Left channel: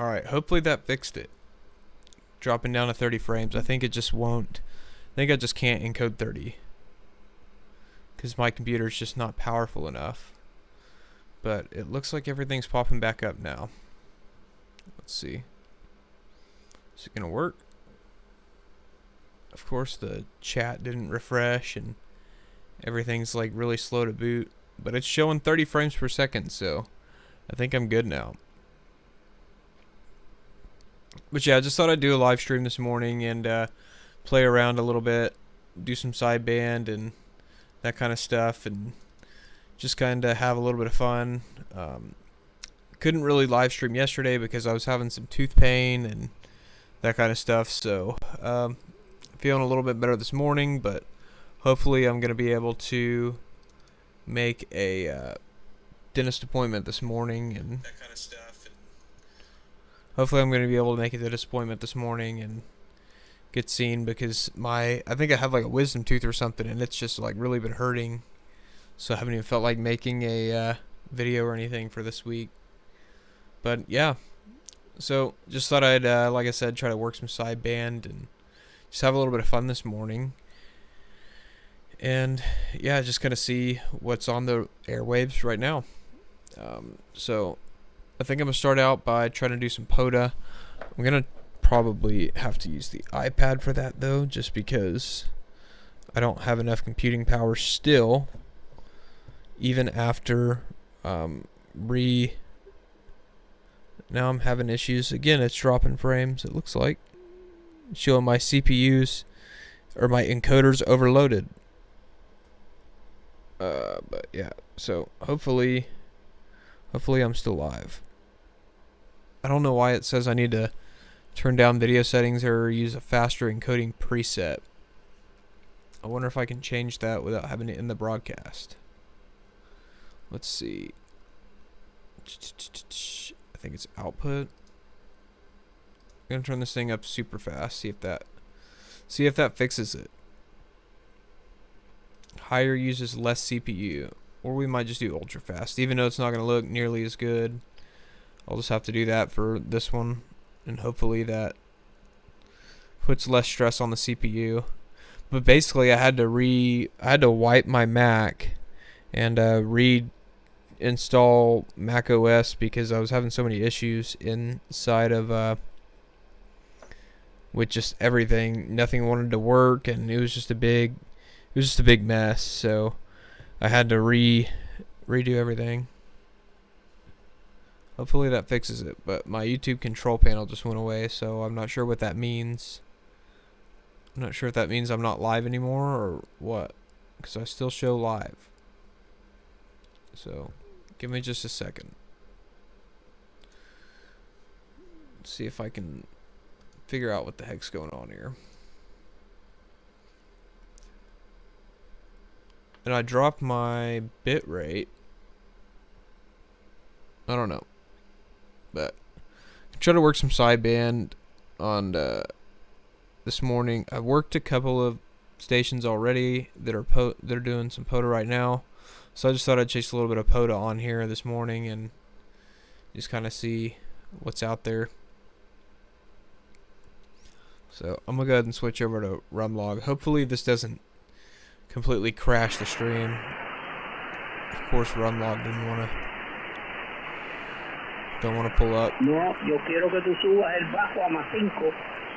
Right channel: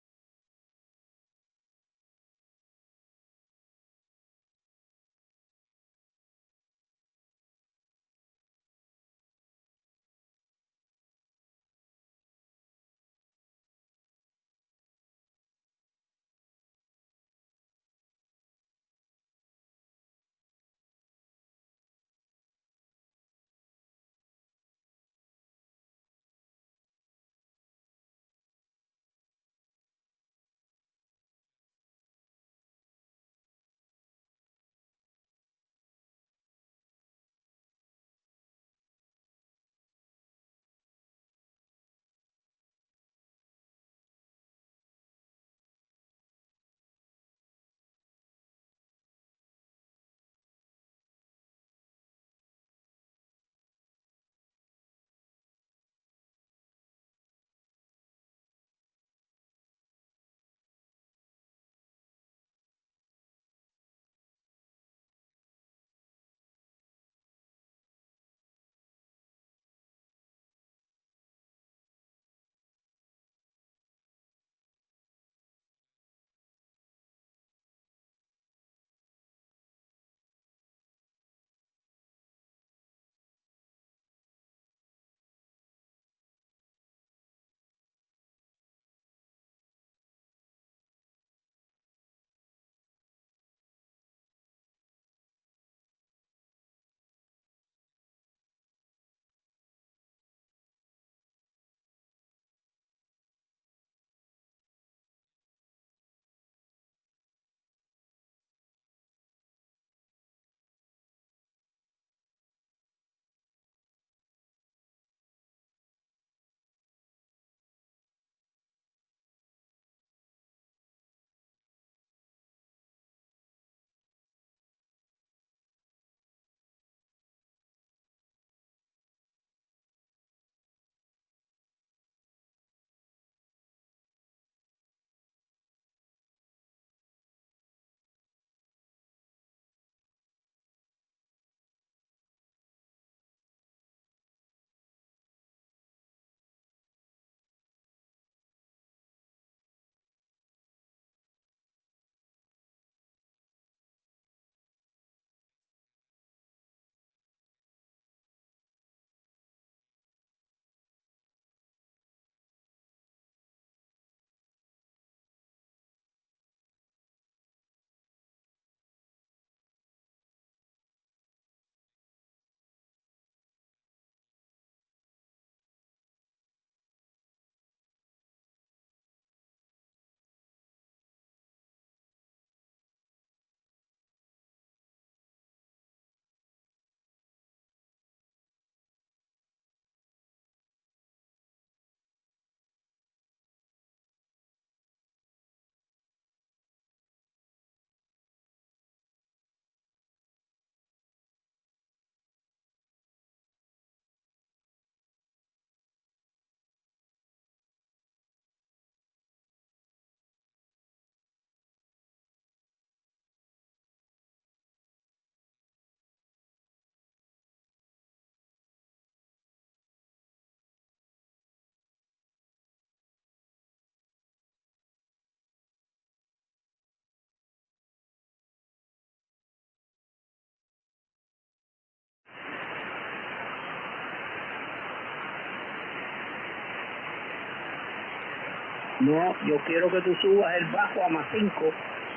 Alright, hopefully that fixed it. Dropping down to 30 frames. I think it just won't. I think I just can't encode 30. Because my computer's just not powerful enough. But it looks like everything's popping back up now. Let's see. Is it going to work? Of course, the chat didn't refresh and everything's like really slow to boot. But it's showing 30 frames per second, so I think I'm good now. But yeah, I just thought I'd do a live stream this morning and play around a little bit, do some sideband and that kind of stuff, and just kind of have a little bit of fun. Couldn't really live stream yesterday because I was having some tooth pain and that kind of stuff, so feeling a little bit better this morning, but hopefully I'm going to be able to make a dentist appointment this morning and that kind of stuff. Hopefully I'm going to be able to make a dentist appointment this morning and get seen, because I think I have like a wisdom tooth or something, and it's just like really been hurting, so I haven't even felt like making a video or anything for this week. But yeah, So just thought I'd, like I said, try to work some sideband and just have a little bit of fun this morning. And yeah, just kind of see what's on the airwaves right now. So I think I'm going to start out by trying to do some POTA. I'm going to probably have to use the iPad for that though, just because I don't have enough computing power still, even after now I'm having issues again. It's dropping frames, it looks like, showing my CPUs or my encoders overloaded. But yeah, so hopefully I'm still live. I don't know why it says I need to turn down video settings or use a faster encoding preset. I wonder if I can change that without having it in the broadcast. Let's see. I think it's output. I'm gonna turn this thing up super fast, see if that fixes it. Higher uses less CPU, or we might just do ultra fast, even though it's not gonna look nearly as good. I'll just have to do that for this one, and hopefully that puts less stress on the CPU. But basically, I had to wipe my Mac and reinstall Mac OS because I was having so many issues inside of with just everything. Nothing wanted to work, and it was just a big mess. So I had to redo everything. Hopefully that fixes it. But my YouTube control panel just went away, so I'm not sure what that means. I'm not sure if that means I'm not live anymore or what, because I still show live. So give me just a second. Let's see if I can figure out what the heck's going on here. And I dropped my bit rate. I don't know, but I try to work some sideband on this morning. I've worked a couple of stations already that are doing some POTA right now, so I just thought I'd chase a little bit of POTA on here this morning and just kind of see what's out there. So I'm gonna go ahead and switch over to RUMlog. Hopefully this doesn't completely crash the stream. Of course, RUMlog don't want to pull up. No, yo quiero que tú subas el bajo a más 5.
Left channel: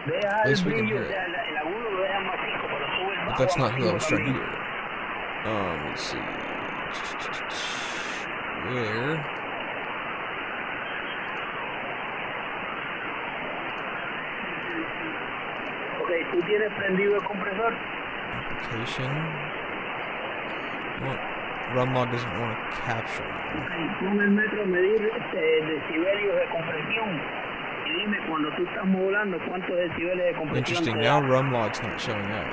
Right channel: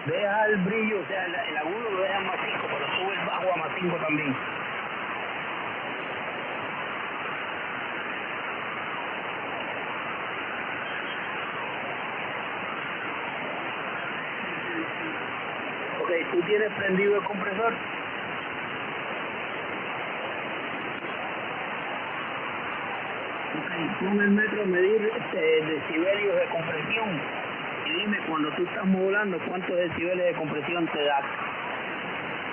Deja el brillo, o sea, el agudo lo dejas más 5, pero sube el bajo a más 5 también. Let's see. Here. Ok, ¿tú tienes prendido el compresor? Application. RUMlog doesn't want to capture. Ok, pon el metro a medir decibelios de compresión y dime cuando tú estás modulando cuántos decibeles de compresión te da. Now RUMlog's not showing up,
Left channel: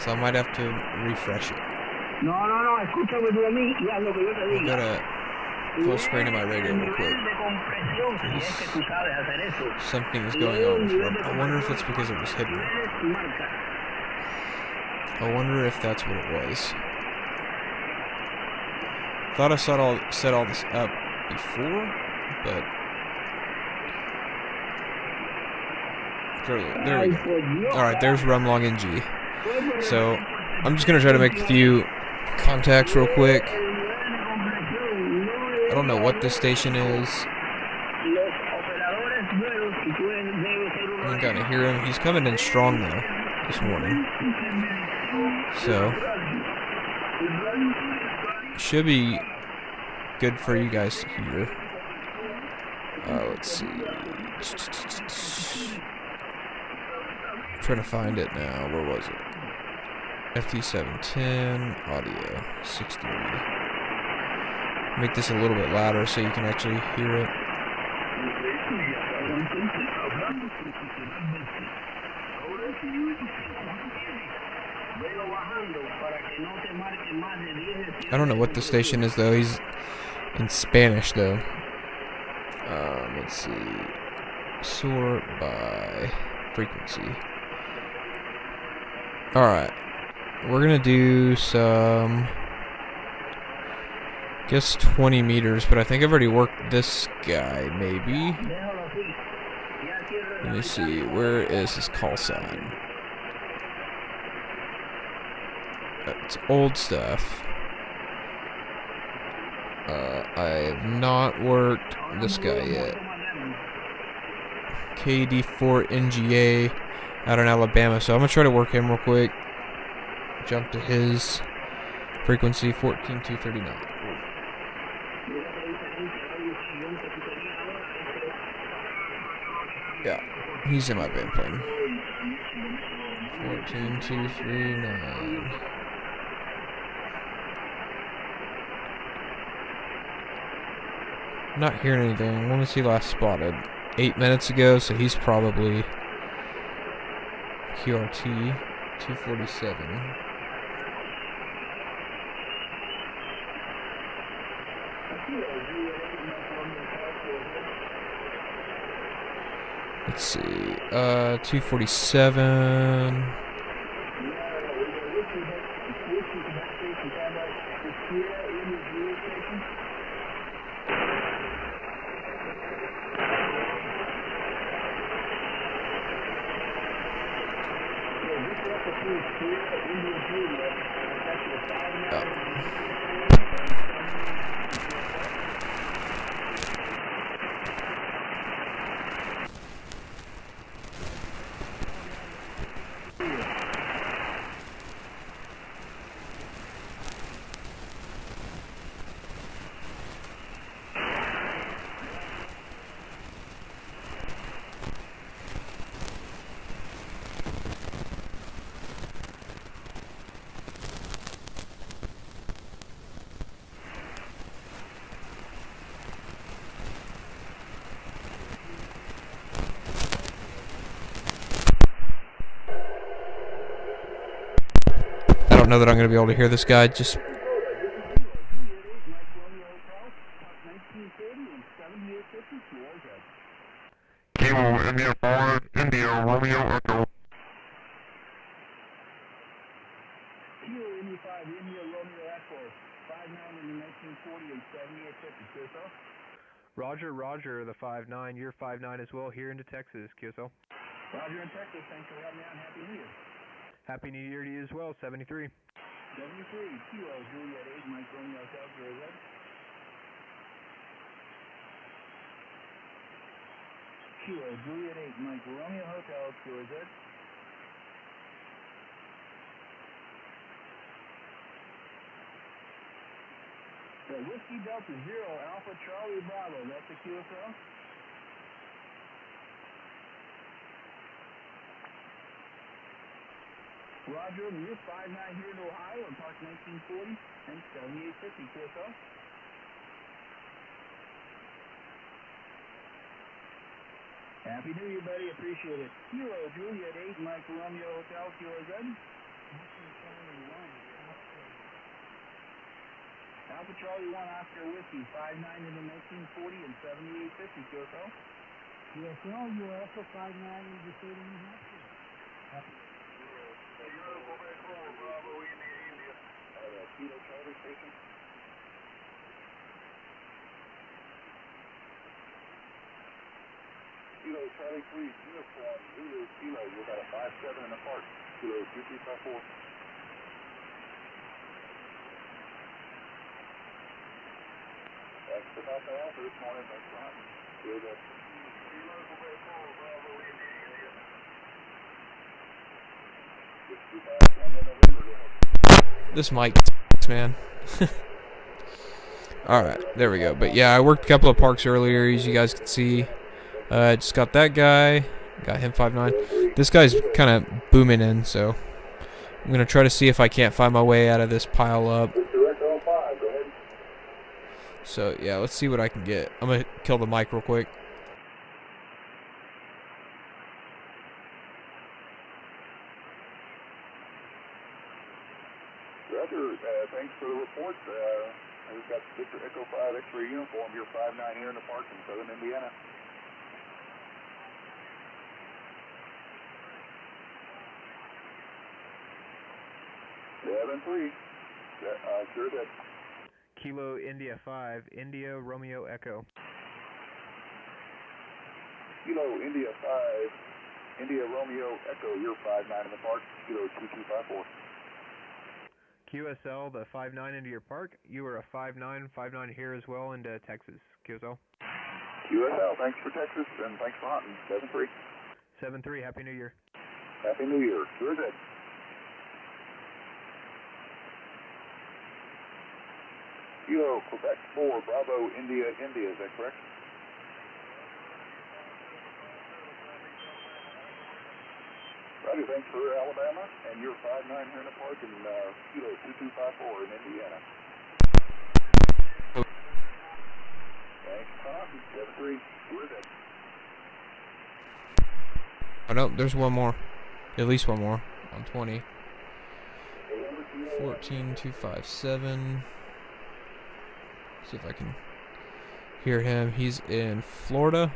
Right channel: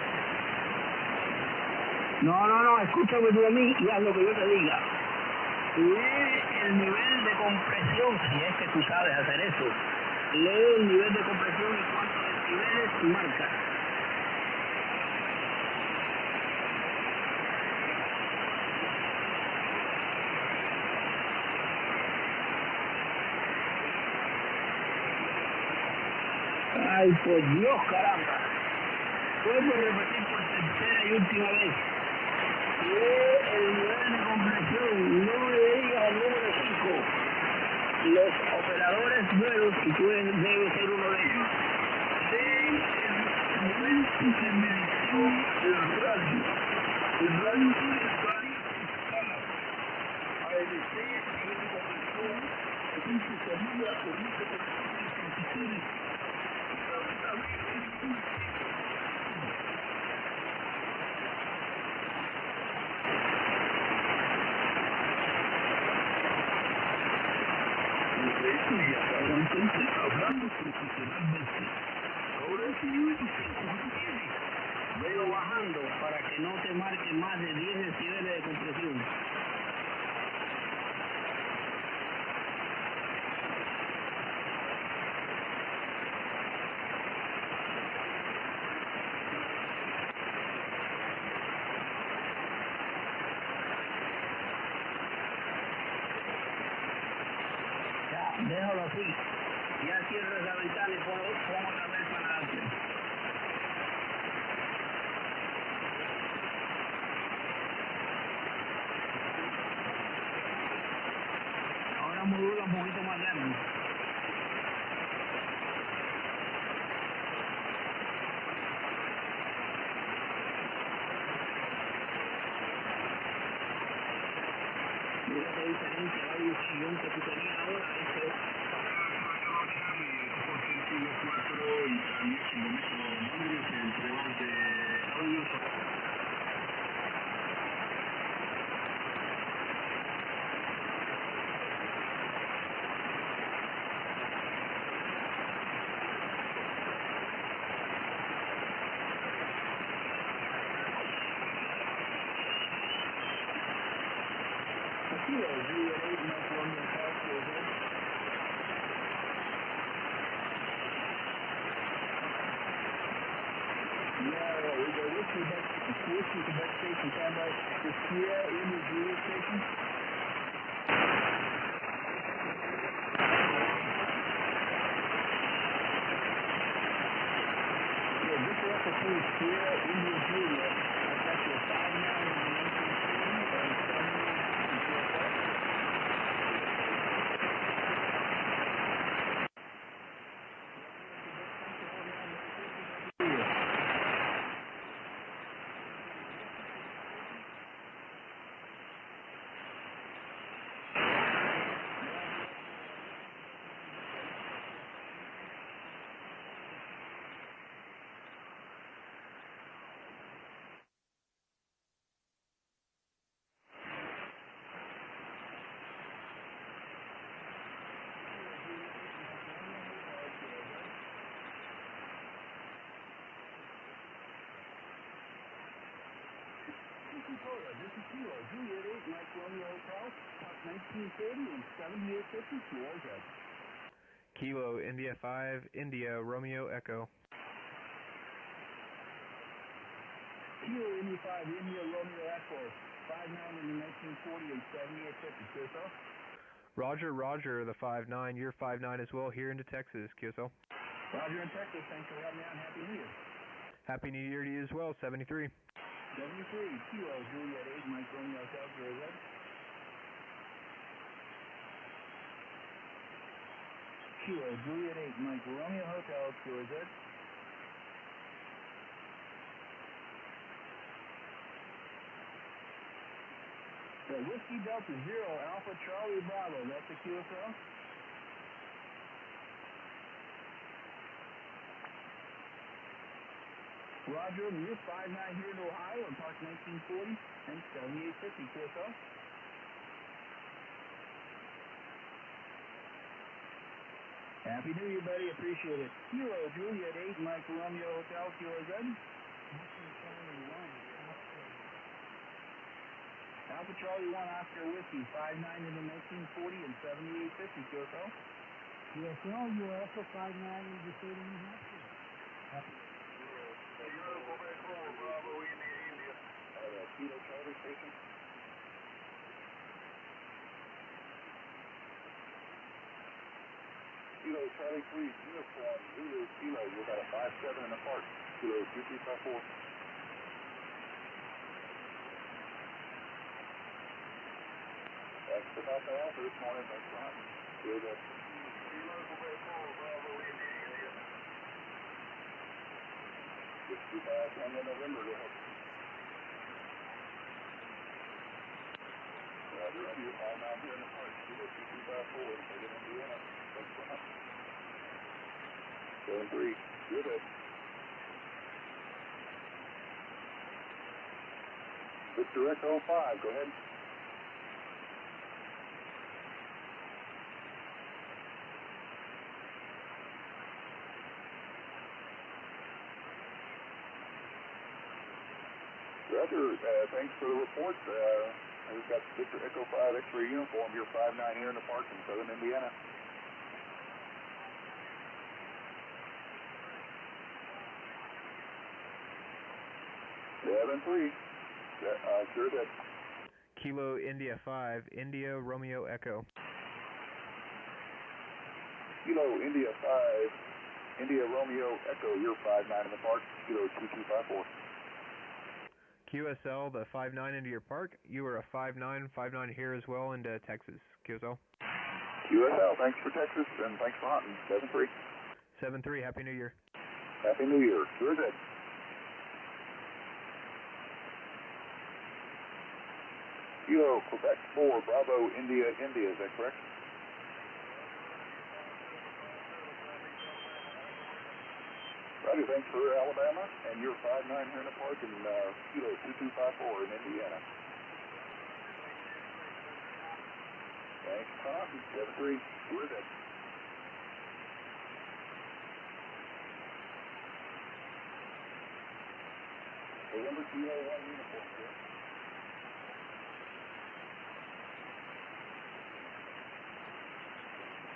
so I might have to refresh it. No, escúchame tú a mí y haz lo que yo te diga. Full screen of my radio. El nivel de compresión, si es que tú sabes hacer eso. Something is Lee going el on. nivel de I wonder if compresión, it's because it was hidden. niveles y marca. I wonder if that's what it was. Thought I set all this up before, but there we go. Alright, there's RUMlogNG. So I'm just gonna try to make a few contacts real quick. I don't know what this station is. I gotta hear him. He's coming in strong though this morning. So should be good for you guys to hear. Let's see. Trying to find it now. Where was it? FT710 audio 60. Make this a little bit louder so you can actually hear it. I don't know what the station is though. He's in Spanish though. Let's see. Sort by frequency. Alright. We're gonna do some Guess 20 meters, but I think I've already worked this guy, maybe. Let me see, where is his call sign? It's old stuff. I have not worked this guy yet. KD4NGA out in Alabama, so I'm gonna try to work him real quick. Jump to his frequency 14239. Yeah, he's in my band plan. 14239. I'm not hearing anything. When was he last spotted? 8 minutes ago, so he's probably QRT 247. Let's see, 247. I don't know that I'm going to be able to hear this guy. Just Kilo India 5, India Romeo Echo. Kilo India 5, India Romeo Echo, 5'9" in the 1940 and 7850, QSL. Roger, Roger, the 5'9", you're 5'9" as well here into Texas, QSL. Roger in Texas, thanks for having me on. Happy New Year. Happy New Year to you as well, 73. 73, Kilo Juliet 8, Mike Romeo Hotel, Zero. Kilo Juliet 8, Mike Romeo Hotel, Zero. The Whiskey Delta 0, Alpha Charlie Bravo, that's the QSL. Roger, you're 5'9" here in Ohio, and Park 1940 and 7850, QSL. Happy New Year, buddy. Appreciate it. Kilo Juliet 8, Mike Romeo Hotel, Kilo Z. Alpha Charlie 1, Oscar Whiskey, 5'9" in the 1940 and 7850, QSL. QSL, you're also 5'9" in the state of New Hampshire. Bravo, India. Kilo Charlie Station. Kilo Charlie 3, uniform, Zulu Kilo, you got a 5'7" in the park. Kilo 2354. That's about the offer this morning, thanks for having me. Kilo Quebec 4, Bravo, India. this mic, man. Alright, there we go. But yeah, I worked a couple of parks earlier, as you guys can see. Just got that guy. Got him 5'9". This guy's kind of booming in, so I'm going to try to see if I can't find my way out of this pile up. So yeah, let's see what I can get. I'm going to kill the mic real quick. Roger, thanks for the report. We've got Victor Echo 5 X-ray uniform. You're 5'9" here in the park in southern Indiana. Sure that. Kilo India 5, India Romeo Echo. Kilo India 5, India Romeo Echo, you're 59 in the park, Kilo 2254. QSL, the 59 into your park. You are a 59 here as well into Texas. QSL. QSL, thanks for Texas and thanks for hunting. 7-3. 7-3, Happy New Year. Happy New Year. Sure good. Kilo Quebec 4, Bravo India, India, is that correct? Roger, thanks for Alabama, and you're 59 here in the park, and Kilo 2254 in Indiana. Thanks, Tom. 7-3. We're good. Oh no, there's one more. At least one more. On 20. 14257. See if I can hear him. He's in Florida,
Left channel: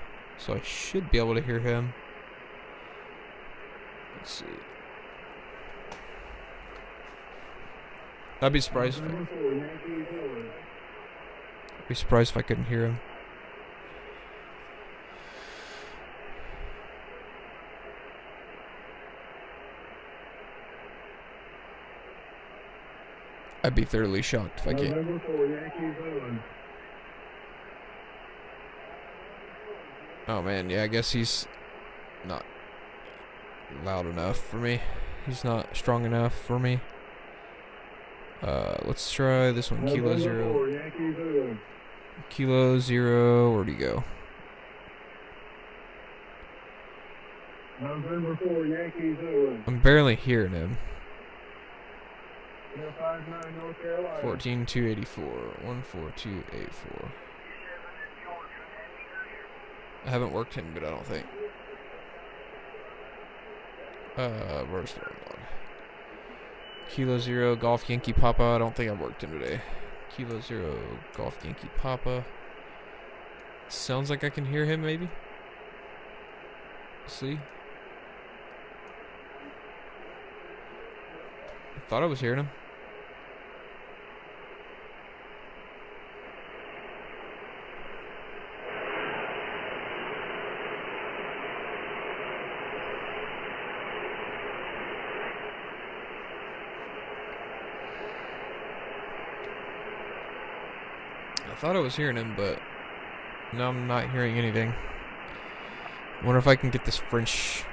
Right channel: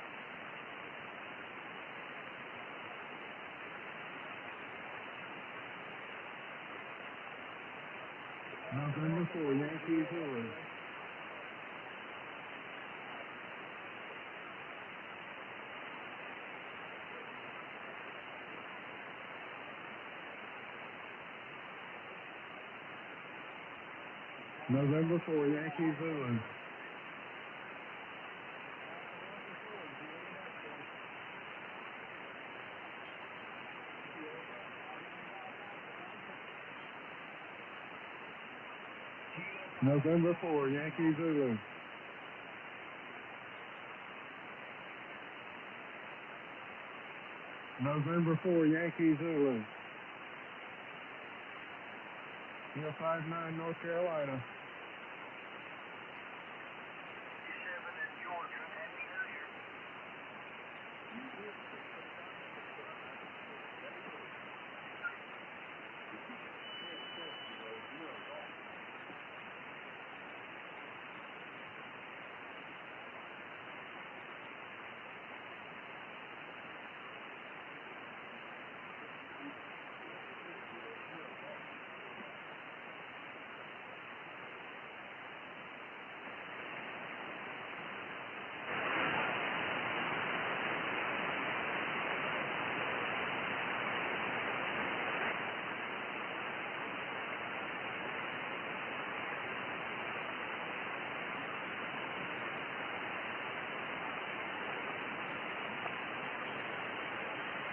so I should be able to hear him. Let's see. I'd be surprised. Be surprised if I couldn't hear him. I'd be thoroughly shocked if I can't. November 4, Yankee Zulu. Oh man, yeah, I guess he's not loud enough for me. He's not strong enough for me. Let's try this one. Kilo November 0. 4, Yankee Zulu. Kilo 0. Where'd he go? November 4, Yankee Zulu. I'm barely hearing him. Kilo 59, North Carolina. 14284. 14284. I haven't worked him good, I don't think. Where's the one? Kilo 0, Golf Yankee Papa. I don't think I worked him today. Kilo 0, Golf Yankee Papa. Sounds like I can hear him, maybe. See? I thought I was hearing him. I thought I was hearing him, but now I'm not hearing anything. I wonder if I can get this French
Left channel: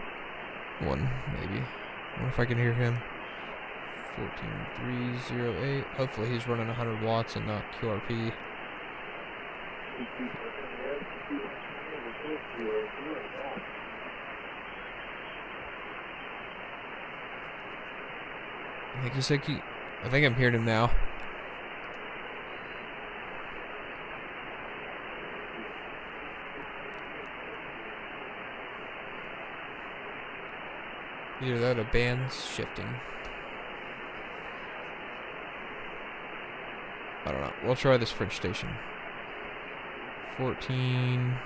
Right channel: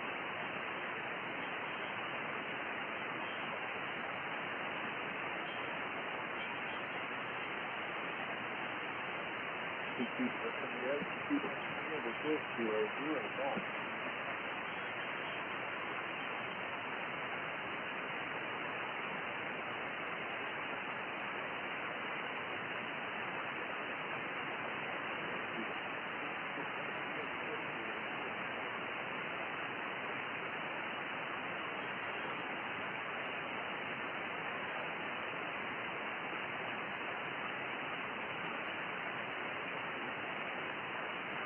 one, maybe. I wonder if I can hear him. 14308. Hopefully he's running 100 watts and not QRP. I think he said I think I'm hearing him now. Either that or the band's shifting. I don't know. We'll try this French station. 14.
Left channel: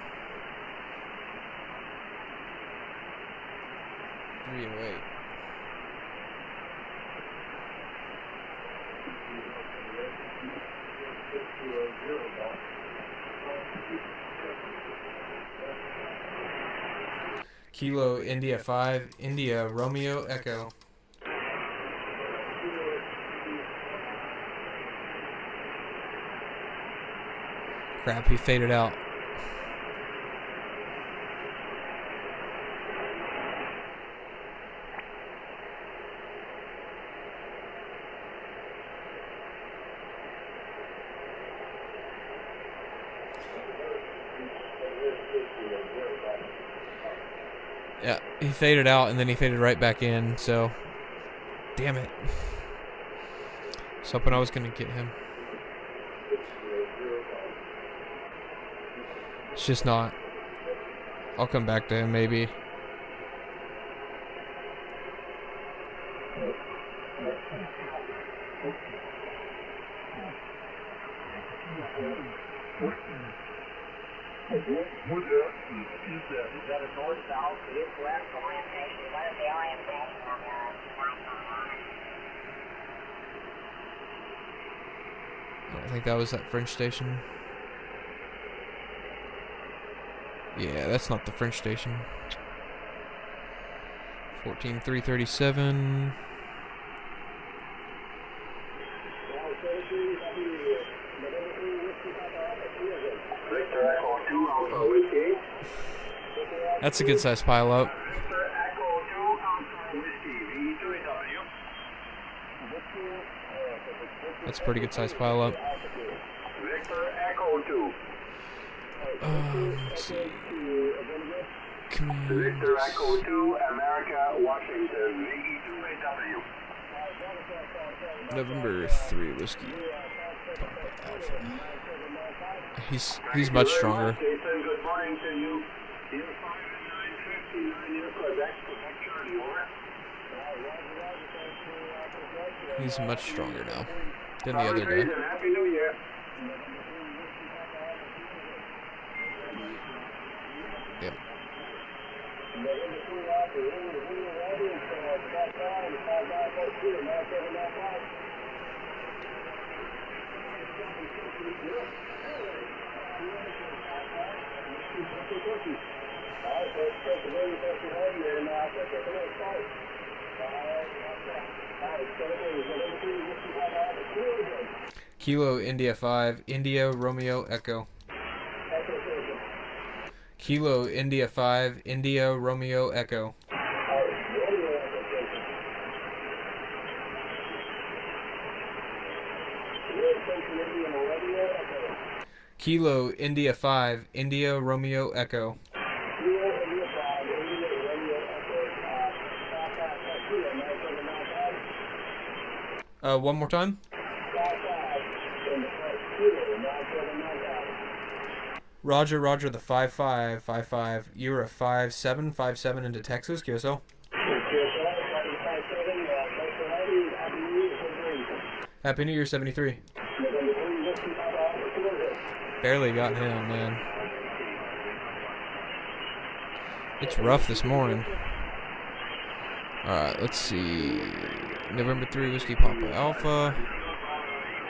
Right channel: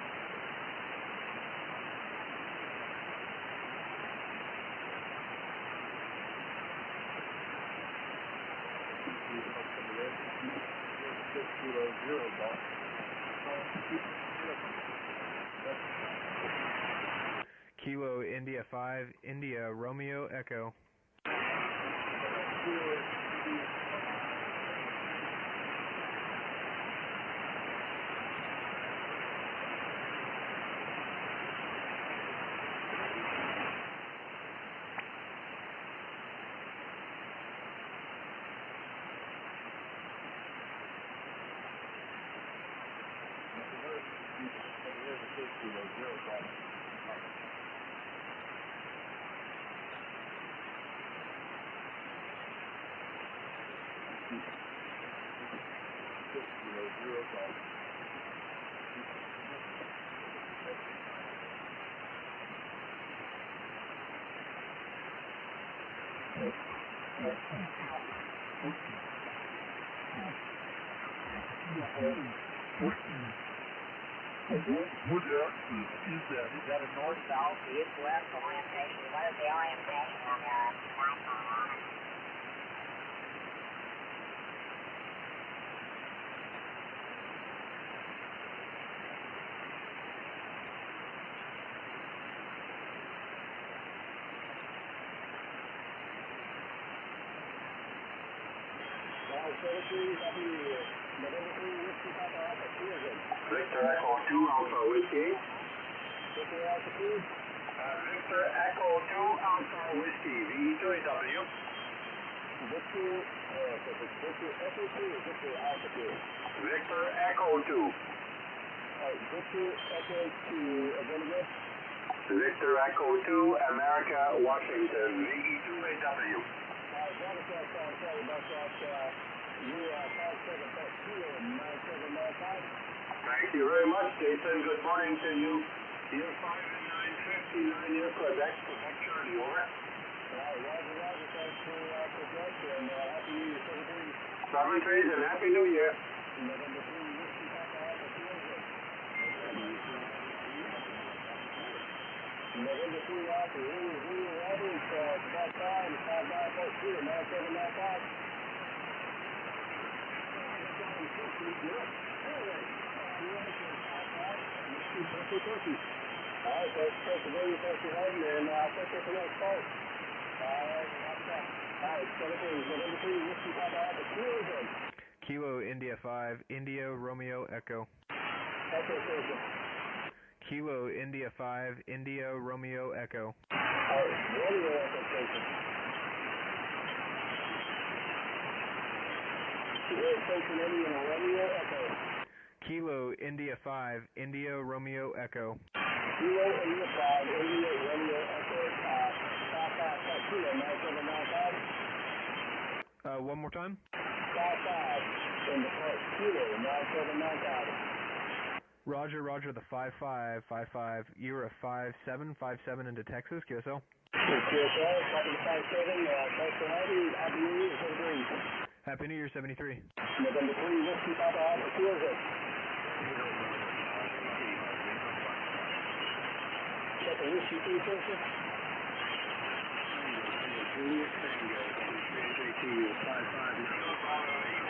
Kilo India 5, India Romeo Echo. Crap, he faded out. Yeah, he faded out and then he faded right back in, so damn it. I was hoping I was gonna get him. It's just not. I'll come back to him maybe. What is that? Is that a north-south, east-west orientation? What is the orientation on your I think that was that French station. Yeah, that's not the French station. 14337. Victor Echo 2 Alpha Whiskey. That's a good sized pile up. Victor Echo 2 Alpha Whiskey, V3W. That's a pretty good sized pile up. Victor Echo 2. Let's see. Come on. Victor Echo 2, America, Washington, VE2AW. November 3 whiskey. He's much stronger. Jason, good morning to you. You're 5 and 959, you're Quebec, Quebec Charlie, over. He's much stronger now than the Sorry, other Fraser, day. and Happy New Year. Yep. Kilo India 5, India Romeo Echo. Kilo India 5, India Romeo Echo. Kilo India 5, India Romeo Echo. One more time. Roger, Roger, the 5555. You're a 5757 into Texas, QSL. Happy New Year, 73. Barely got him, man. It's rough this morning. Alright, let's see. November 3, Whiskey Papa Alpha.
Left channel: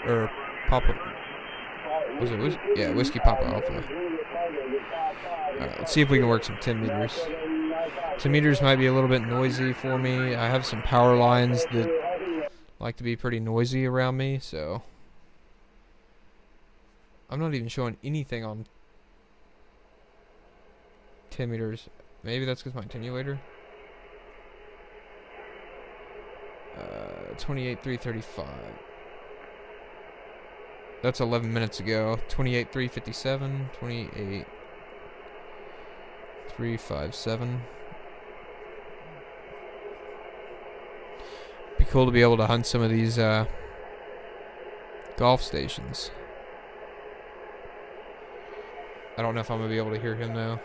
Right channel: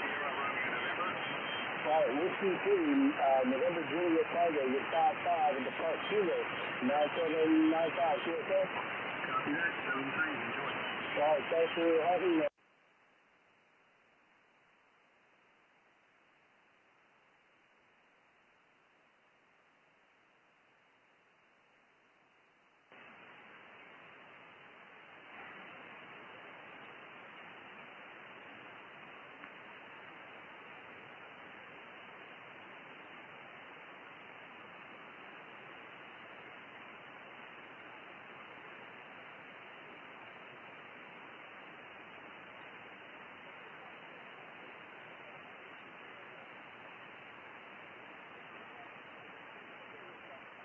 Or Papa. Was it Whiskey? Yeah, Whiskey Papa Alpha. Alright, let's see if we can work some 10 meters. 10 meters might be a little bit noisy for me. I have some power lines that like to be pretty noisy around me, so I'm not even showing anything on 10 meters. Maybe that's because my attenuator. 28,335. That's 11 minutes ago. 28,357. 28,357. Be cool to be able to hunt some of these golf stations. I don't know if I'm gonna be able to hear him though.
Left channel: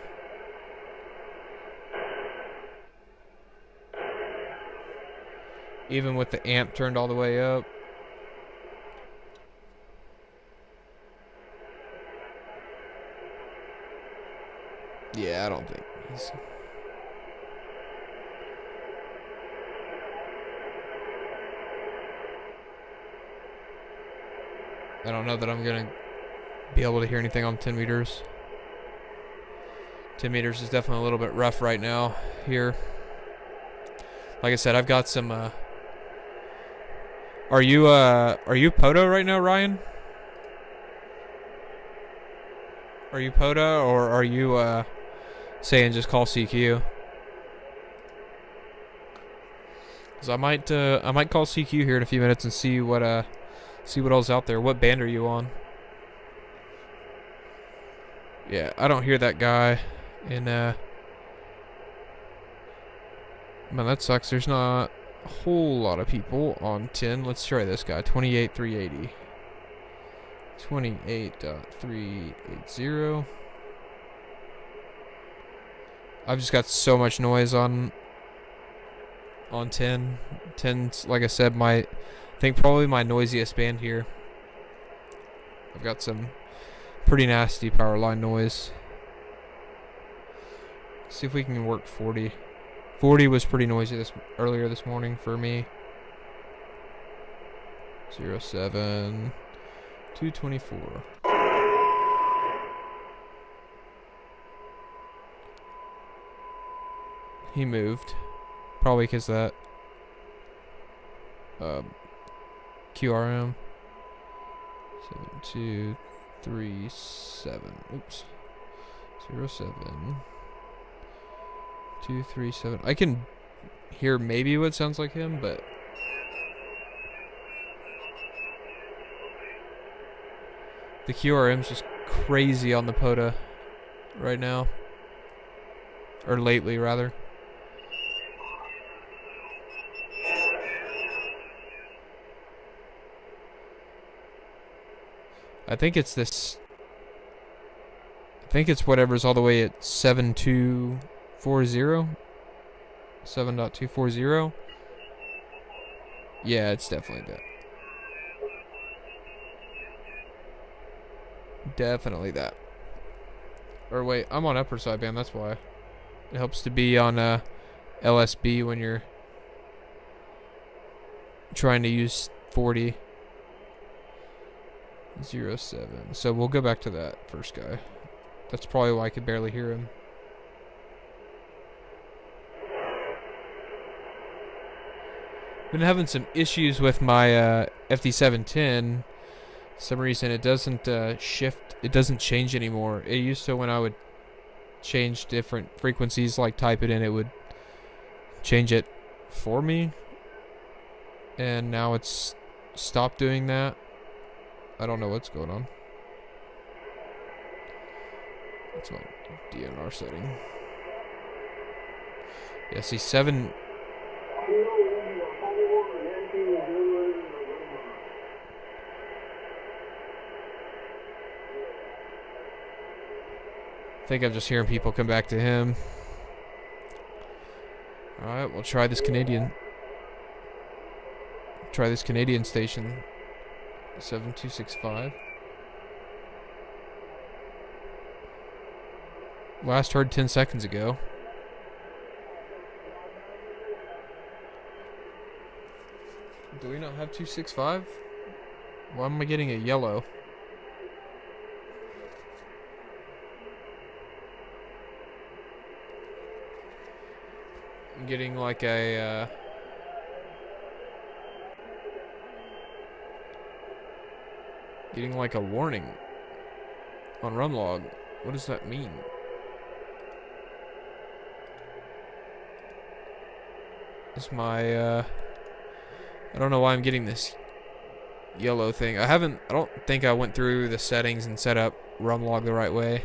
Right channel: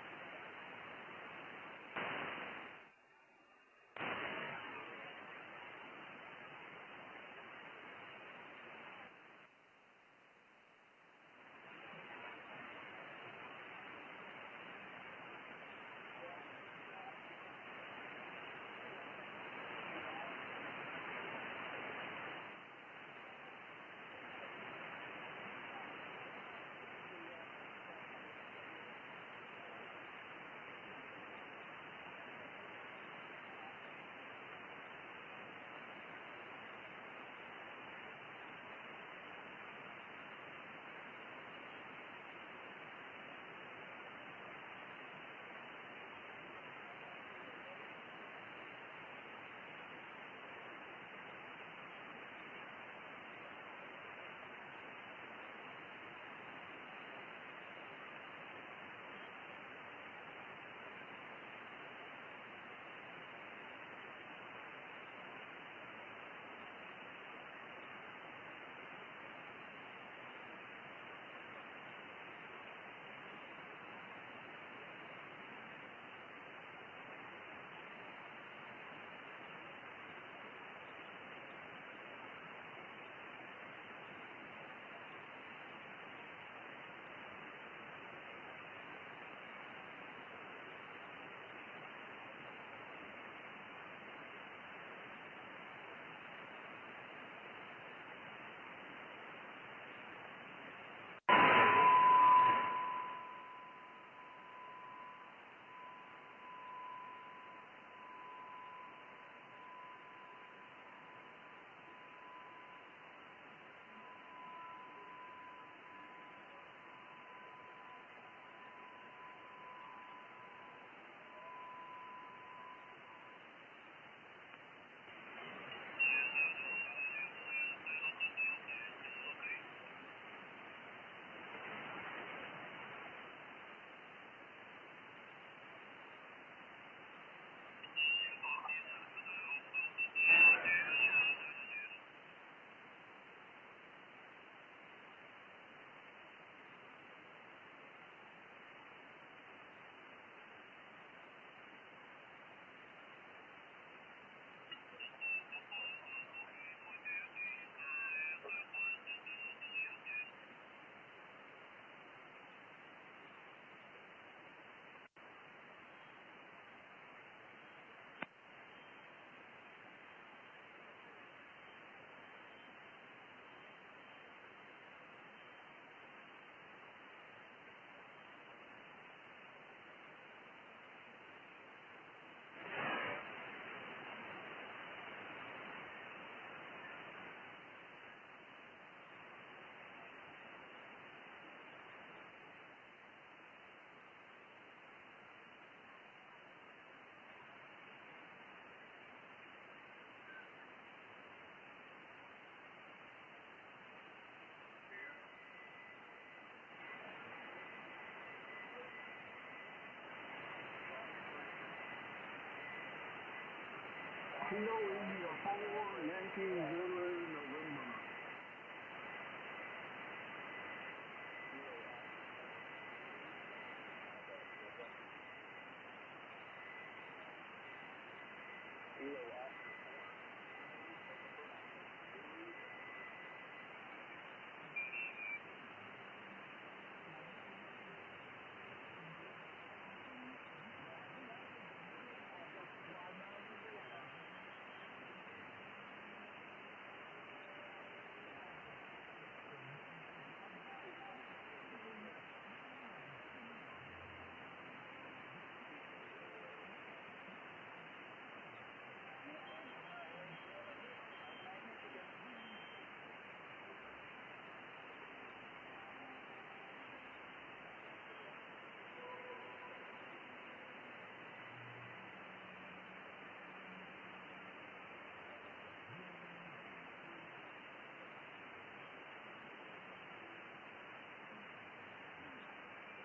Even with the amp turned all the way up. Yeah, I don't think he's... I don't know that I'm gonna be able to hear anything on 10 meters. 10 meters is definitely a little bit rough right now here. Like I said, I've got some Are you POTA right now, Ryan? Are you POTA, or are you saying just call CQ? Cause I might call CQ here in a few minutes and see what else out there. What band are you on? Yeah, I don't hear that guy in man, that sucks. There's not a whole lot of people on 10. Let's try this guy. 28,380. 28.380. I've just got so much noise on 10. 10's, like I said, I think probably my noisiest band here. I've got some pretty nasty power line noise. See if we can work 40. 40 was pretty noisy earlier this morning for me. 07. 224. He moved. Probably because that QRM 7237. Oops. 07237. I can hear maybe what sounds like him, but the QRM's just crazy on the POTA right now. Or lately, rather. I think it's this. I think it's whatever's all the way at 7240. 7.240. Yeah, it's definitely that. Definitely that. Or wait, I'm on upper sideband, that's why. It helps to be on LSB when you're trying to use 40. 07. So we'll go back to that first guy. That's probably why I could barely hear him. Been having some issues with my FD710. For some reason it doesn't shift. It doesn't change anymore. It used to when I would change different frequencies, like type it in, it would change it for me. And now it's stopped doing that. I don't know what's going on. That's my DNR setting. Yeah, see 7. I think I'm just hearing people come back to him. Alright, we'll try this Canadian. Try this Canadian station. 7265. Last heard 10 seconds ago. Do we not have 265? Why am I getting a yellow? I'm getting like a getting like a warning on RUMlog. What does that mean? Is my I don't know why I'm getting this yellow thing. I don't think I went through the settings and set up RUMlog the right way.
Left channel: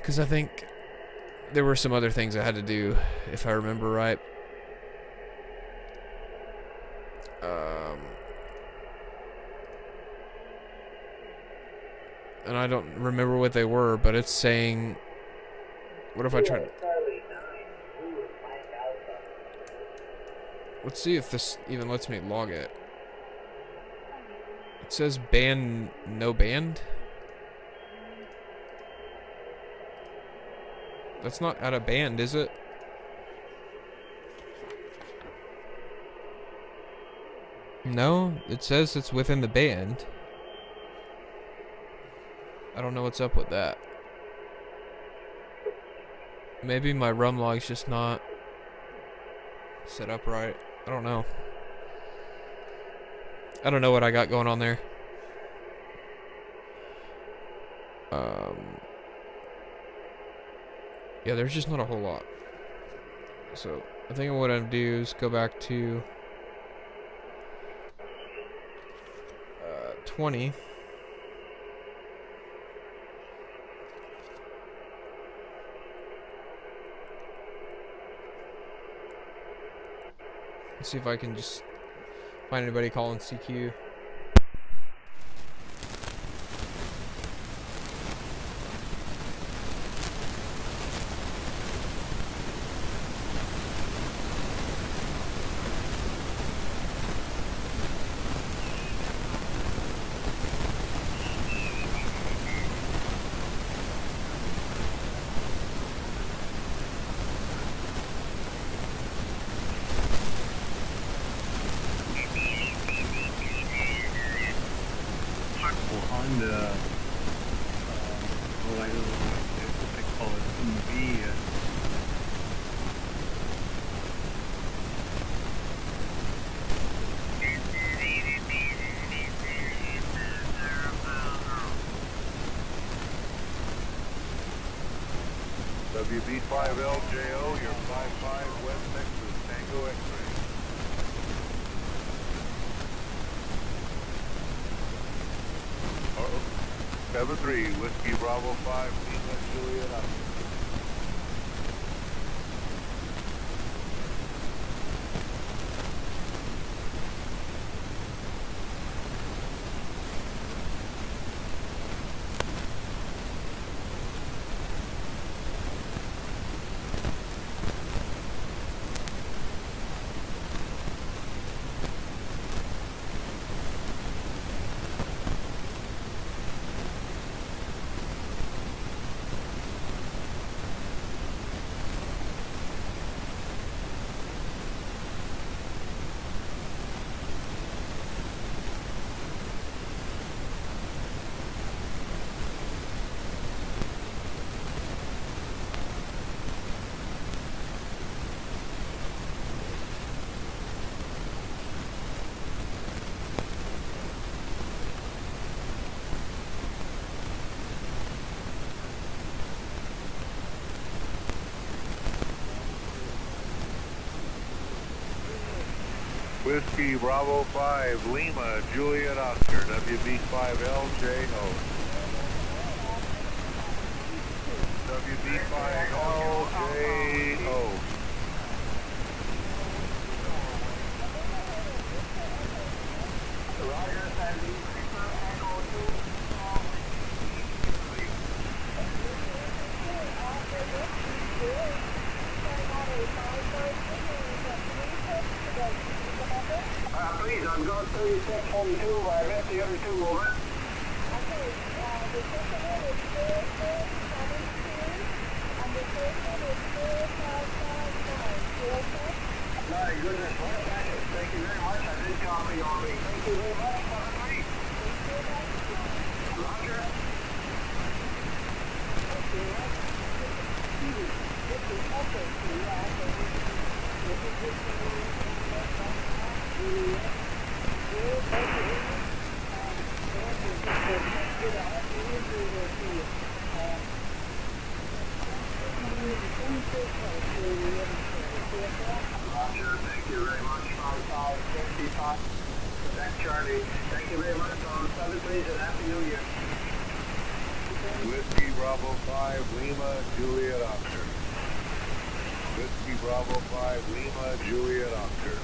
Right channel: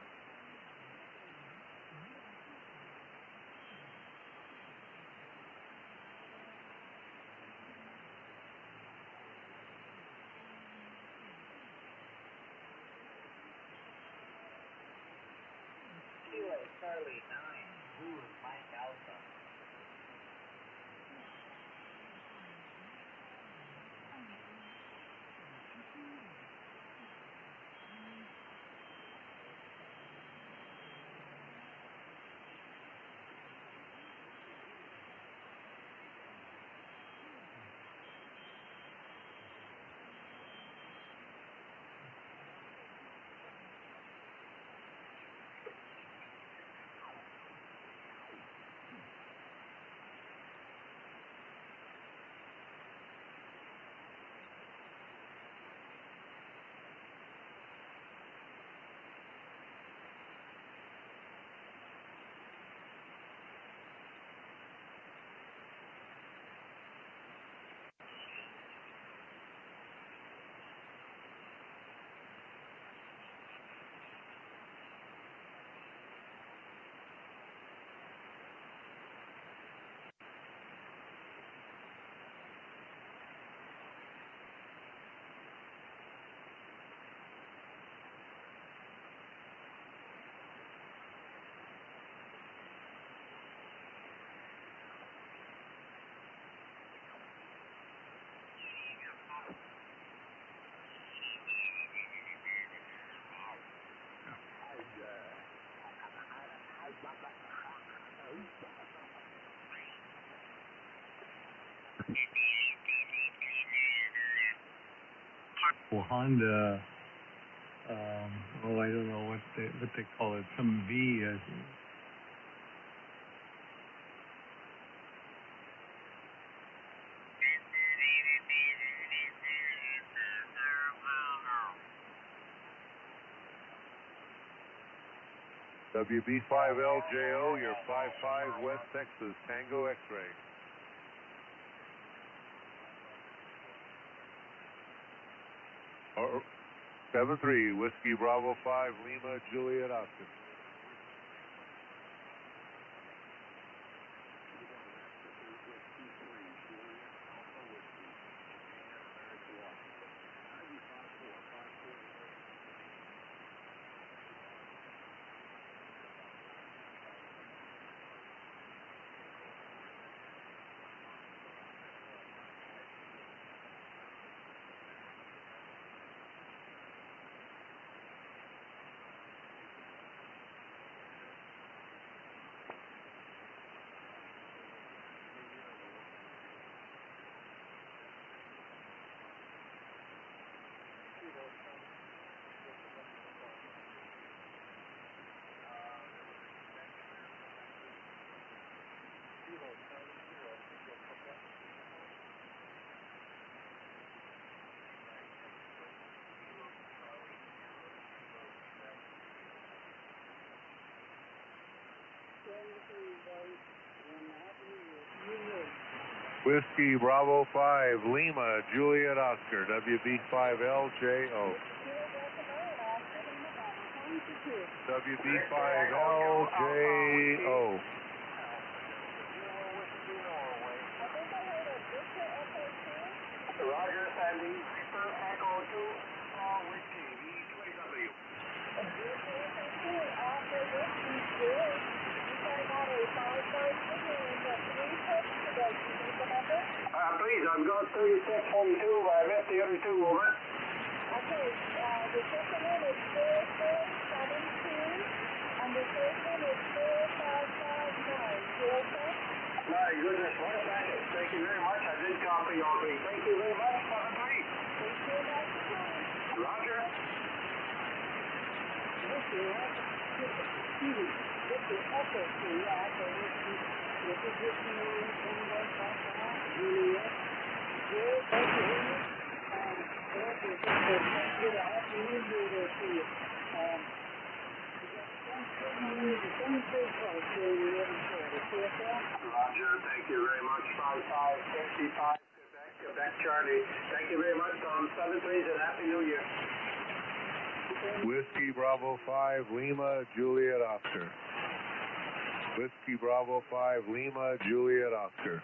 Because I think there were some other things I had to do, if I remember right. And I don't remember what they were, but it's saying, what if I try to... Let's see if this even lets me log it. It says band, no band. That's not out of band, is it? No, it says it's within the band. I don't know what's up with that. Maybe my RUMlog's just not set up right. I don't know. I don't know what I got going on there. Yeah, there's just not a whole lot. So I think what I'm gonna do is go back to 20. Let's see if I can just find anybody calling CQ. Honda, I don't know what they call it, some V. WB5LJO, you're 55 West Texas, Tango X-ray. Oh, 7-3, Whiskey Bravo 5, Lima, Juliet, Oscar. Whiskey Bravo 5, Lima, Juliet, Oscar, WB5LJO. WB5LJO. Roger, Sandy. Echo 2, please, I've got 3642, I missed the other two, over. Okay, the second one is 4472, and the third one is 4559. My goodness, what a package. Thank you very much. I did copy all three. Thank you very much. Have a great. Thank you very much. Roger. Roger, thank you very much. 5555. Quebec Charlie. Thank you very much, Tom. 7 please, and Happy New Year. Whiskey Bravo 5, Lima, Juliet, Oscar. Whiskey Bravo 5, Lima, Juliet, Oscar.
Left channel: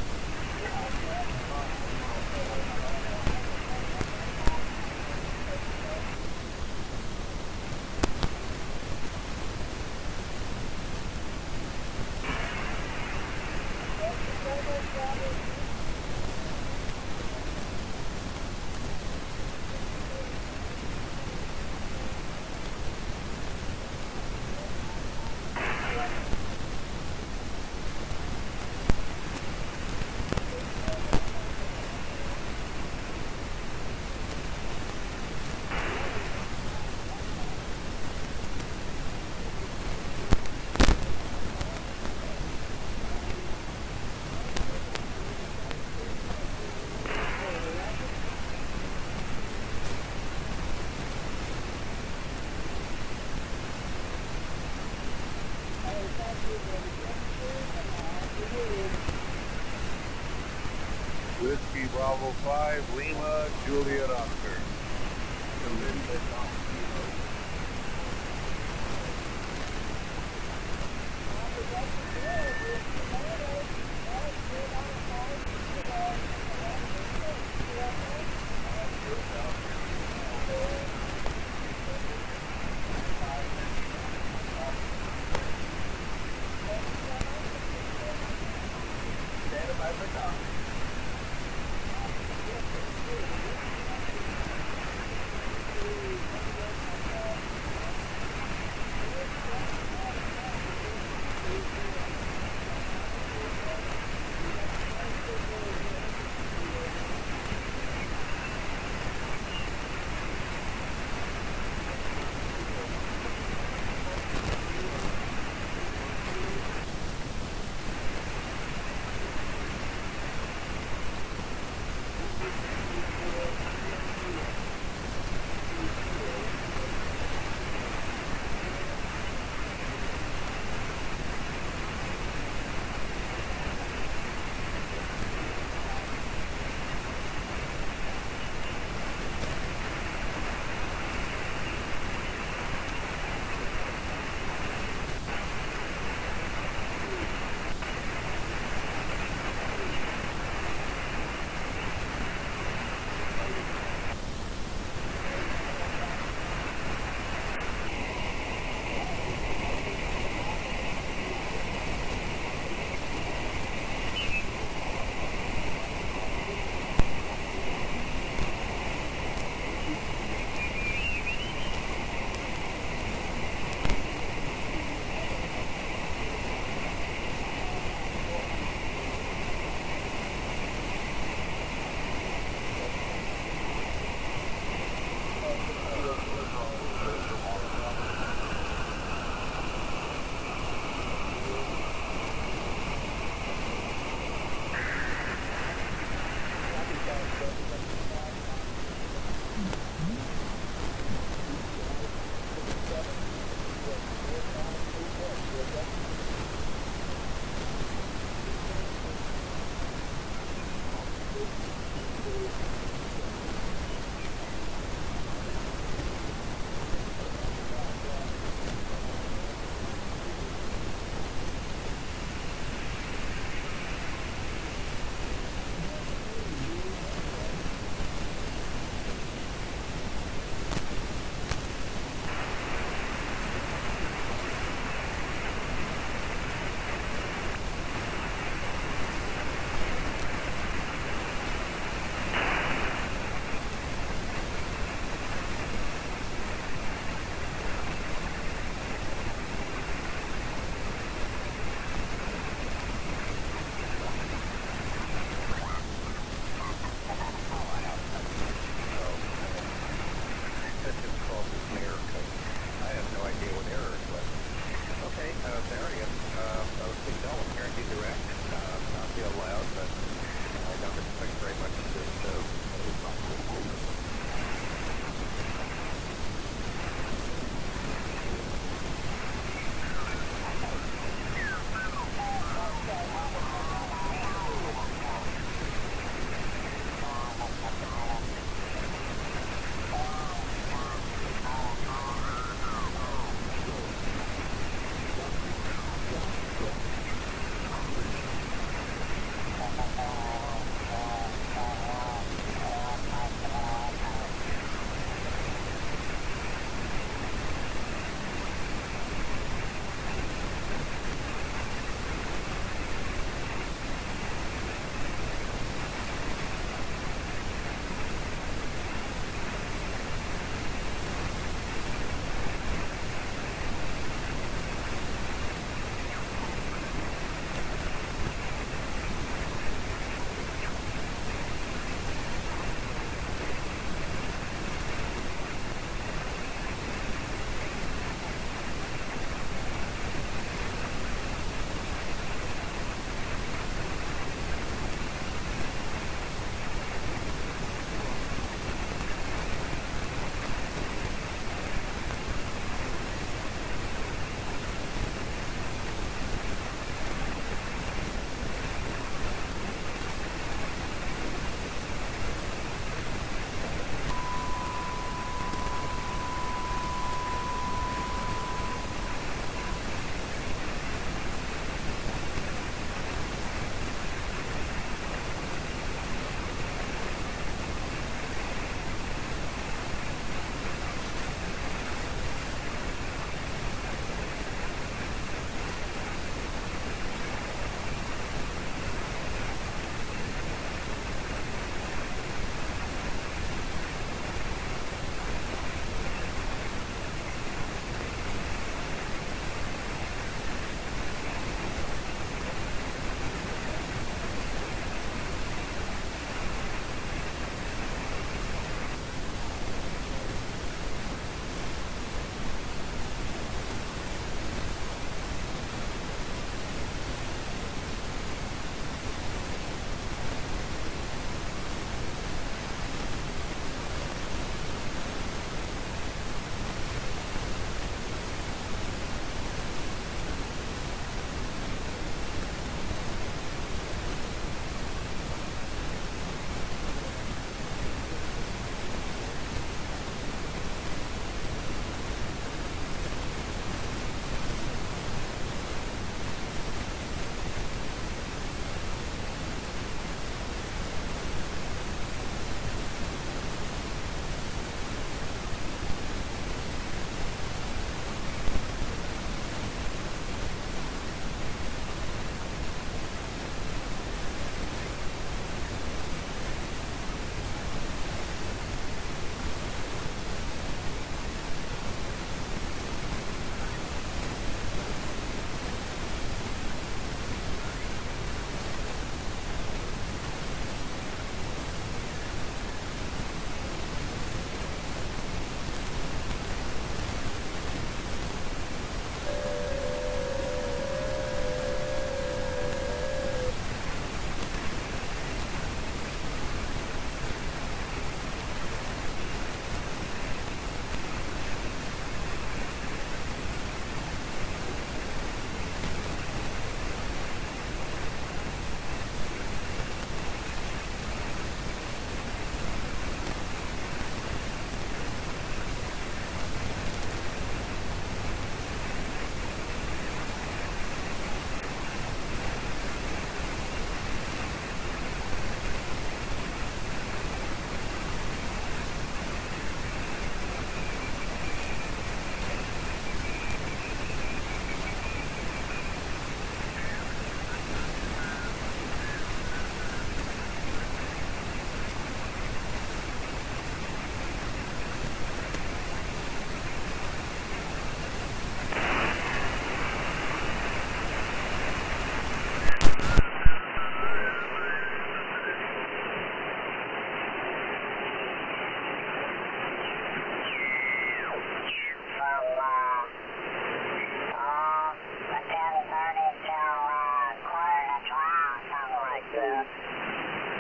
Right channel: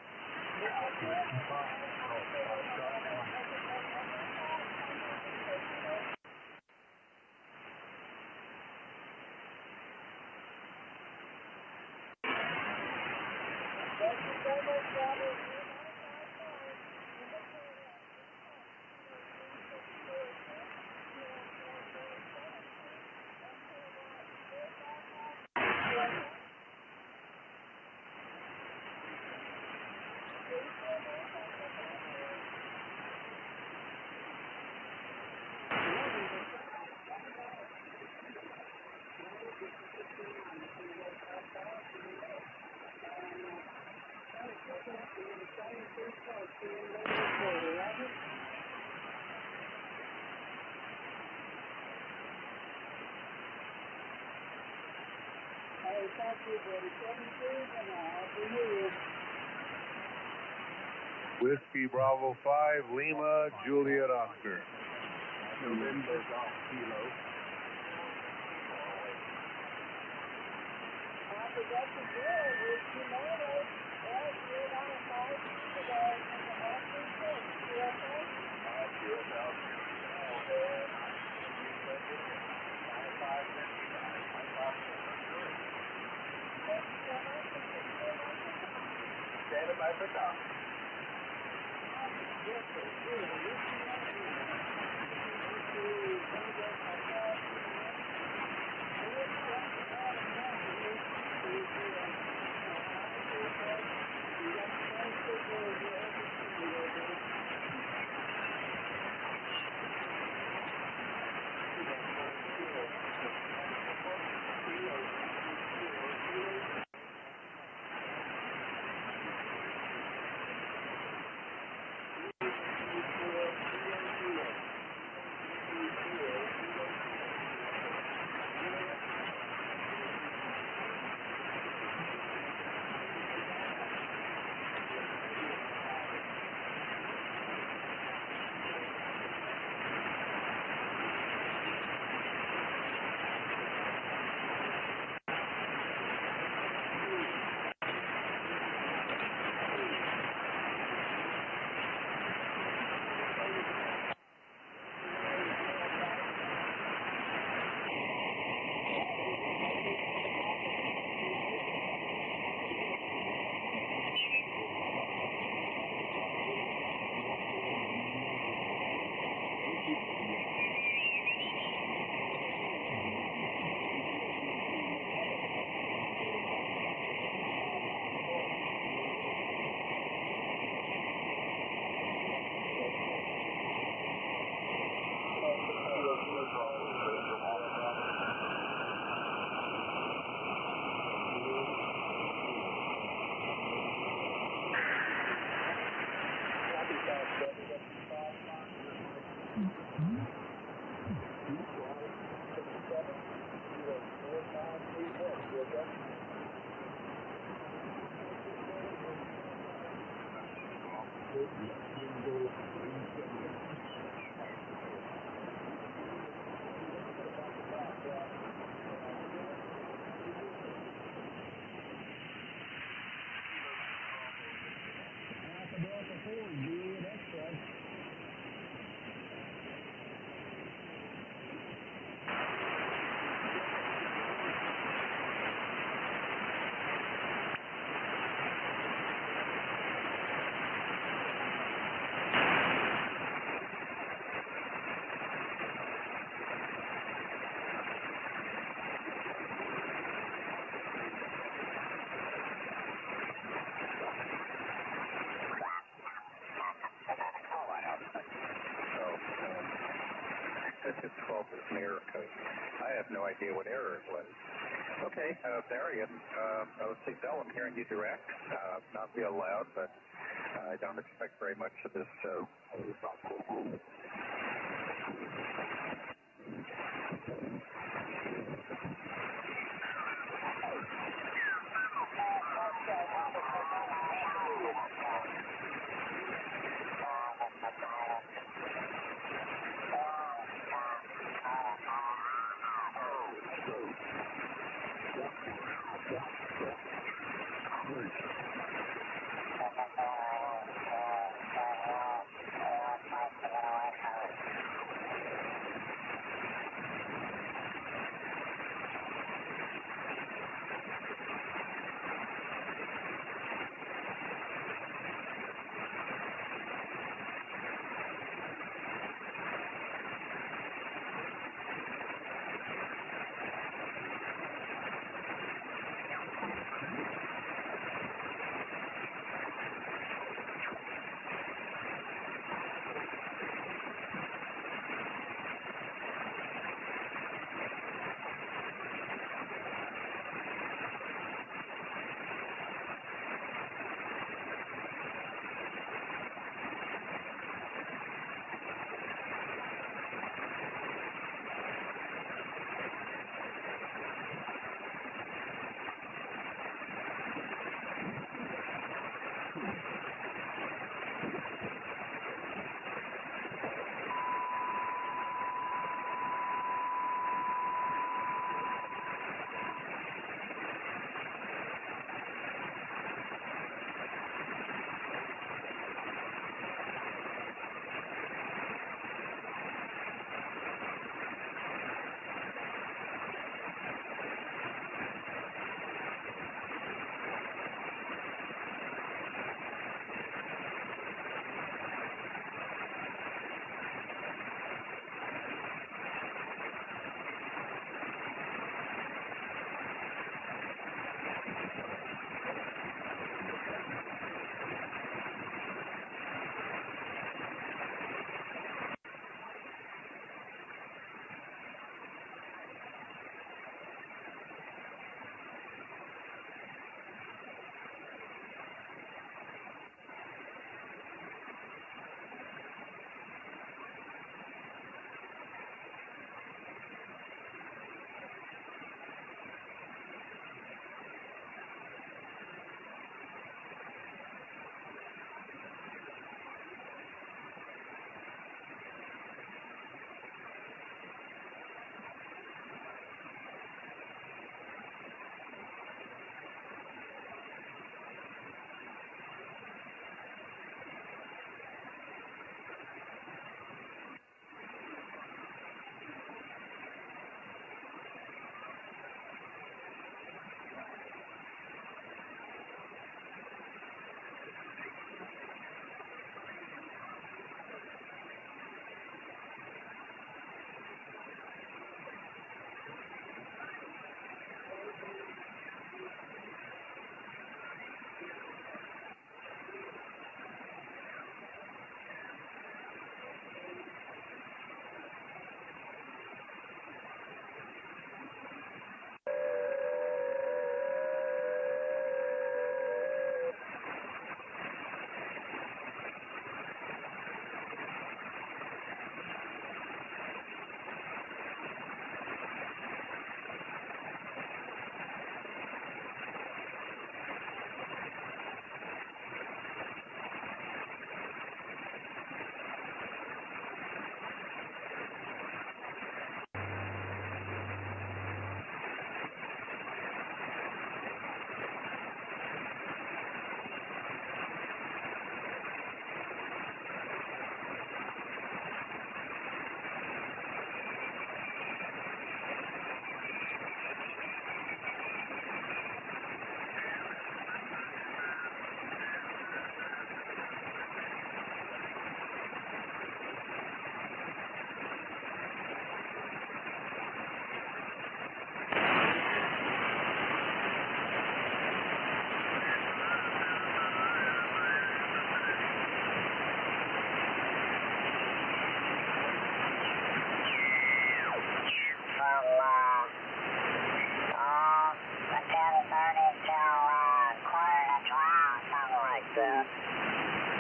Whiskey Bravo 5, Lima, Juliet, Oscar.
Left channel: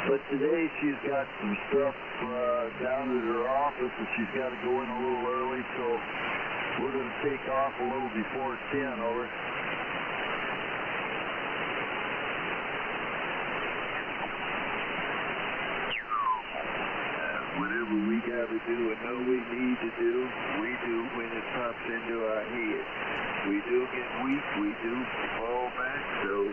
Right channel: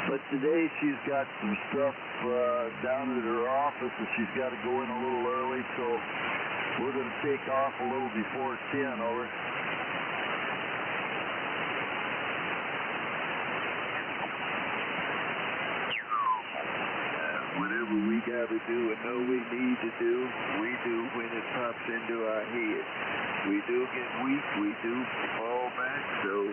But today she's got some stuff down at her office and she's got to go in a little early, so we're going to take off a little before 10, over. Whatever we got to do and know we need to do, we do when it pops into our head. We do get weak, we do fall back, so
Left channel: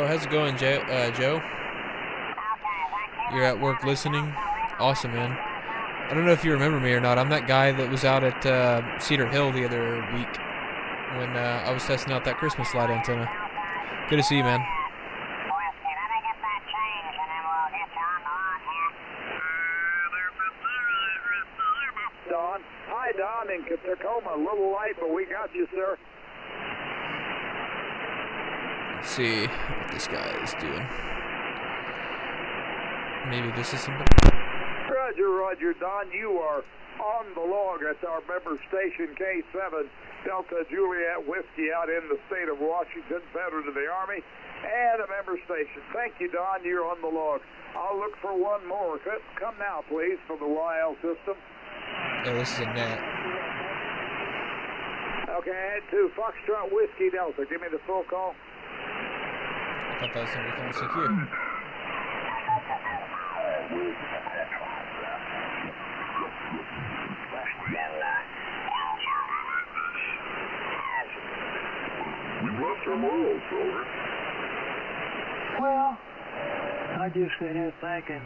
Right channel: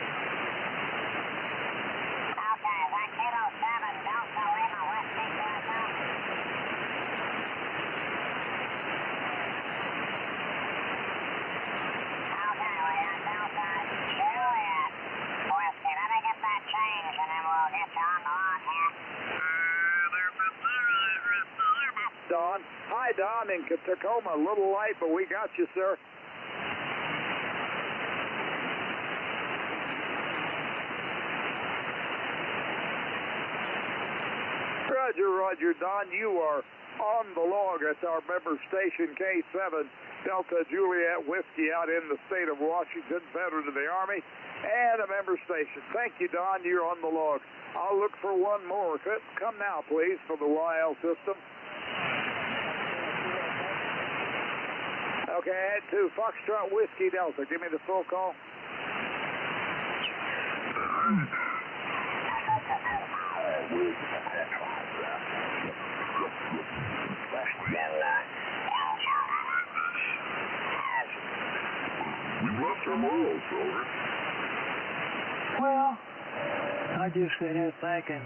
Oh, how's it going, Joe? You're at work listening? Awesome, man. I don't know if you remember me or not. I'm that guy that was out at Cedar Hill the other week when I was testing out that Christmas light antenna. Good to see you, man. Don. Hi, Don, in Tacoma. A little light, but we got you, sir. Let's see what this guy is doing. Maybe this is something. Roger, Roger, Don. You are on the log. That's our member station, K7 Delta Juliet Whiskey, out in the state of Washington, veteran of the Army, and a member station. Thank you, Don. You're on the log. I'll look for one more. Come now, please, for the YL system. Yeah, this is a net. Okay, add to Foxtrot Whiskey Delta. Give me the full call. I thought that was something secure. we lost our morals, over. Well, I just sit here thinking,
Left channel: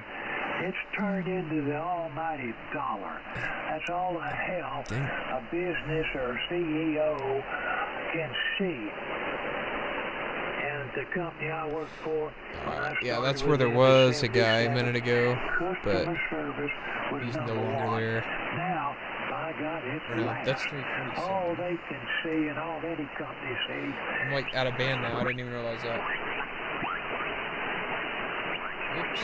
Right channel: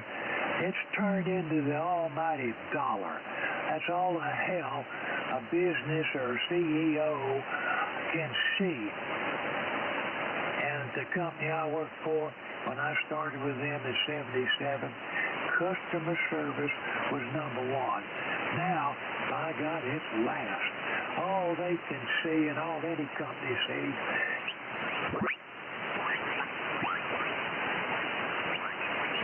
it's turned into the almighty dollar. That's all the hell a business or CEO can see. And the company I work for, when I started, yeah, that's where there was a guy a minute ago, customer service was he's number no longer one. there. Now, by God, it's last. All they can see and all any company sees. I'm like out of band now. I didn't even realize that. Oops.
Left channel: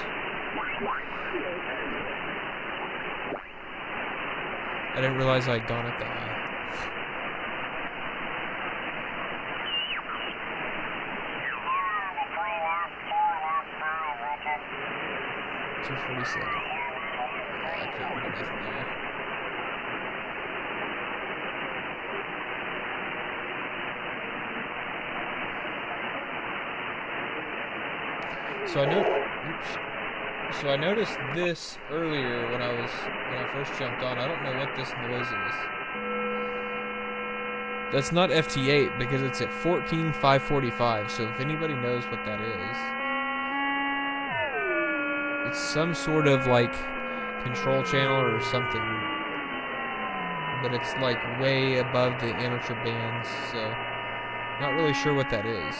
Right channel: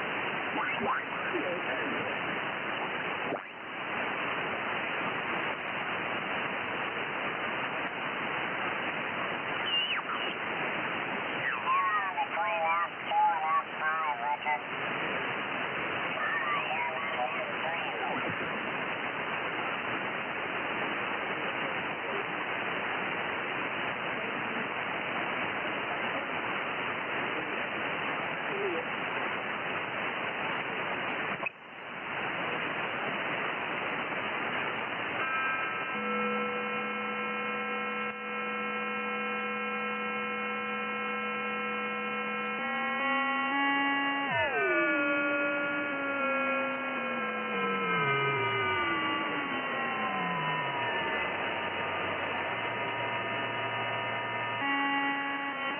I didn't realize I'd done it that way. So I noticed this earlier when I first jumped on. I don't know what this noise is. That's not FT8 because it's at 14,545. So if anybody knows what that is, it's some sort of like control channel or something. But it's like way above the amateur bands, so not really sure what that is.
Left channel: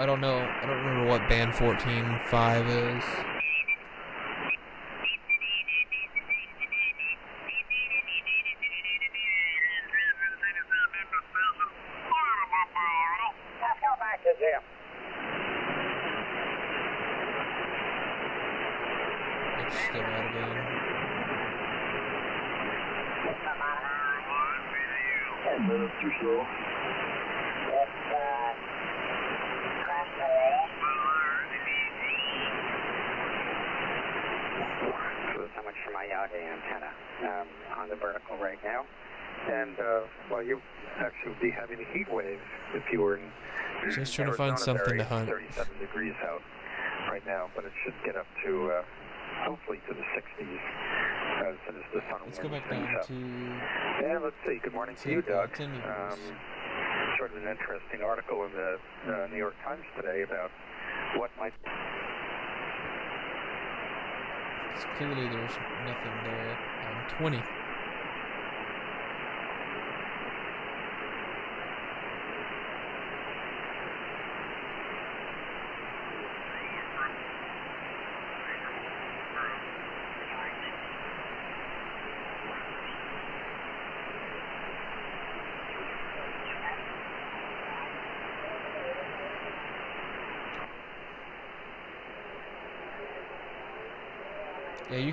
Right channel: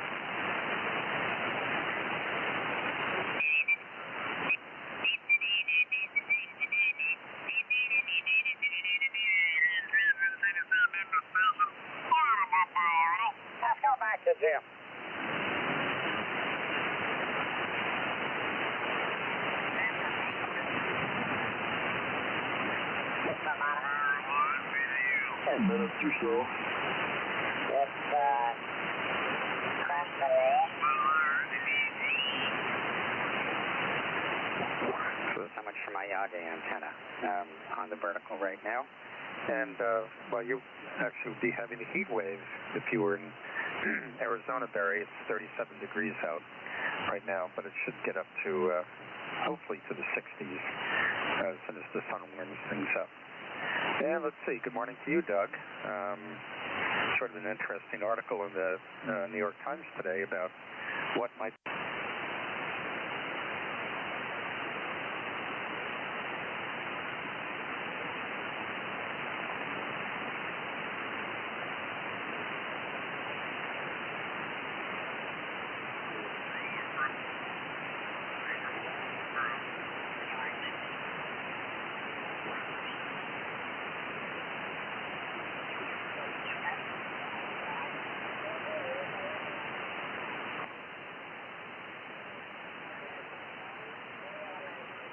I don't know. I don't remember what band 14.5 is. Let's go back to Jim. Still 10 minutes or so. So much for my Yagi antenna on the vertical right now. And, well, you actually would be having a heat wave if you were in Just trying to find Arizona. something There, to hunt. 37 degrees out right now, but it should get up to, hopefully to the 60s as soon as the sun Let's go warms back things down up. to... And let's see, good morning to you, Doug. Sort of an interesting article in the New York Times today about what might... Clearly there's nothing there. 20.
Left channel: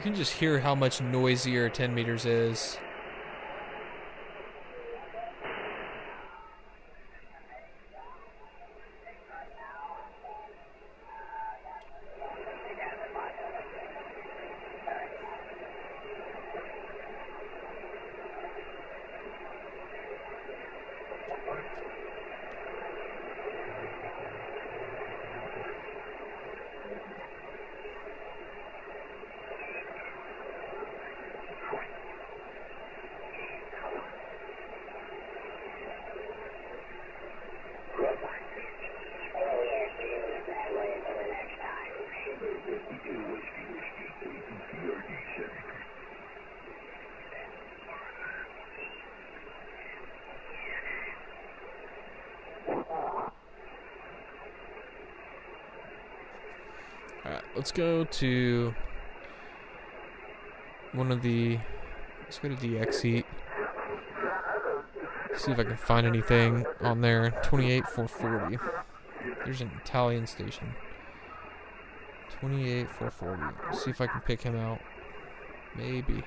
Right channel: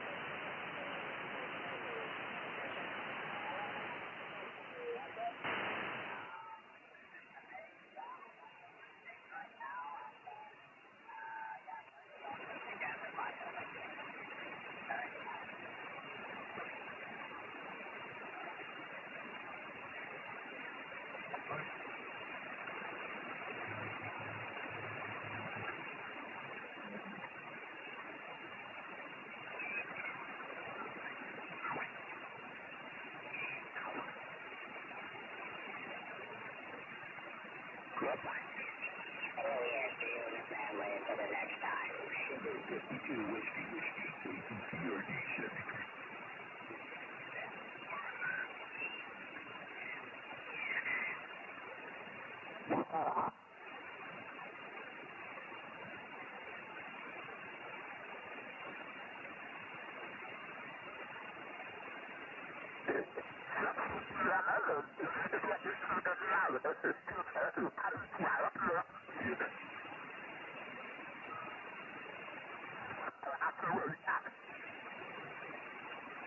can just hear how much noisier 10 meters is. Let's go to let's go to DXing. See if I can find anything on there. 28440. There's an Italian station. 28440. Let's see if I can pick him out. Maybe.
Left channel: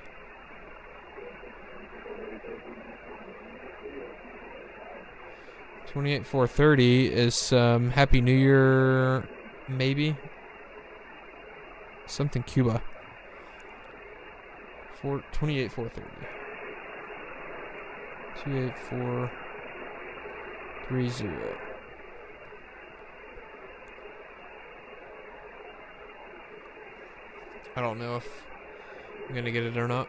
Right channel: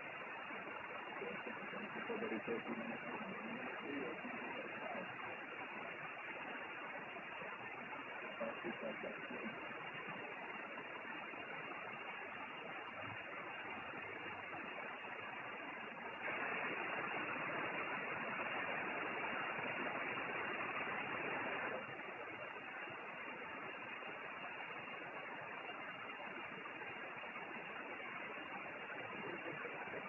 $28,430 is some Happy New Year, maybe. Something Cuba. 28430. 28430. I don't know if I'm gonna get it or not.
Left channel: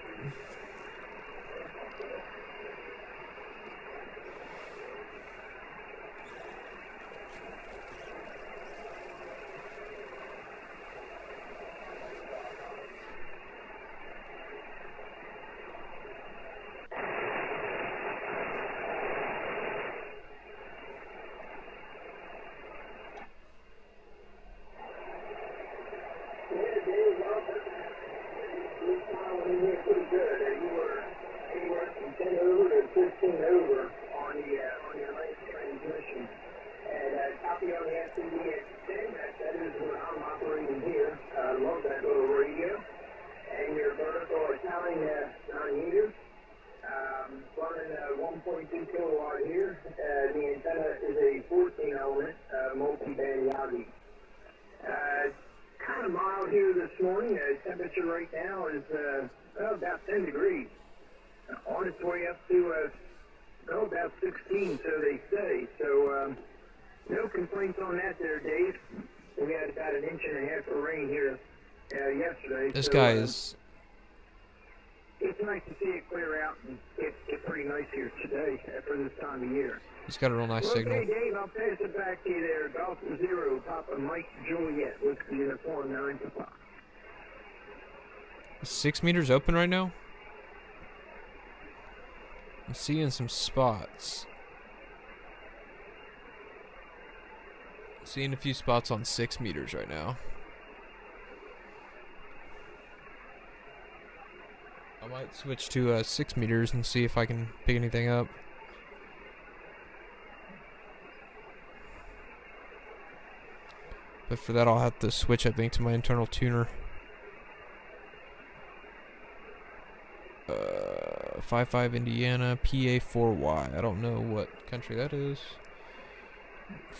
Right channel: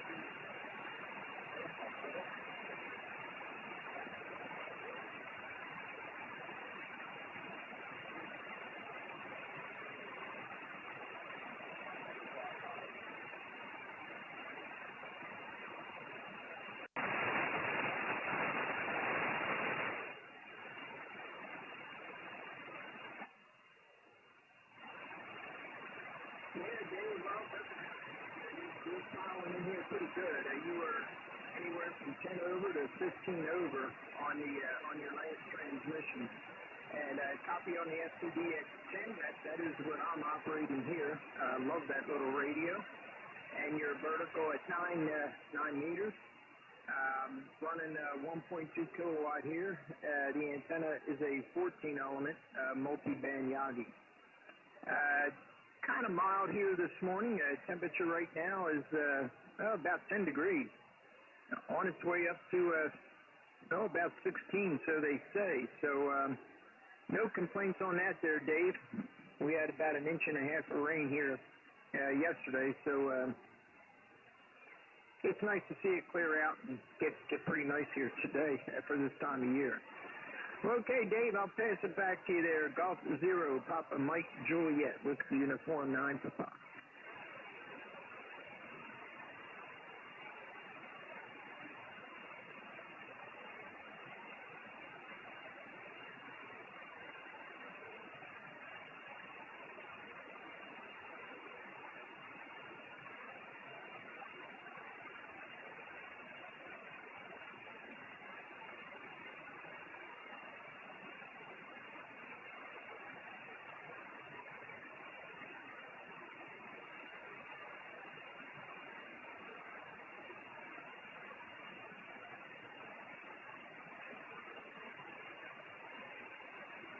About 10 degrees. On its way up to, about 16, so they say. So, no complaints on that there, Dave. We had about 1.5 inches of rain here yesterday. This so, guy is... It's nice to see it clear out and get pretty nice here today for this time of year. He's got a real nice well, signal. Okay, Dave, I'll pass it back to you there. Golf 0, Papa Mike Juliet, Whiskey Uniform 9 Papa. 6 meters open right now? I'm seeing some spots. Seeing a few spots on 6 meters right now. I might switch to 6 meters and see if I can pick anything up. But for that I'll have to switch, I think, to my internal tuner. 55 Indiana, PA4Y. I don't know what country that is.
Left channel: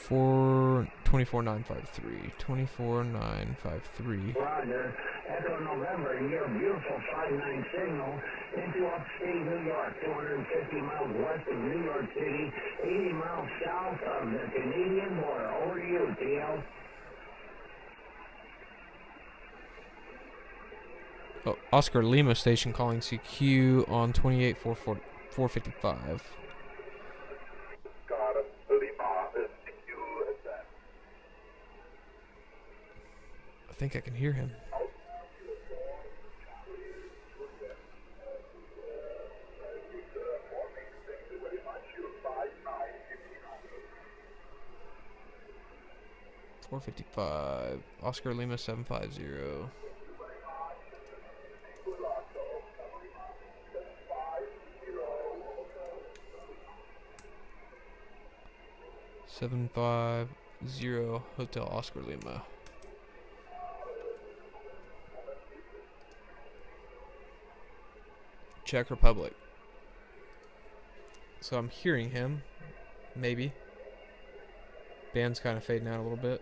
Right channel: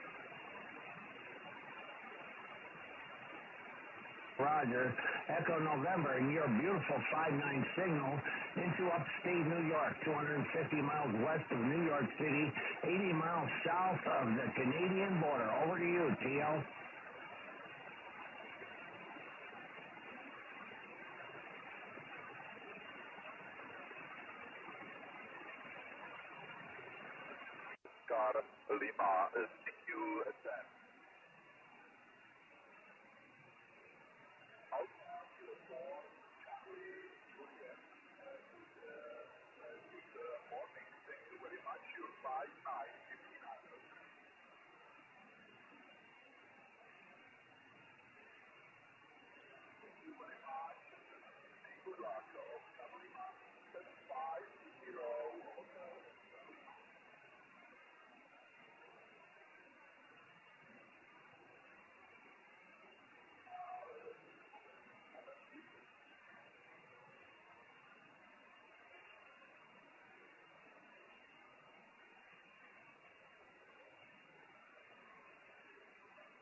24953. 24953. Roger. Echo November, your beautiful 59 signal into upstate New York, 250 miles west of New York City, 80 miles south of the Canadian border. Over to you, TL. Oh, Oscar Lima station calling CQ on 28455. I think I can hear him. $455. Oscar Lima 750. $750 Hotel Oscar Lima. Czech Republic. So I'm hearing him, maybe. Band's kind of fading out a little bit.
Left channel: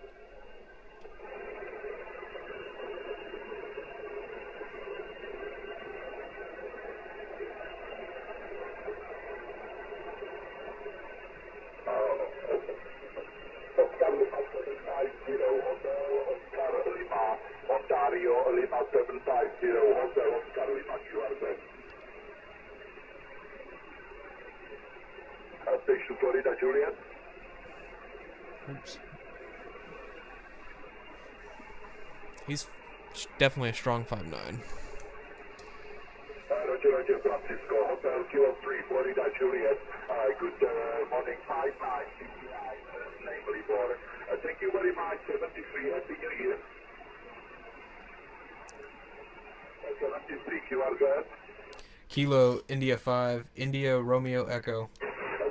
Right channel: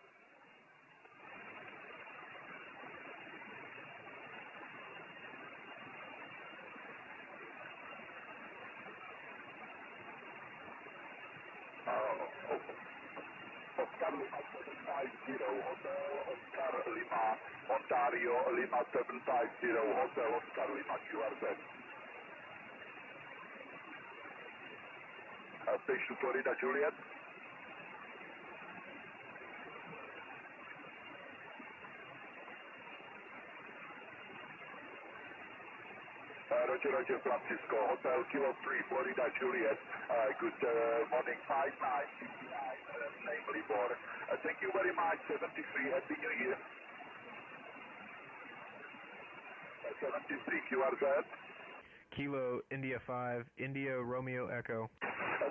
Station Florida, Juliet. Oops. He's definitely a strong 5'9". Roger, Roger, Francisco, Hotel Kilo 3, Florida, Juliet. Good morning, 5'9", namely for. Thank you very much, 73, Happy New Year. 73, QRZ. Kilo India 5, India Romeo Echo.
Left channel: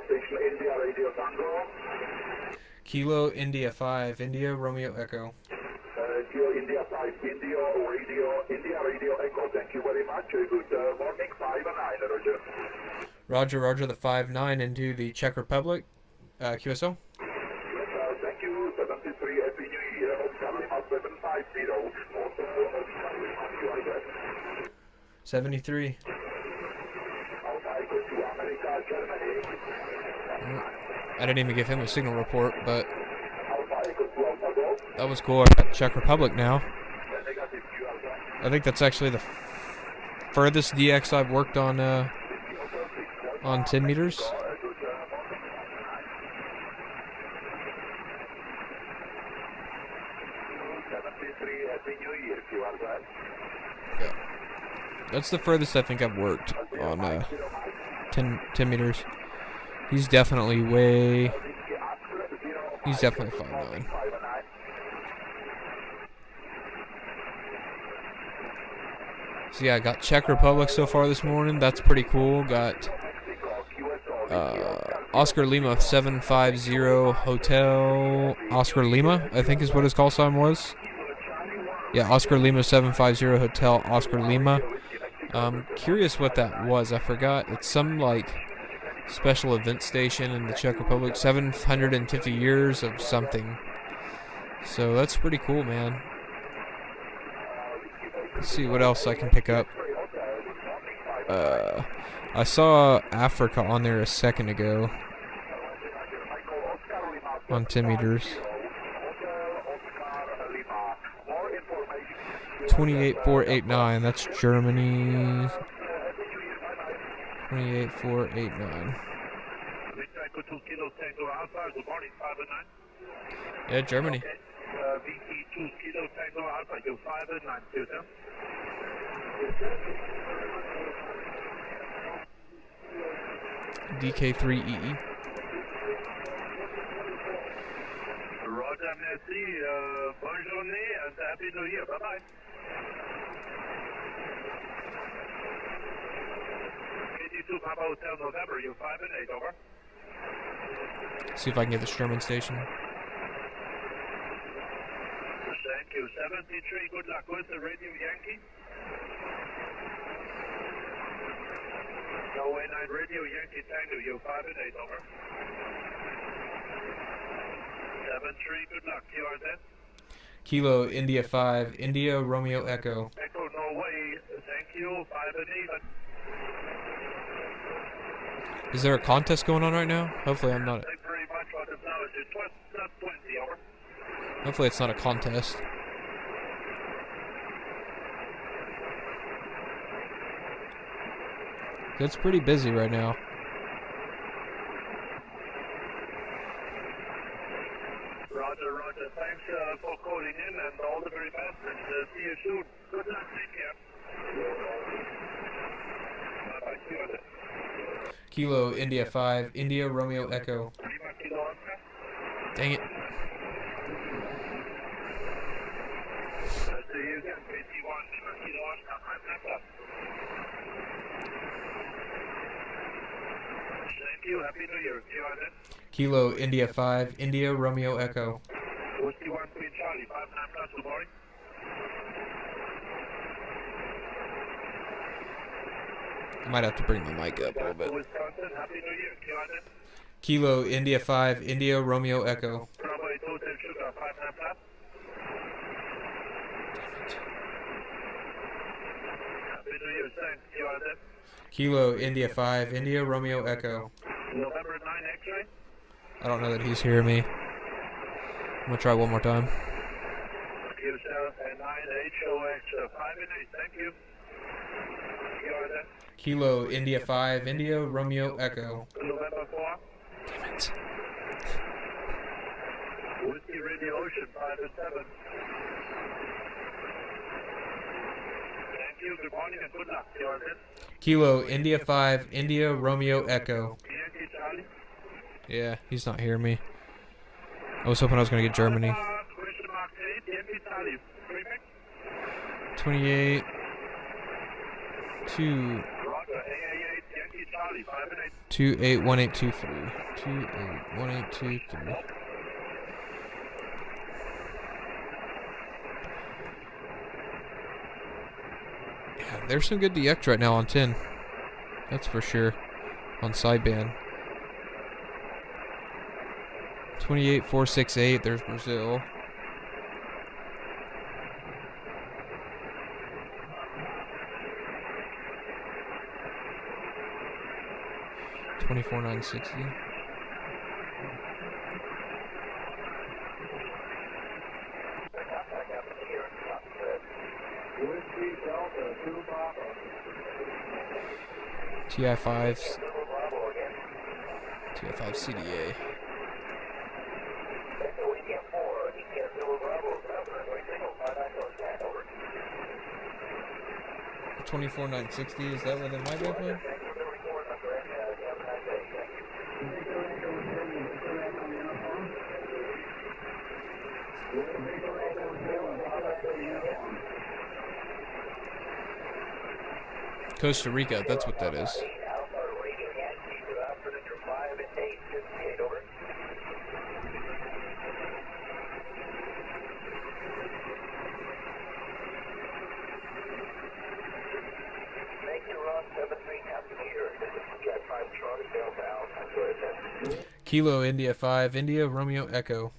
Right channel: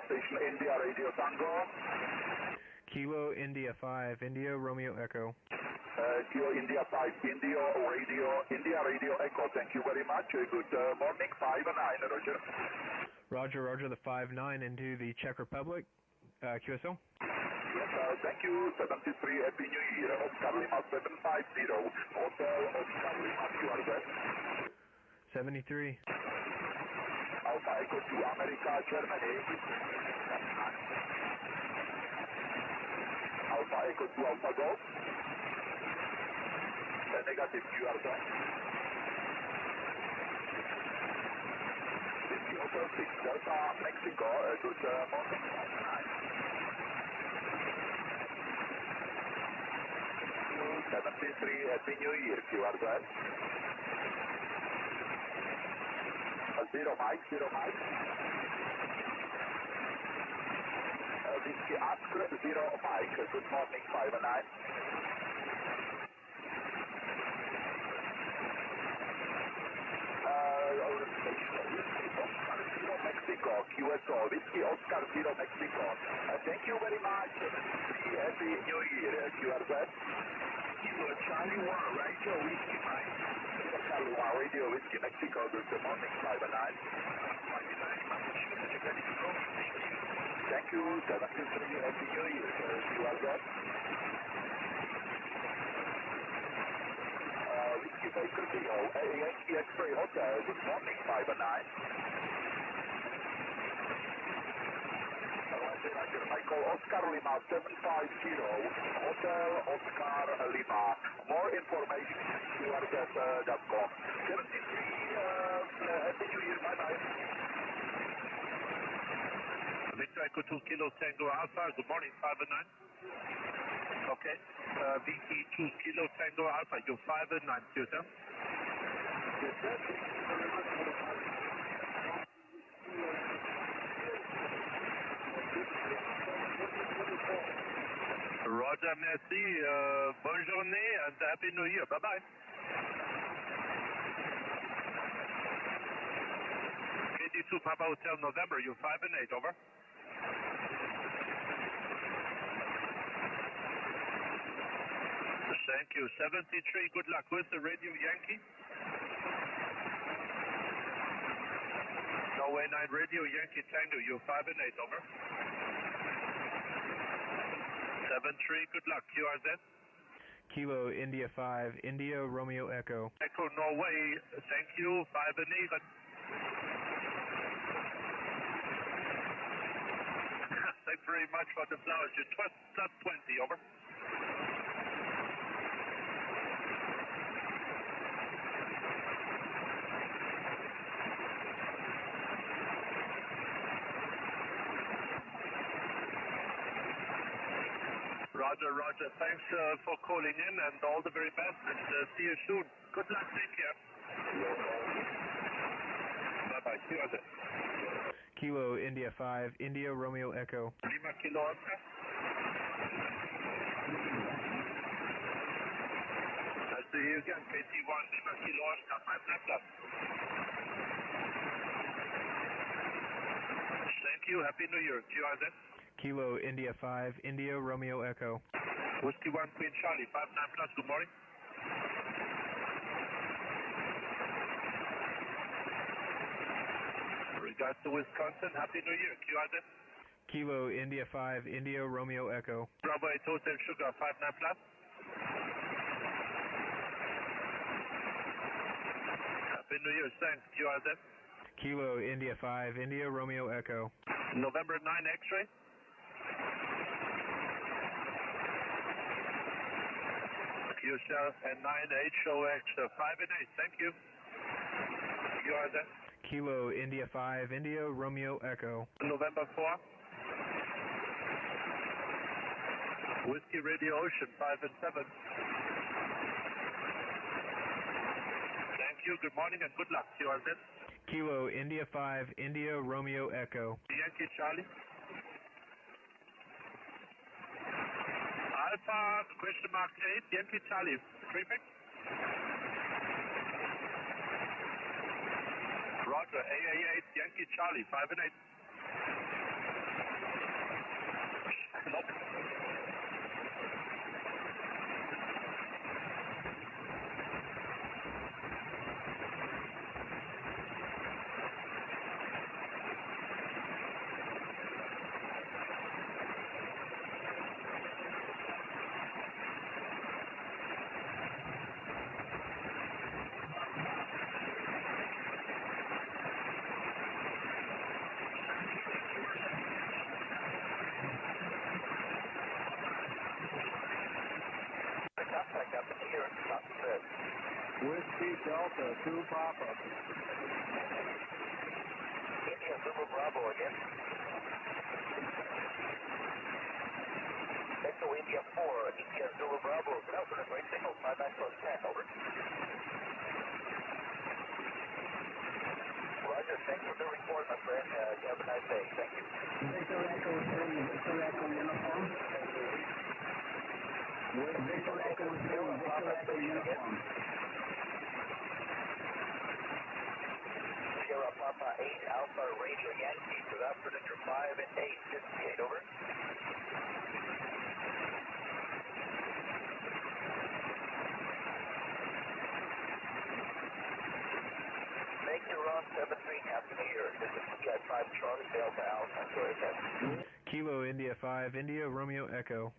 Station India, Radio Tango. Kilo India 5, India Romeo Echo. Kilo India 5, India Radio Echo. Thank you very much. Good morning, 5 and 9, Roger. Roger, Roger, the 5'9" into the Czech Republic. QSO. Thank you, 73, Happy New Year. Oscar Lima 750. Hotel Oscar Lima, QRZ. 73. Alpha Echo to America, Germany. I didn't even give him a signal report, but Alpha Echo to Alpha Golf. that was cool. I'm at Czech Republic now. Negative QRZ. I think that's actually the furthest DX I've worked on 10 meters. Good morning. 73, Happy New Year, QRZ. That's the furthest I think I've worked on 10 meters. He's definitely way. He's definitely 5'9". So yeah, I got Czech Republic so far this morning. That's pretty cool. Got Oscar Lima 750 Hotel Oscar Lima, I think is what his call sign was. Yeah, Oscar Lima 750 Hotel Oscar Lima. Curious what that was. I forgot. It's some like special event station in the Czech Republic. 750 years of something. So that's pretty cool, man. Let's see what else I can pick up. I saw Africa on there a second ago. On 10 meters. 28489, that's Germany. 28489. Yeah, Germany. BT2 Kilo Tango Alpha, you 5 and 9, Susan. DK3EE. Roger, merci. Bonne journée and Happy New Year. Bye-bye. KD2 Papa Hotel November, you 5 and 8, over. See if I can get the Sherman station. Thank you. 73, good luck with the Radio Yankee. No, 9 Radio Yankee Tango, you 5 and 8, over. 73, good luck, QRZ. Kilo India 5, India Romeo Echo. Echo Norway, thank you, 5 and 8. Is there a contest going on right now? Hopefully I'm not. Thank you very much for the flowers. It's 20, over. Hopefully it's not a contest. It's pretty busy right now. Roger, Roger. Thanks for calling in and all the very best and see you soon. Good luck, take care. Bye-bye, QRZ. Kilo India 5, India Romeo Echo. Lima Kilo Oscar. Dang it. I'll see you again, KT1, Lima Kilo Oscar, 5 Thank you, Happy New Year, QRZ. Kilo India 5, India Romeo Echo. Whiskey 1 Queen Charlie, 59 plus, good morning. Might have to bring the mic up a little bit. Wisconsin, Happy New Year. QRZ. Kilo India 5 India Romeo Echo. Bravo 8 Hotel Sugar 59 plus. Happy New Year, thanks. QRZ. Kilo India 5 India Romeo Echo. November 9 X-ray. I don't know that he's hearing me. I'm gonna try one more time. QSL and 9 HOX 5 and 8. Thank you. QRZ. Kilo India 5 India Romeo Echo. November 4. Damn it. Whiskey Radio Ocean 5 and 7. Thank you. Good morning and good luck. QRZ. Kilo India 5 India Romeo Echo. Yankee Charlie. Yeah, he's not hearing me. I was hoping I was gonna get Germany. Question mark 8. Yankee Charlie. Prefix. 28. 2. Roger. AA8 Yankee Charlie 5 and 8. 281823. 281823. There's some good DX right now on 10. That's for sure. On sideband. 28468, there's Brazil. $24,960. Whiskey Delta 2 Papa. TI5s. TI5 CDA. 24960, is that where the mic open? Costa Rica, that's what that is. Kilo India 5 India Romeo Echo.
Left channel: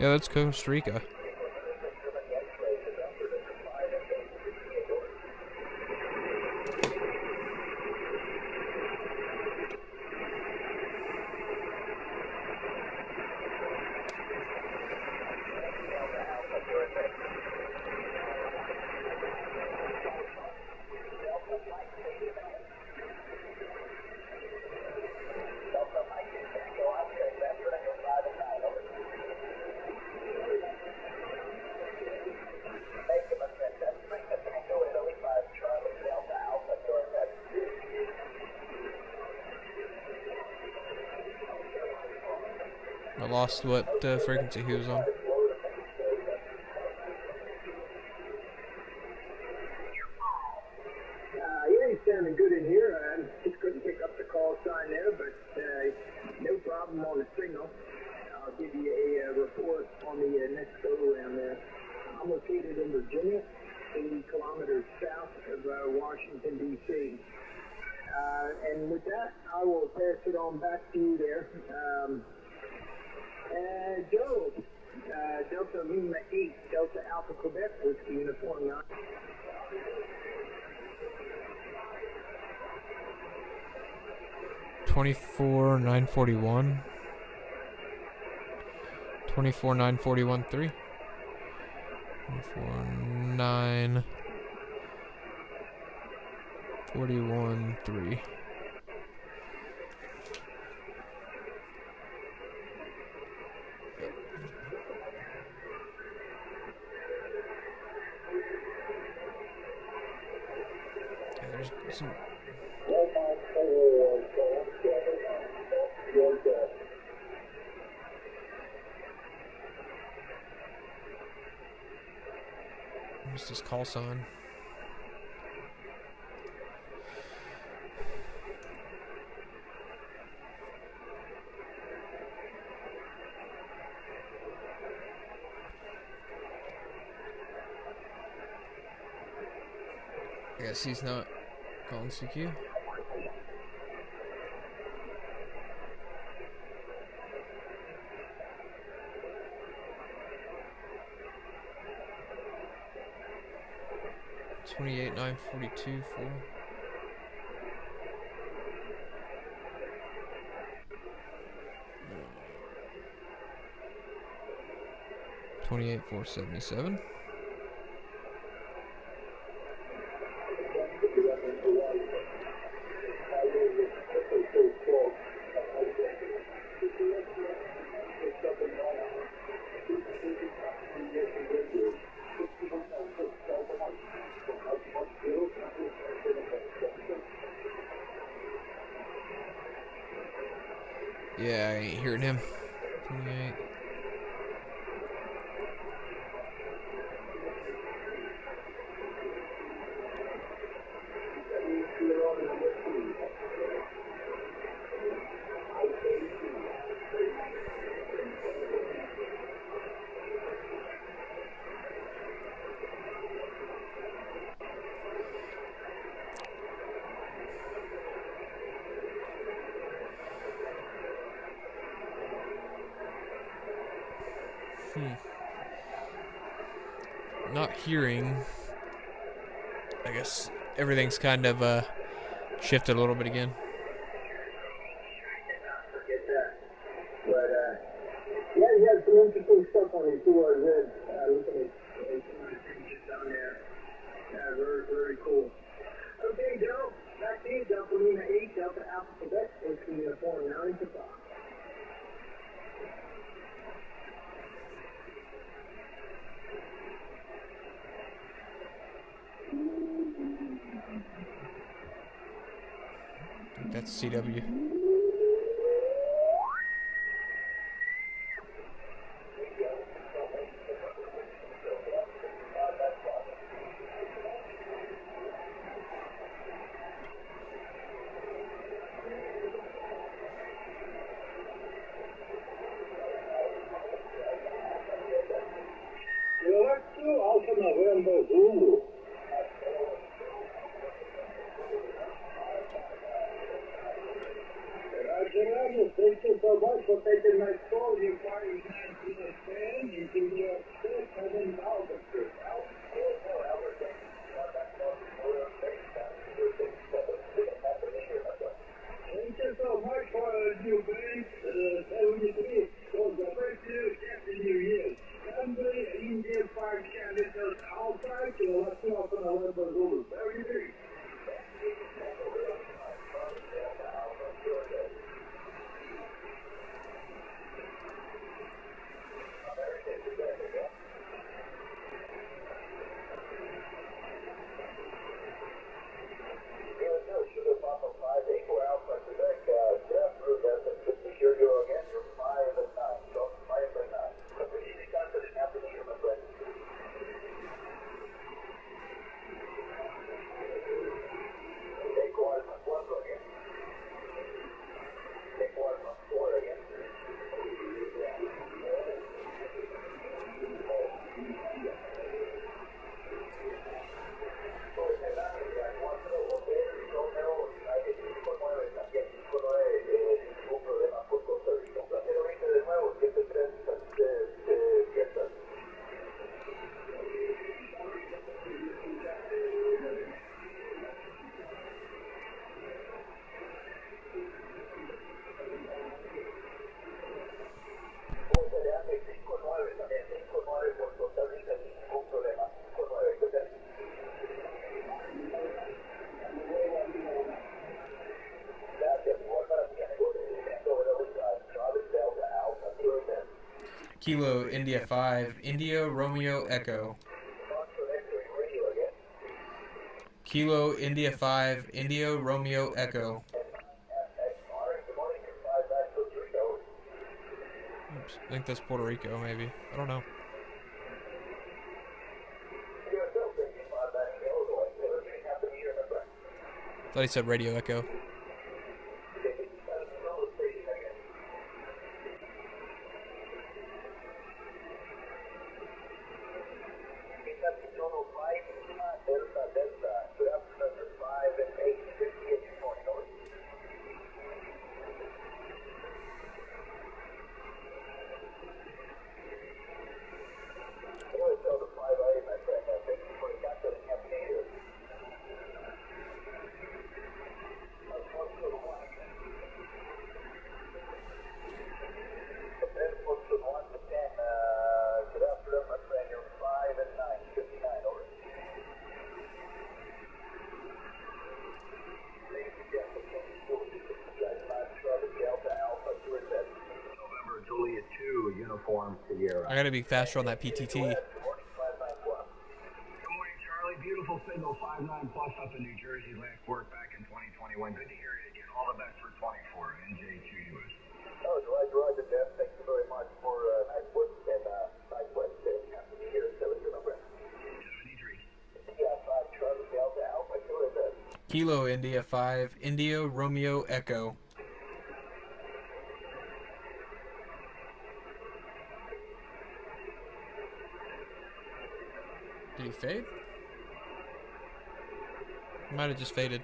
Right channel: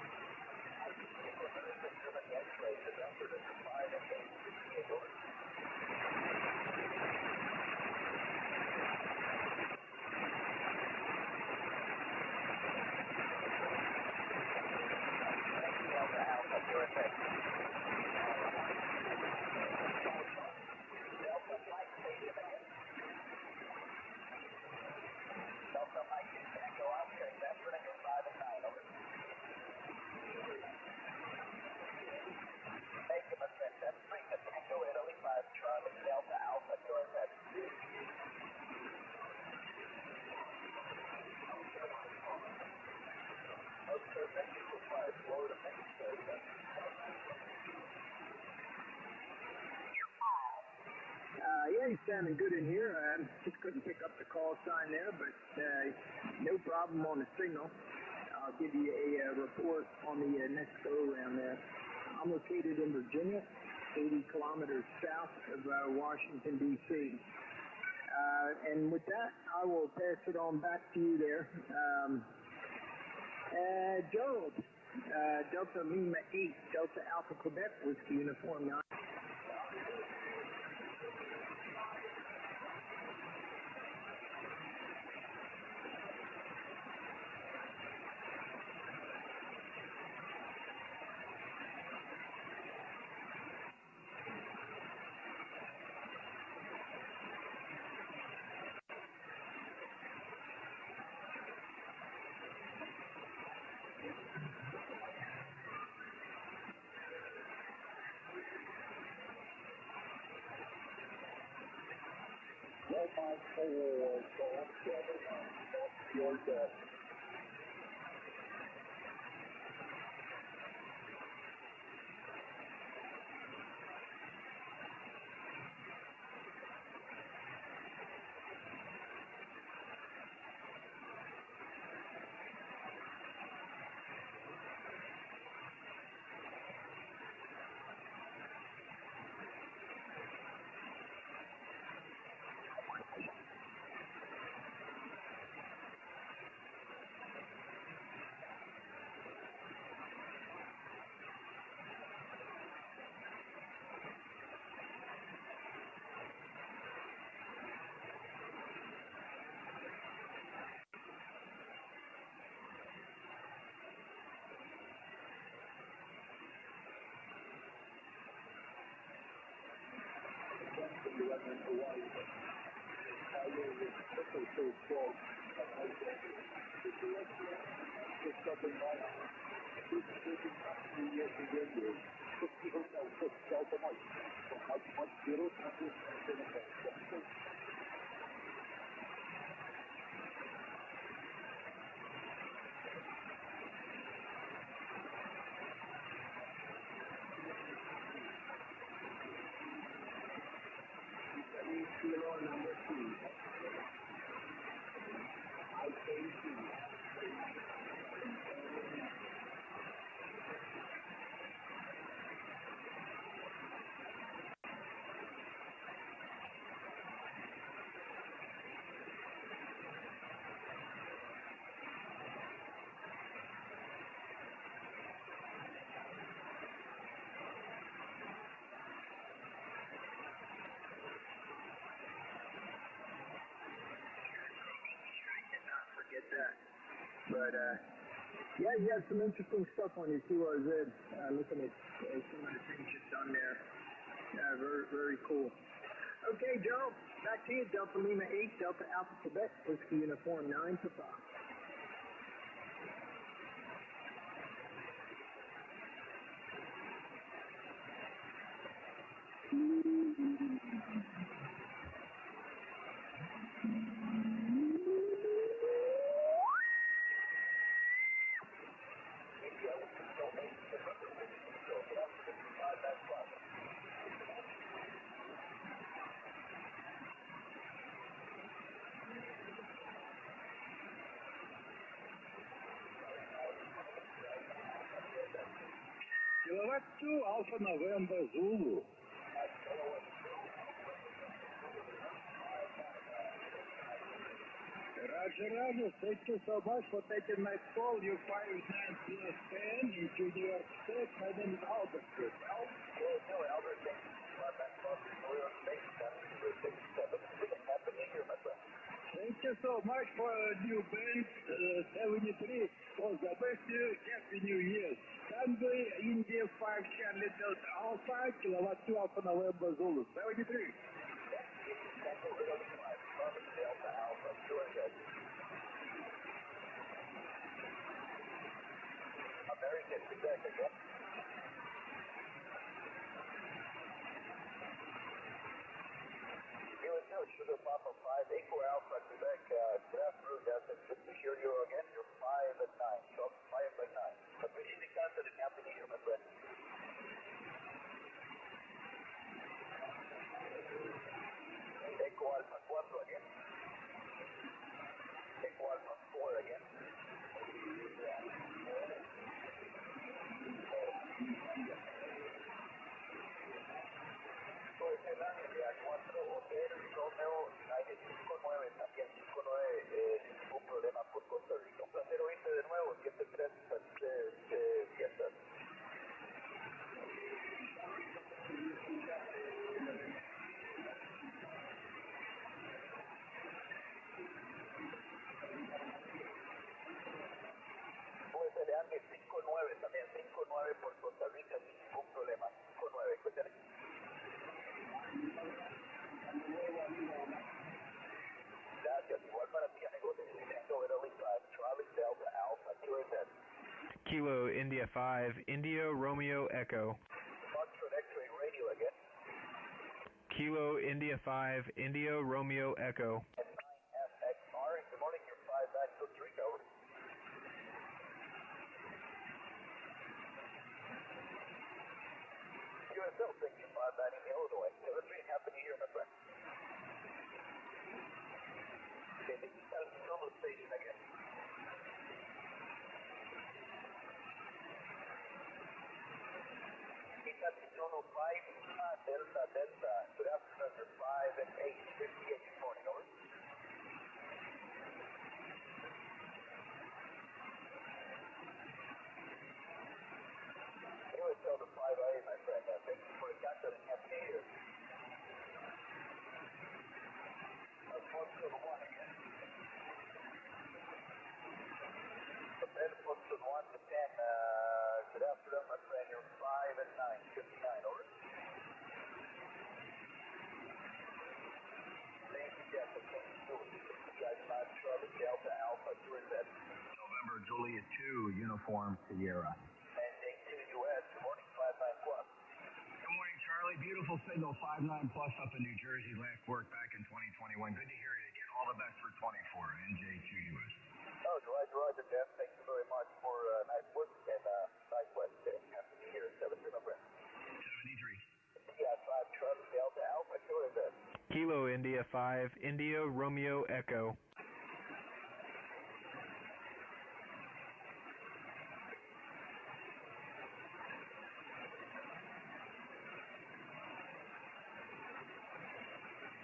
Yeah, that's Costa Rica. I lost what frequency he was on. Yeah, he's sounding good in here. I just couldn't pick up the call sign there, but no problem on the signal. I'll give you a report on the next go-around there. I'm located in Virginia, 80 kilometers south of Washington, D.C. And with that, I will pass it on back to you there. Joe, Delta Lima 8, Delta Alpha Quebec, Whiskey Uniform 9. $24,941. $24,941.3. 24,941.3. Some, what's this call sign? I guess he's not calling CQ. $28,942 for. $28,477. Yeah, I ain't hearing him. 28. Not hearing. I guess everything's kind of shifted a little bit again. Yeah, you had some interesting stuff on your QRZ. Looking at some of the changes down there. Yeah, very, very cool. Okay, Joe, back to you. Delta Lima 8, Delta Alpha Quebec, Whiskey Uniform, mounting to 5. That's CW. Alpha November Zulu. Thank you so much for taking my call. You find time to understand. You do your best and then Albert. Thank you so much for a new band, 73. For the first year, Happy New Year. Sunday, India 5 candidates outside, you will have to open a November Zulu. 73. Kilo India 5, India Romeo Echo. Kilo India 5, Indio Romeo Echo. Oops, I think that's Puerto Rico, maybe. I don't know. Thought he said Radio Echo. Uniform Sierra. I gotta be faster on that PTT. Good morning, Charlie. Beautiful signal 59 plus up in New Jersey. Last work back in 2021. Good to hear you again. All the best for 24. NJ2US. Oh, Roger, Jeff. Thank you very much for nice work and nice Wednesday. Happy New Year. 73 number. 73. KI5 Charlie Delta Alpha. Go ahead. Kilo India 5, Indio Romeo Echo. Did he fade? He might have just faded.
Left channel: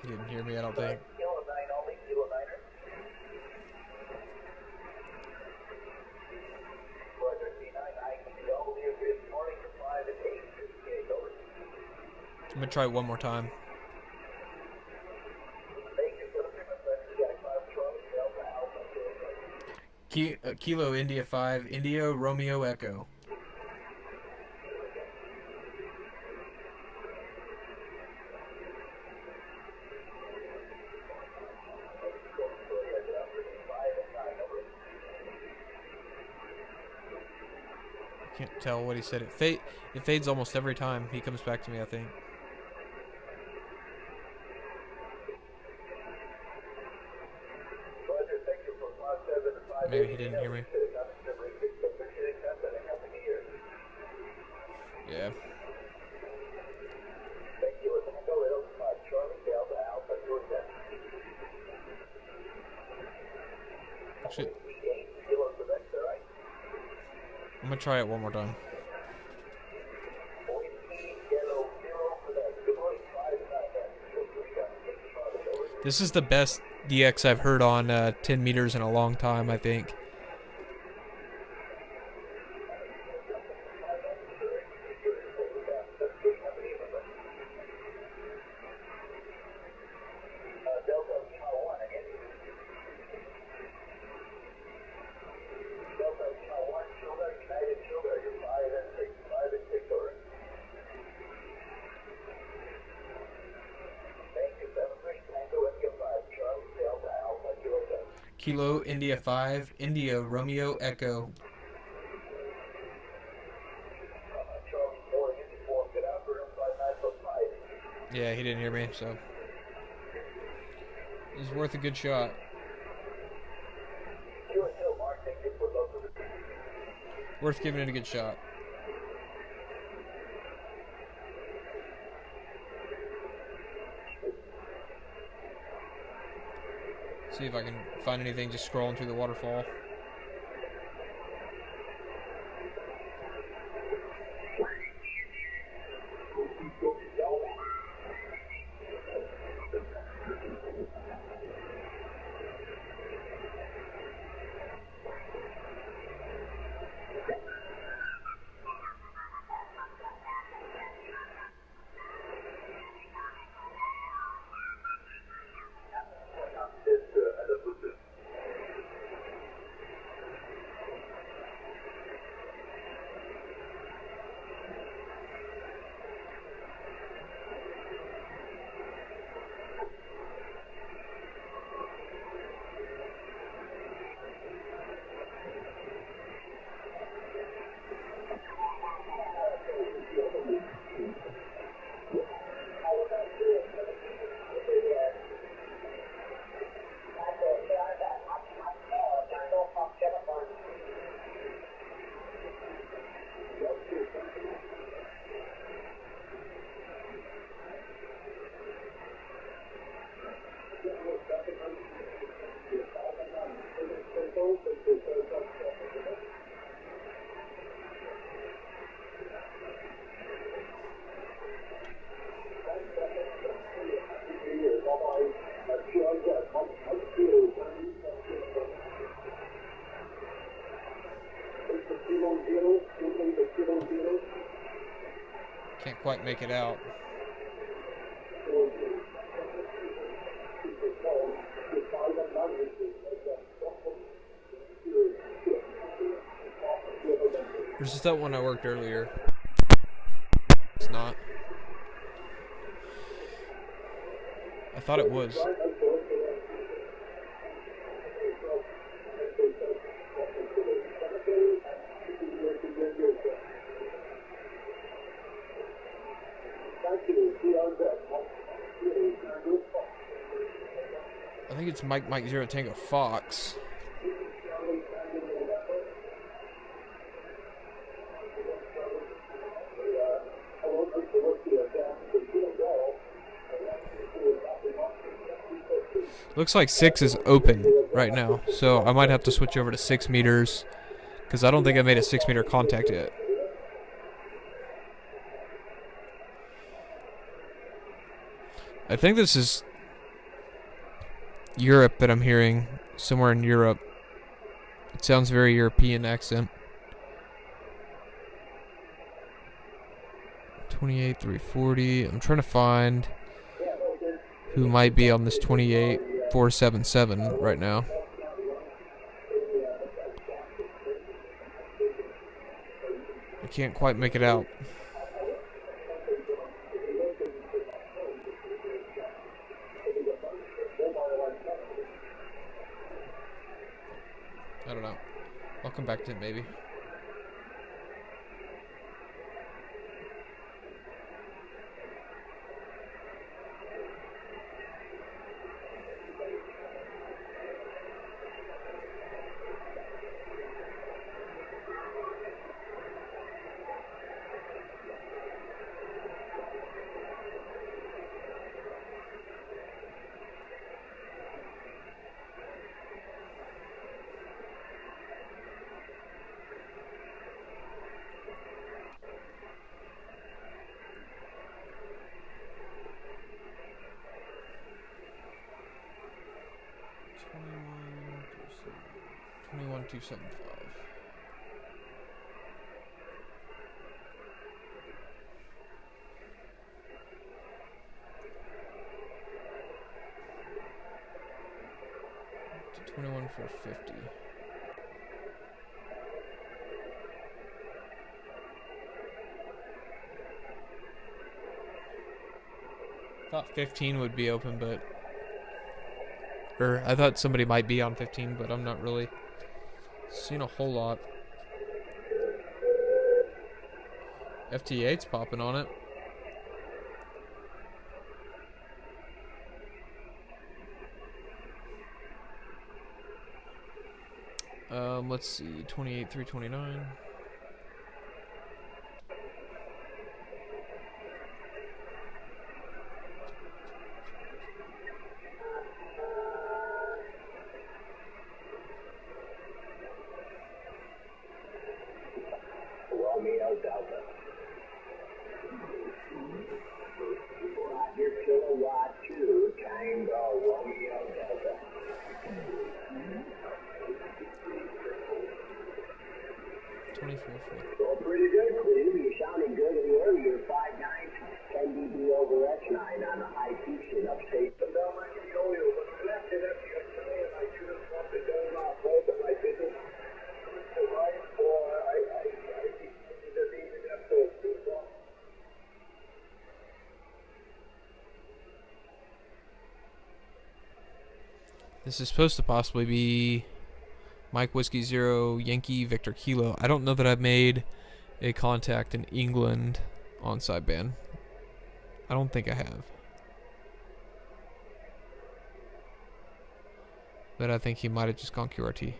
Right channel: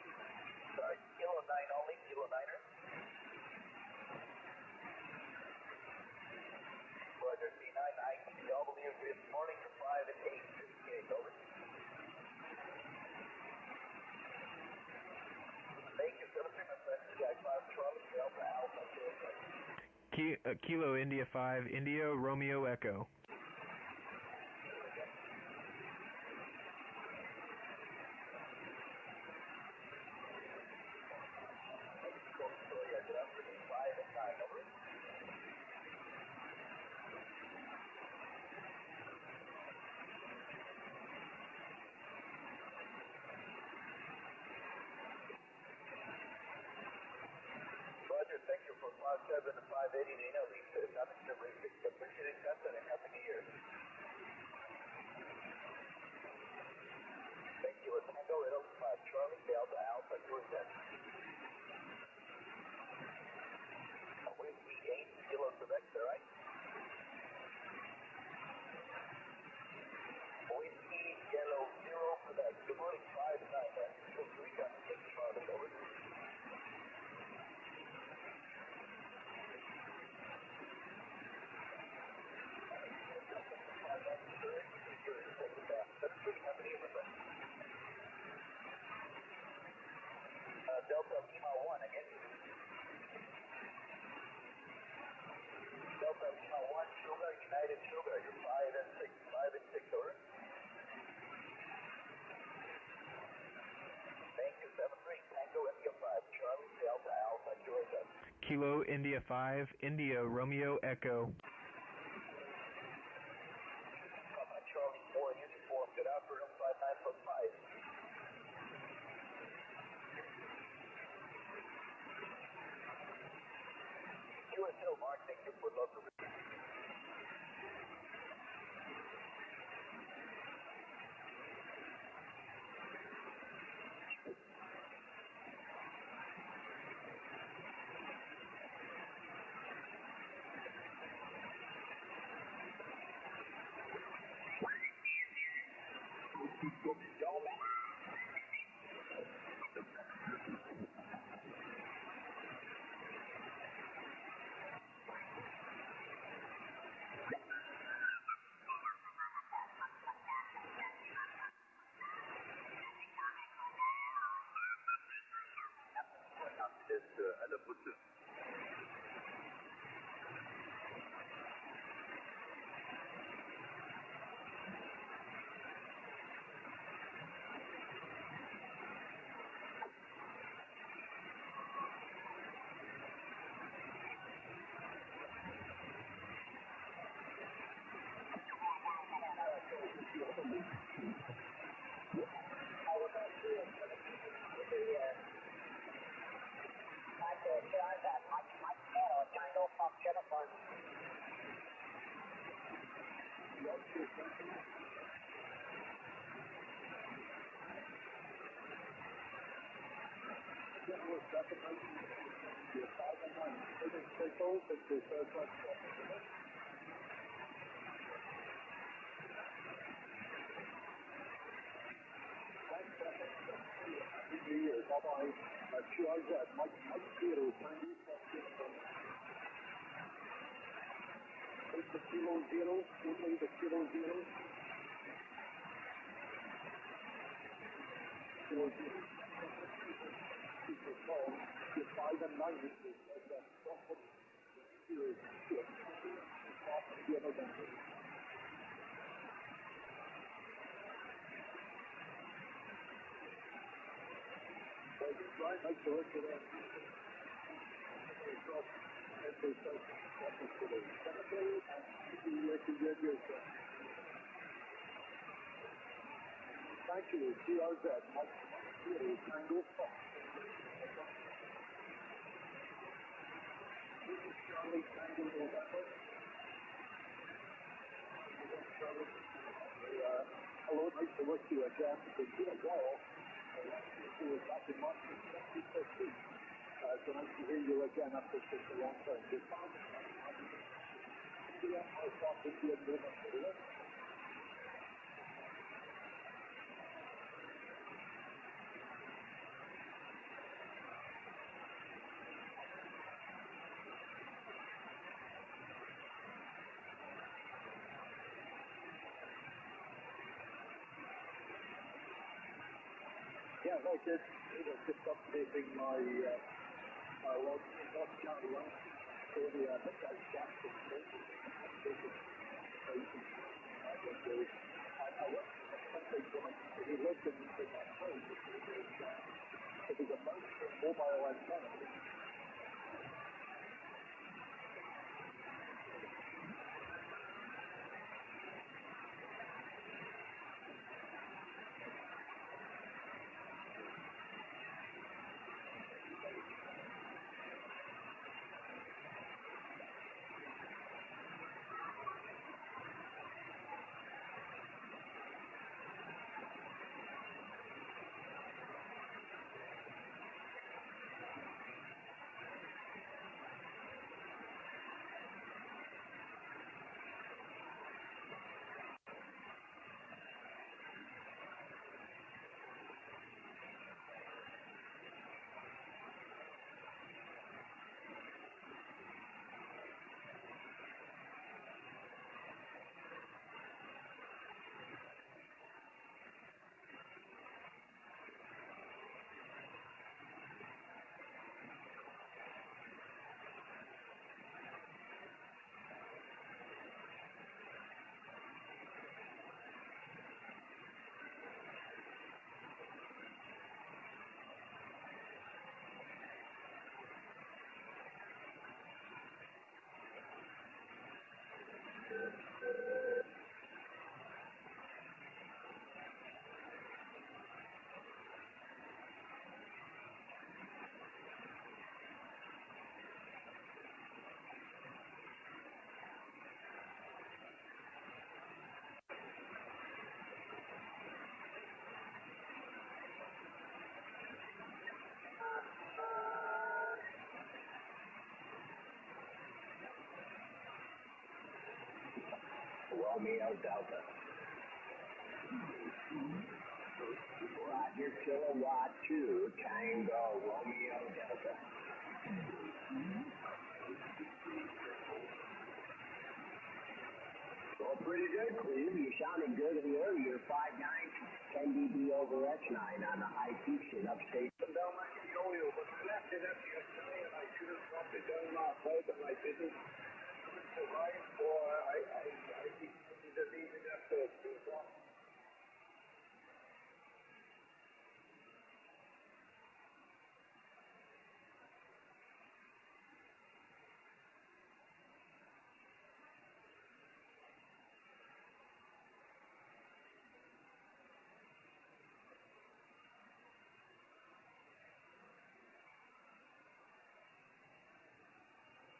He didn't hear me, I don't think. I'm gonna try it one more time. Kilo India 5, Indio Romeo Echo. Can't tell what he said. It fades almost every time he comes back to me, I think. Maybe he didn't hear me. Yeah. Actually, I'm gonna try it one more time. This is the best DX I've heard on 10 meters in a long time, I think. Kilo India 5, India Romeo Echo. Yeah, he didn't hear me, so it's worth a good shot. Worth giving it a good shot. See if I can find anything just scrolling through the waterfall. quite make it out. Or is that one I worked earlier? It's not. I thought it was. I think it's Mike 0 Tango Fox. Looks like 6 is open right now, so I might have to switch over to 6 meters because I don't think I made a 6 meter contact yet. I think this is Europe that I'm hearing, somewhere in Europe. It sounds very European accent. 28,340. I'm trying to find who might be on this 28,477 right now. I can't quite make it out. I don't know. I'll come back to it maybe. Thought 15 would be open, but I thought somebody might be on 15, but I'm not really seeing a whole lot. FT8's popping on it. Let's see, 28,329. Romeo Delta. Roger, kilowatt 2, Tango, Romeo Delta. Well, pretty good, Cleve. You're sounding good in the air. You're 5'9", 10 dB over S9 on the high peaks in upstate. This is supposed to possibly be Mike Whiskey 0 Yankee Victor Kilo. I don't know that I've made a contact in England on sideband. I don't think I have. But I think he might have just gone QRT.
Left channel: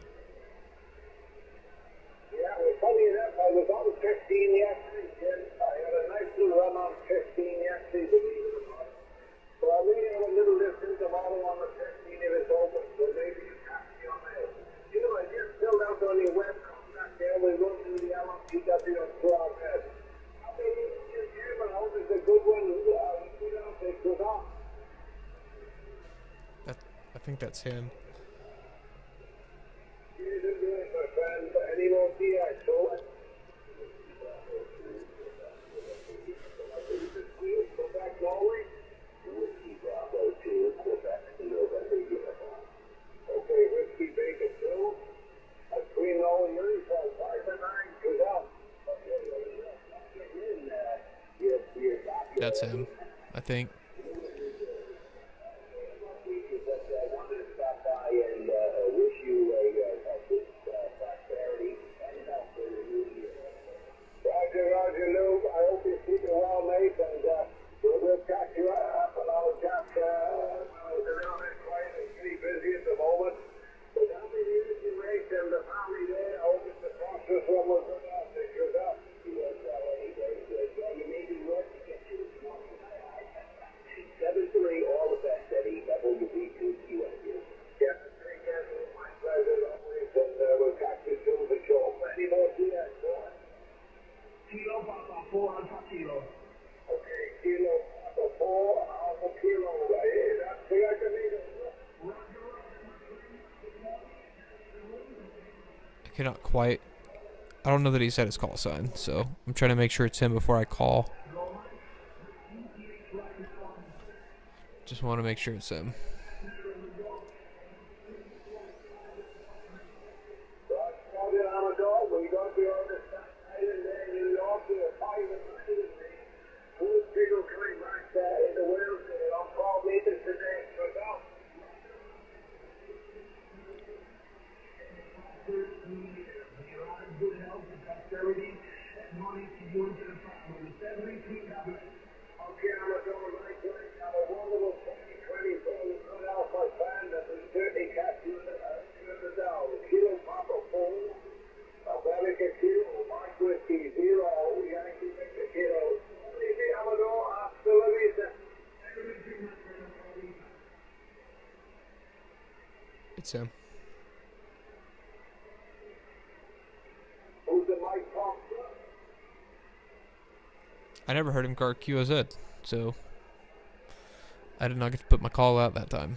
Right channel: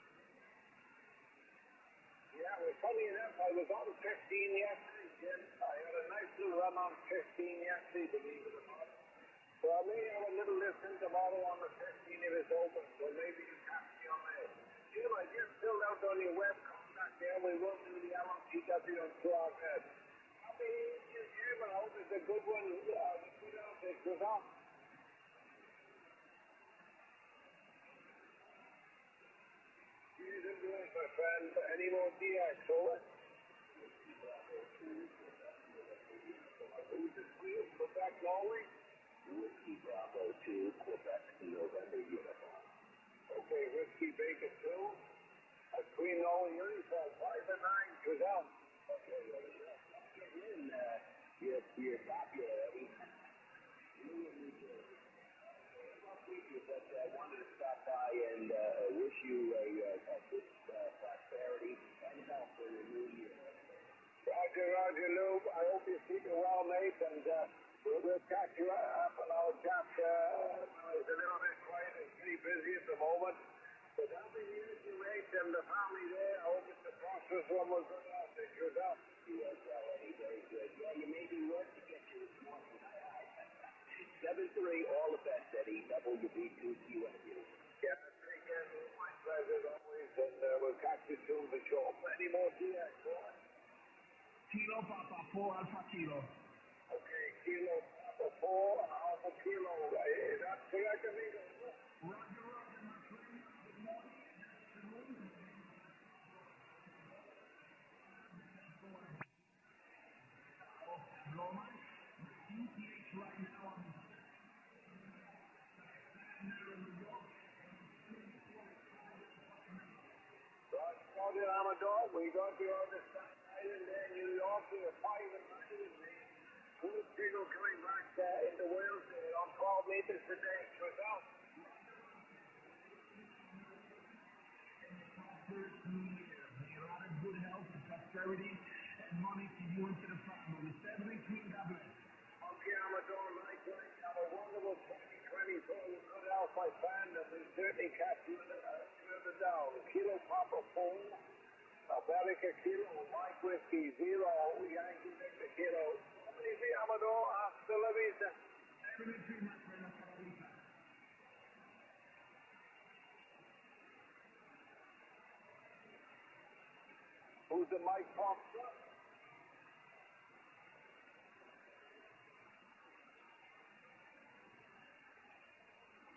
Yeah, well, funny enough, I was on 15 yesterday, Jim. I had a nice little run on 15 yesterday, believe it or not. So I really have a little distance of all on the 15 if it's open, so maybe you have to be on my head. You know, I just filled out on your web contact there. We run through the LMPW and Frog Head. I mean, you came out, it's a good one. You know, it's good off. I think that's him. You didn't do it, my friend. Any more DX, so it's him, I think. Roger, Lou. I hope you're keeping well, mate, and we'll catch you up. And I'll just, a little bit quiet and pretty busy at the moment. But how many years you make and the family there? I hope it's the process one was good enough to shoot up. You may be worth to get you. 7-3, all the best, Eddie. WB2QSU. Yeah, my pleasure always, and we'll catch you soon for sure. Any more DS? Kilo Papa 4 Alpha Kilo. Okay, Kilo Papa 4 Alpha Kilo. That's the I can need it. I cannot quite. I don't know that he said his call sign, so I'm trying to make sure it's him before I call. Just want to make sure it's him. It's him. I never heard him call QOZ, so I did not get to put my call out that time.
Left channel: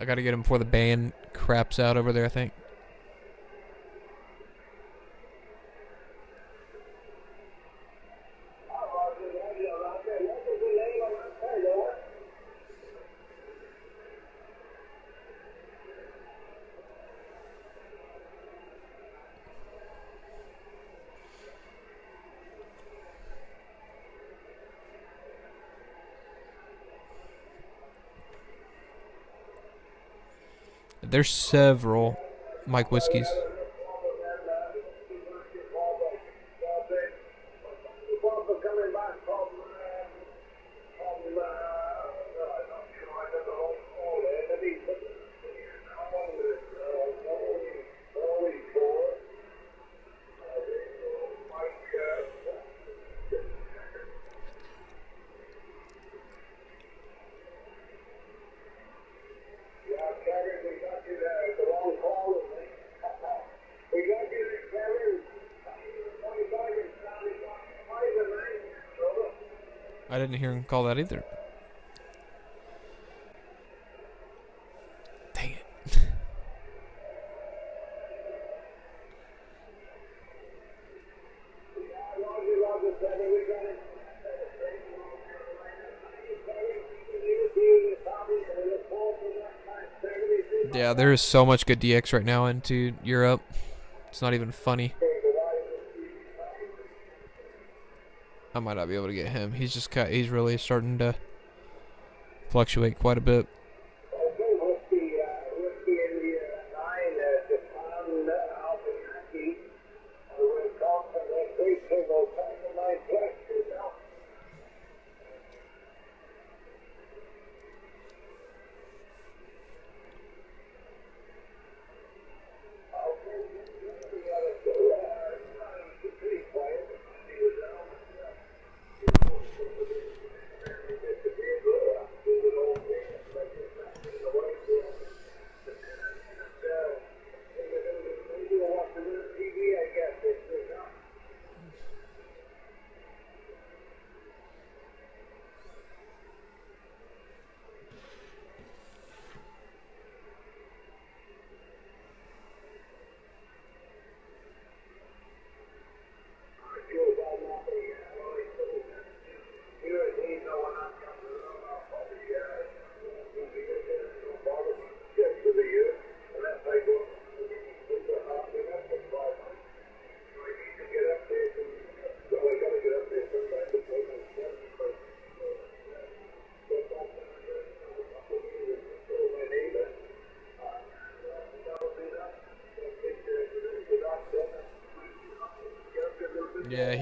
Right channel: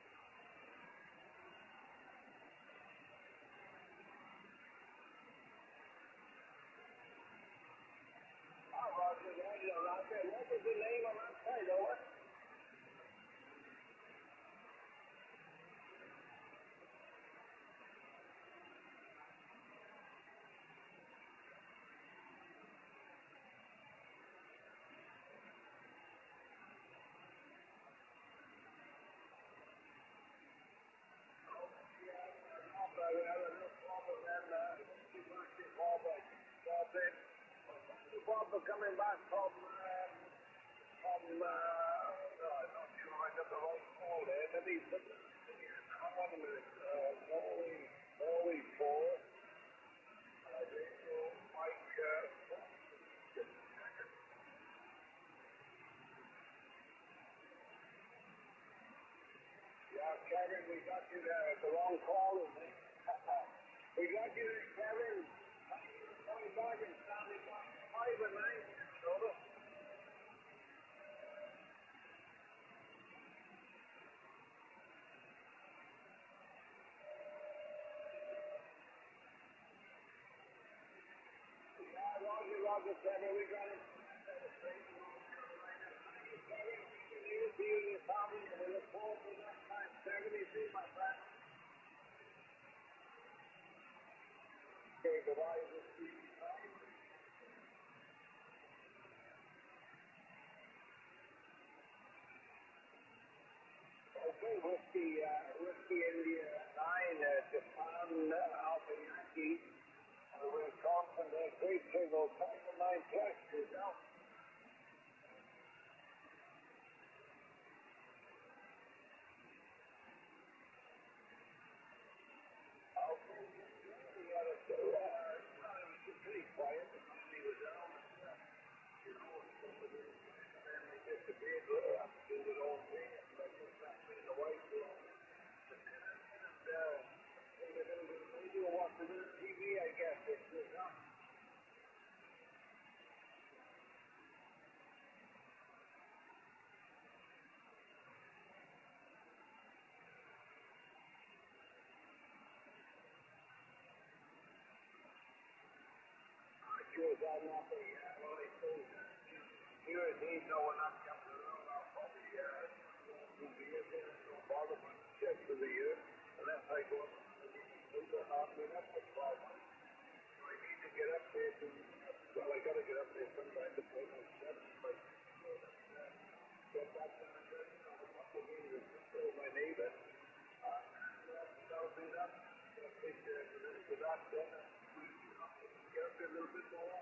I gotta get him before the band craps out over there, I think. There's several Mike Whiskeys. I didn't hear him call that either. Dang it. Yeah, there is so much good DX right now into Europe. It's not even funny. I might not be able to get him. He's really starting to fluctuate quite a bit.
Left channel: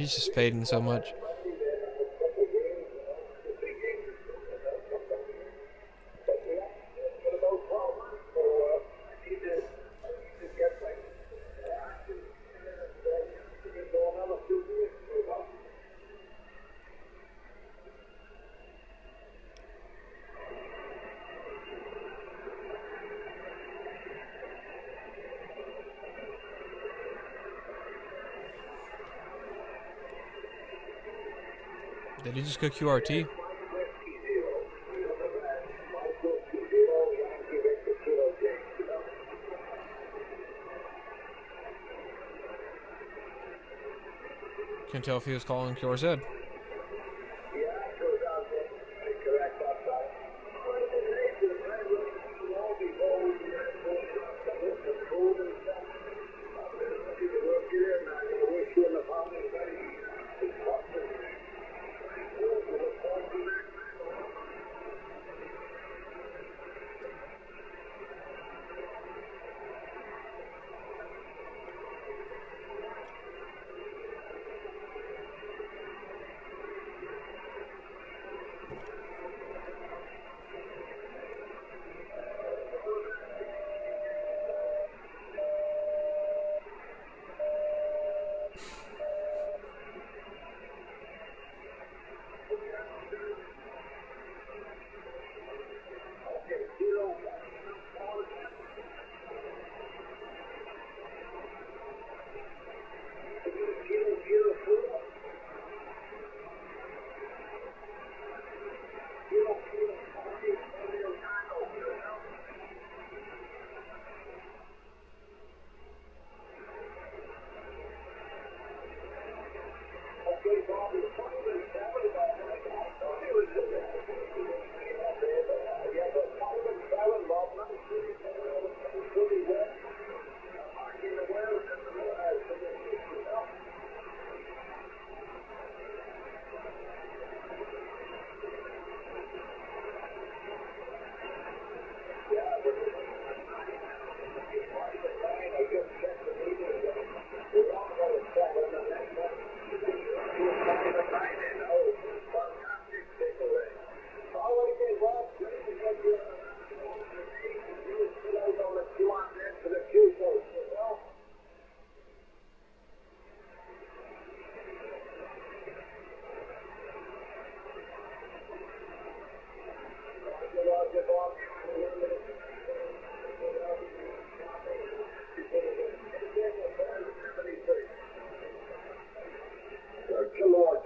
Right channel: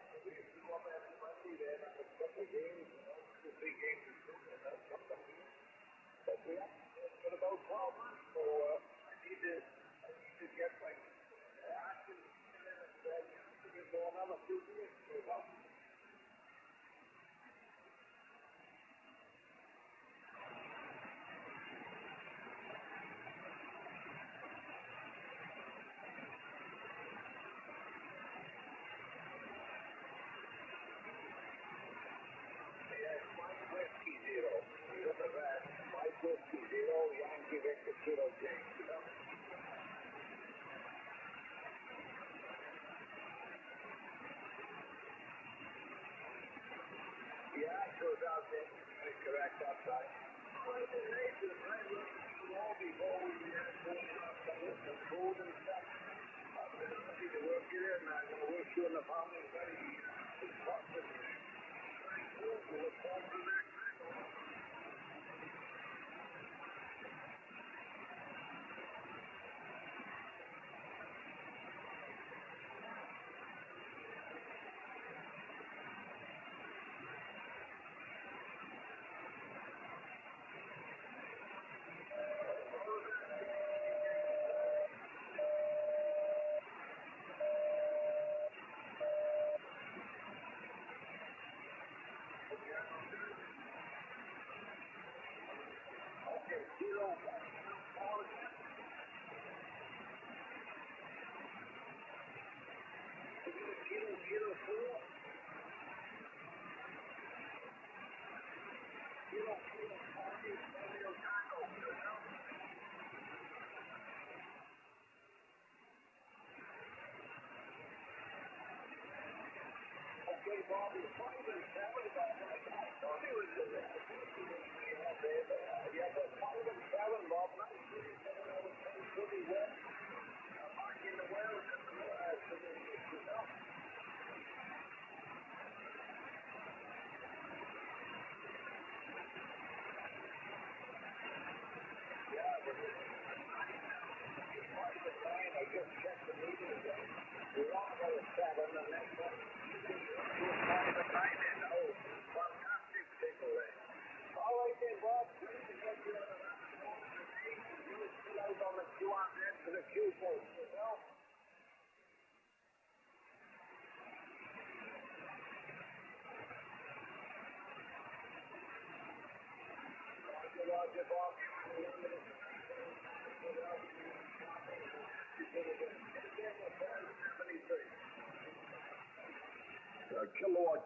he's just fading so much. Did he just go QRT? Can't tell if he was calling QRZ.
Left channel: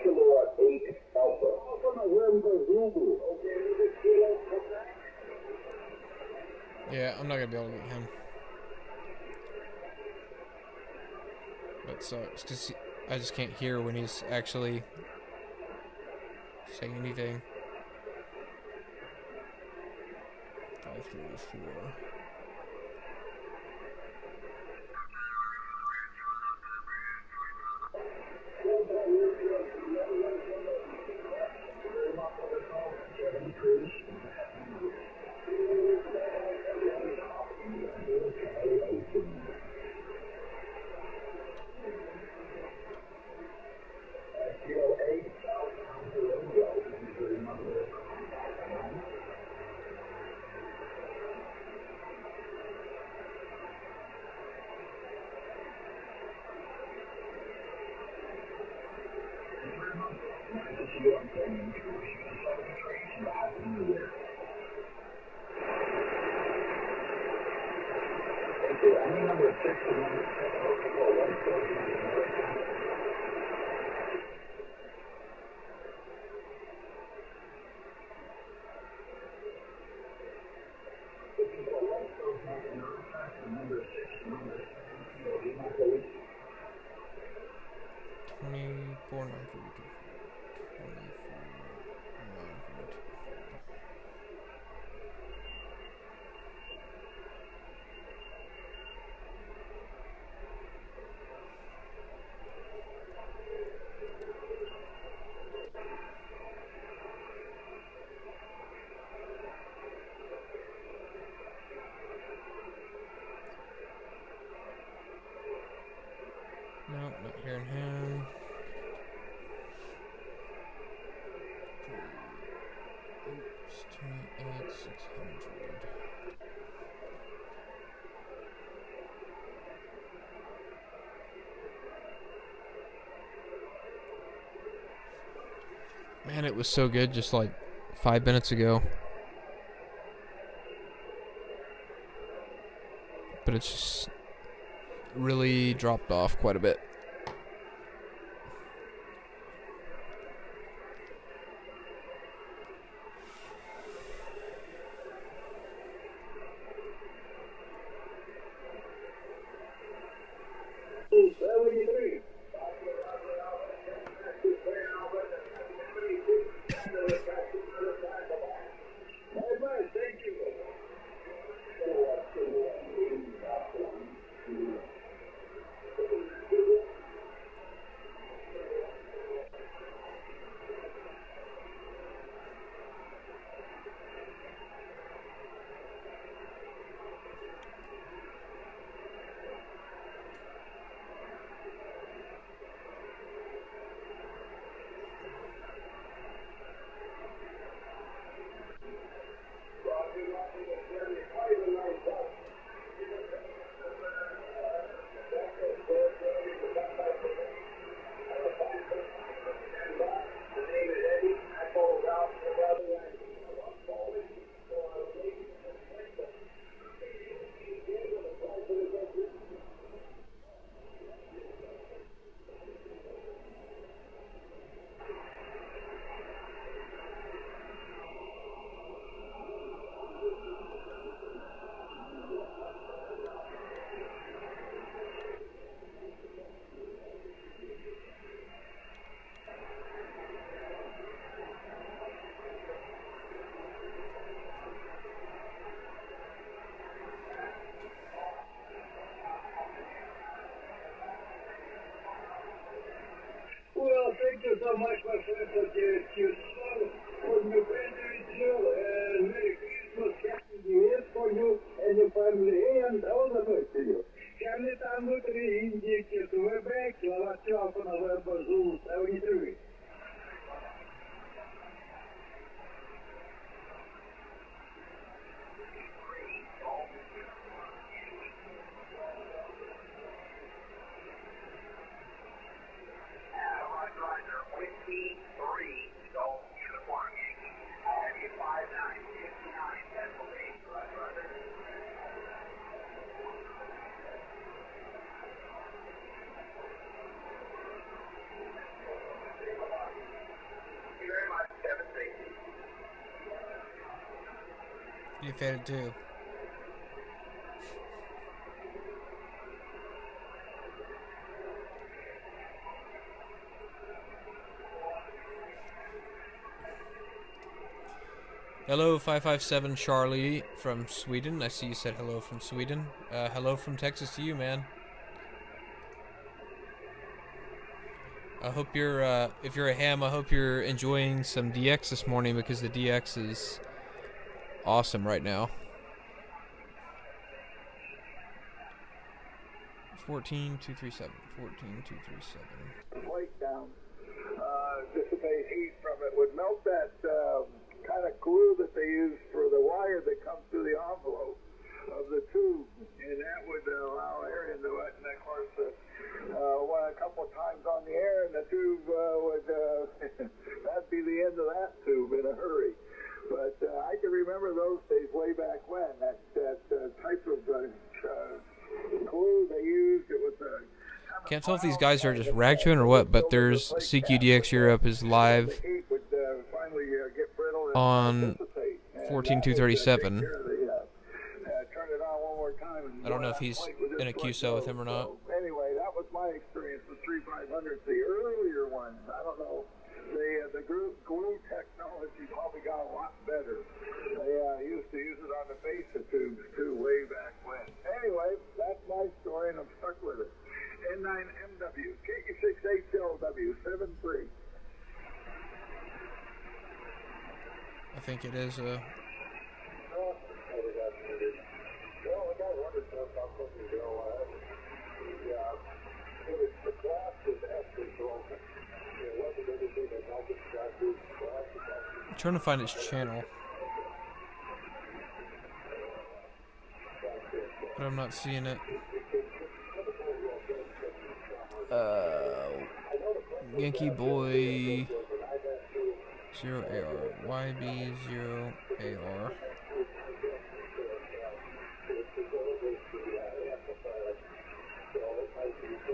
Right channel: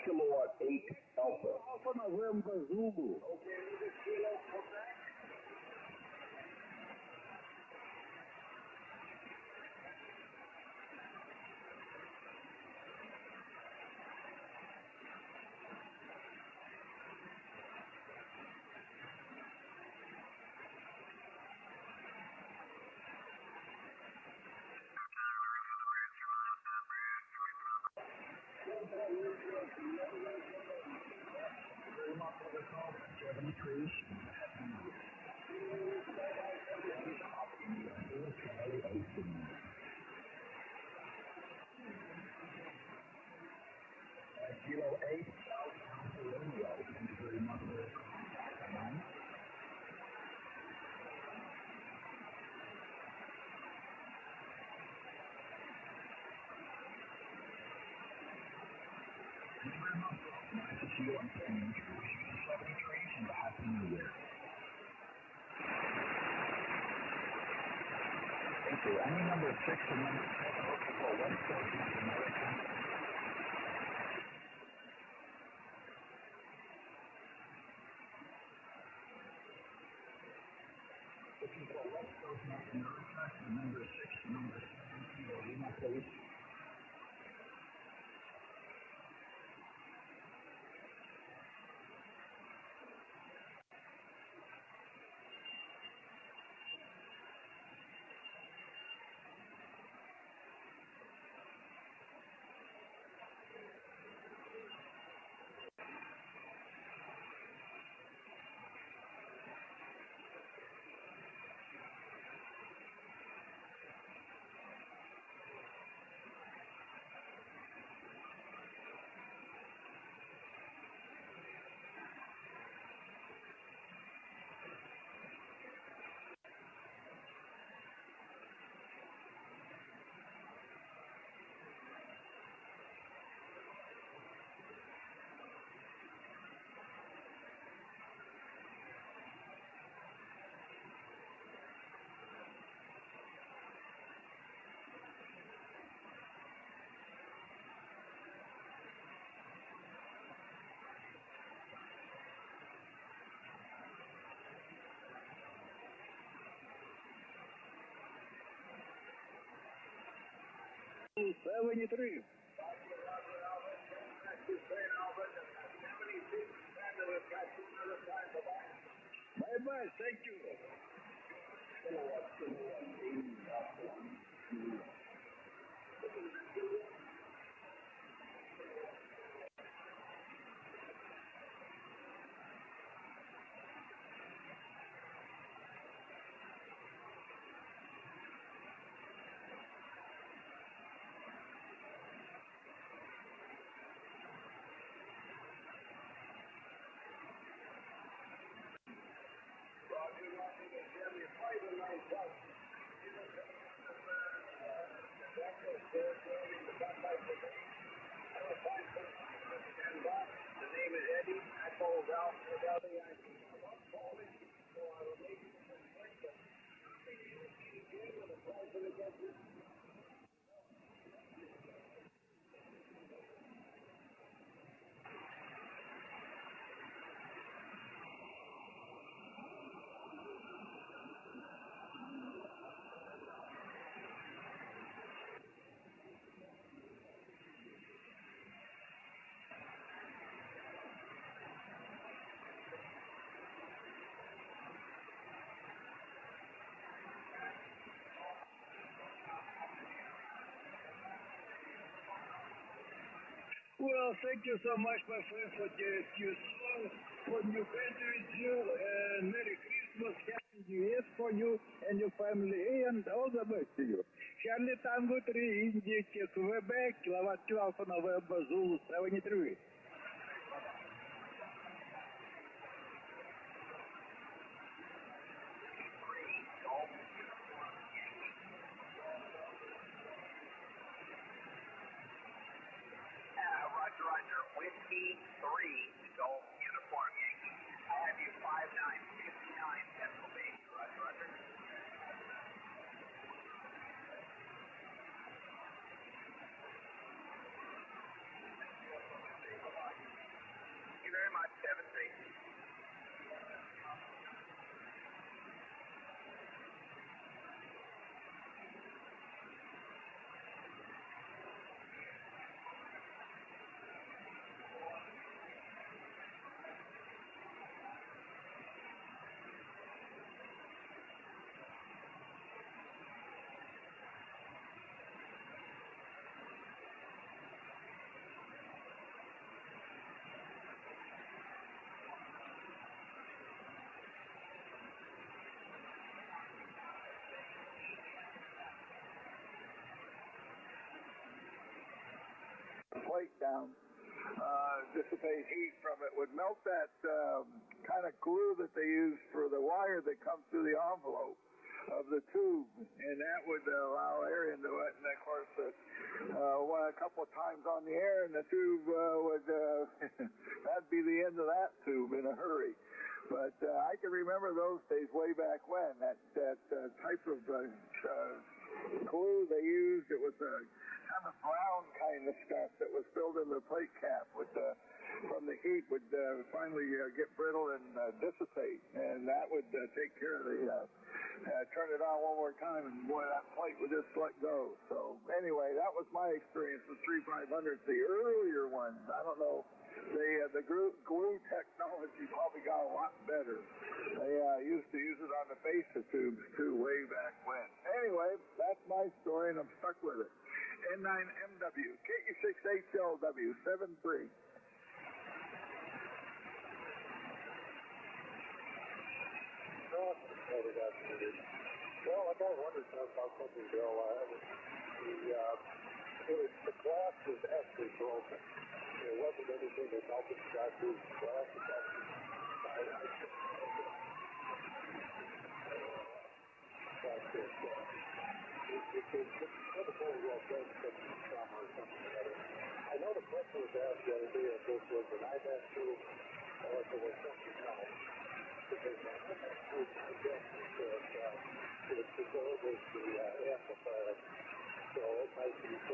Kilowatt 8 Alpha. Yeah, I'm not gonna be able to get him. That sucks, because I just can't hear when he's actually saying anything. 534. Nope, not hearing him. Man, it was so good just like 5 minutes ago. But it's just really dropped off quite a bit. Well, thank you so much, my friend, for your song for your birthday too, and Merry Christmas, Happy New Year for you and your family, and all the best to you. Can you time with the Indians to we're back to our talk on the web of Zulu 73? You failed too. Hello, 557 Charlie from Sweden. I see you said hello from Sweden. Hello from Texas to you, man. I hope you're, if you're a ham, I hope you're enjoying some DX this morning because the DX is awesome right now. 14237. 14237. Plate down, dissipate heat from it, would melt that kind of glue that they use for the wire that comes through the envelope of the tube, and that would allow air into it. And of course, a couple of times on the air, and the tube would that'd be the end of that tube in a hurry. But I can remember those days way back when that type of glue they used. It was can't tell if these guys are just rag chewing or what, but there's CQDX Europe is live on 14237. Turn it on one more time. I don't know if he's in a QSO with him or not. So, anyway, that was my experience with 3500s. The earlier ones, I don't know. The glue technology probably got a lot better. They used to use it on the base of tubes too, way back when. Anyway, that's my story, and I'm stuck with it. N9MW, KU6HLW73. I think it is a. Well, I got wondered about something ago. The glass is actually broken. It wasn't anything that melted the glass. I'm trying to find its channel, but I'm not seeing it. Yankee Boy 0 AR. YB 0 AR.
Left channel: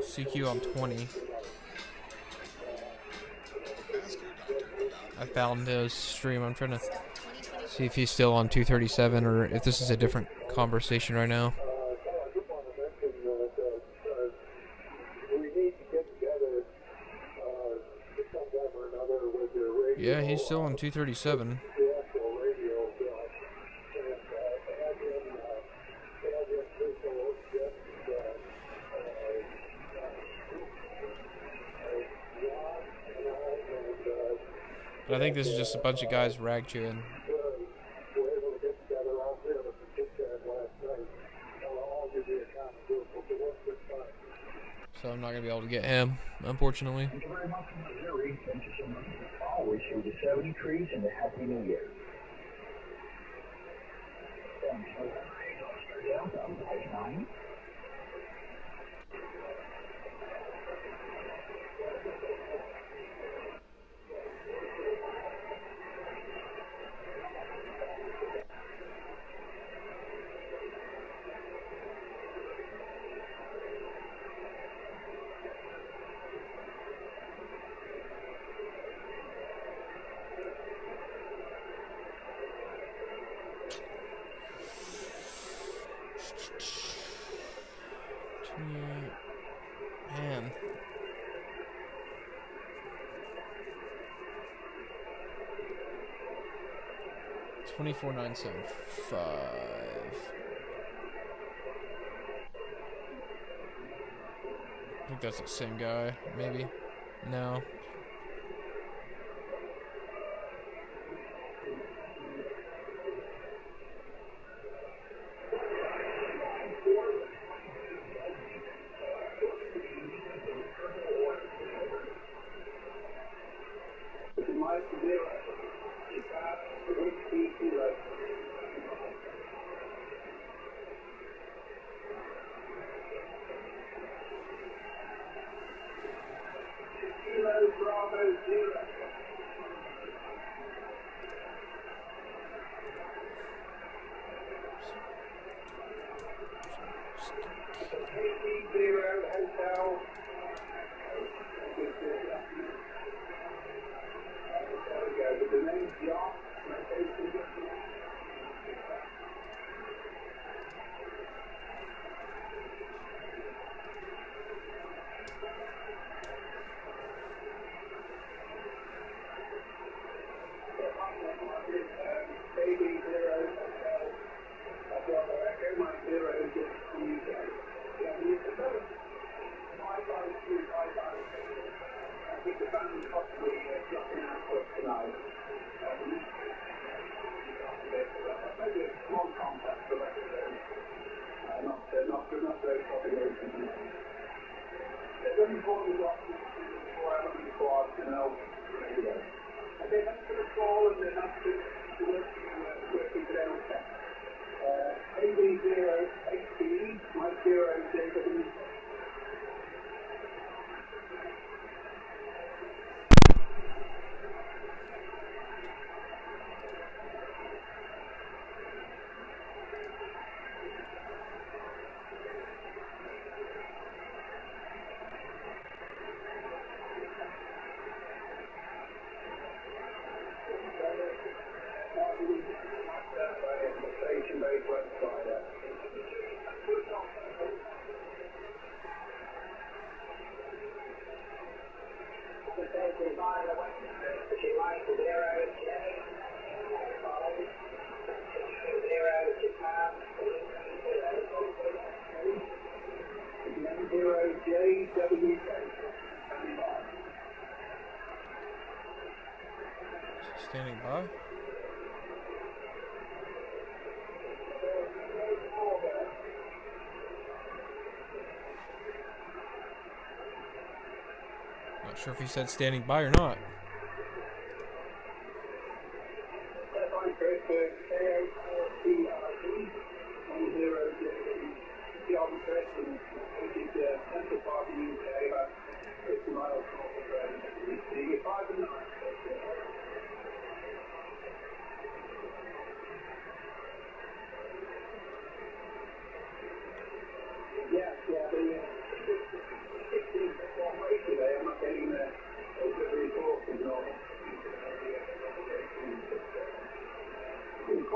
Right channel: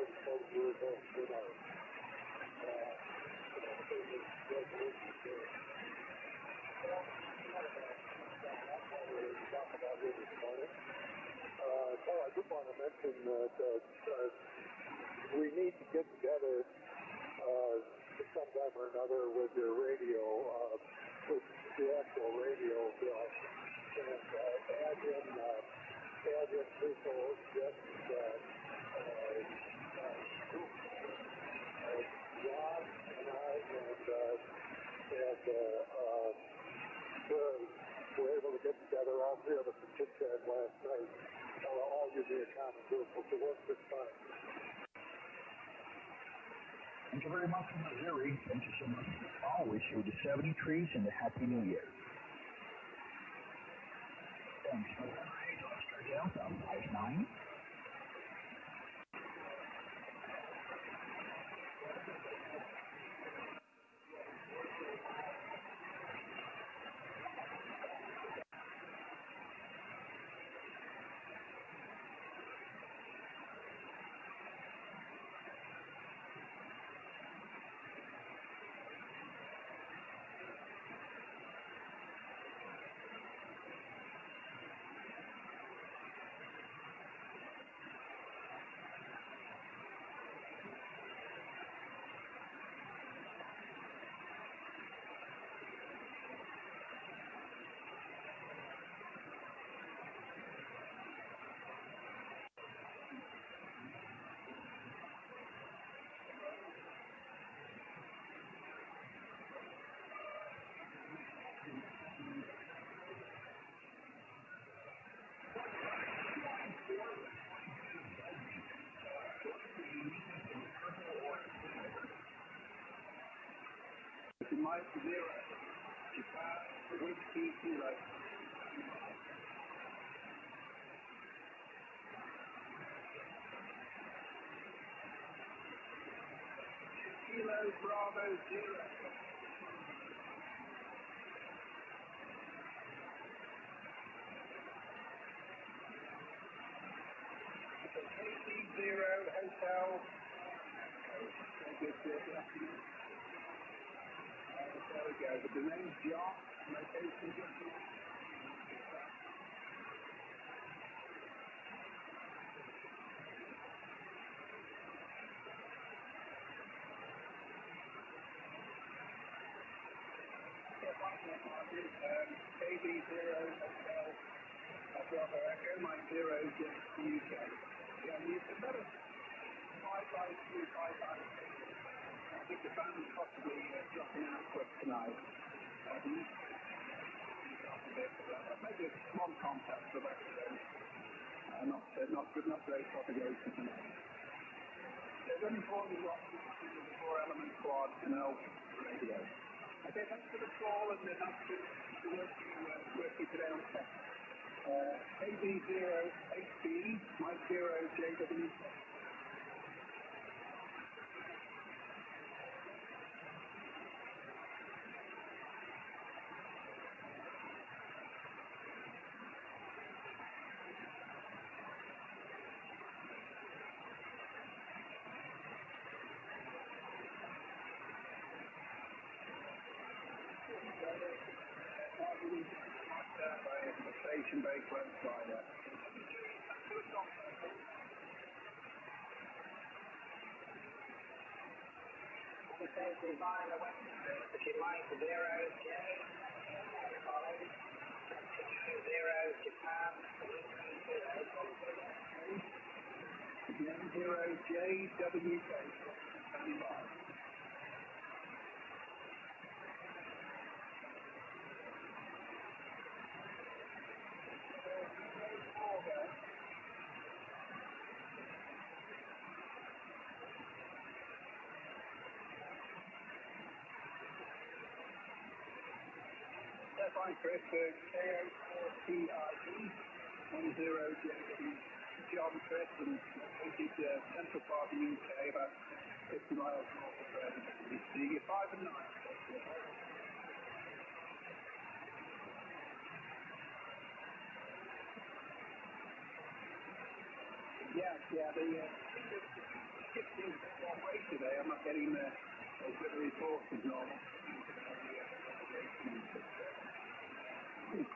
CQ on 20. I found his stream. I'm trying to see if he's still on 237 or if this is a different conversation right now. Yeah, he's still on 237. I think this is just a bunch of guys rag chewing. So I'm not going to be able to get him, unfortunately. Thank you very much, Missouri. Thank you so much. I'll wish you the 70 trees and a Happy New Year. Thanks for that. Down, 59. Man. $24,975. I think that's the same guy, maybe. No. Standing by. Not sure if he said standing by or not.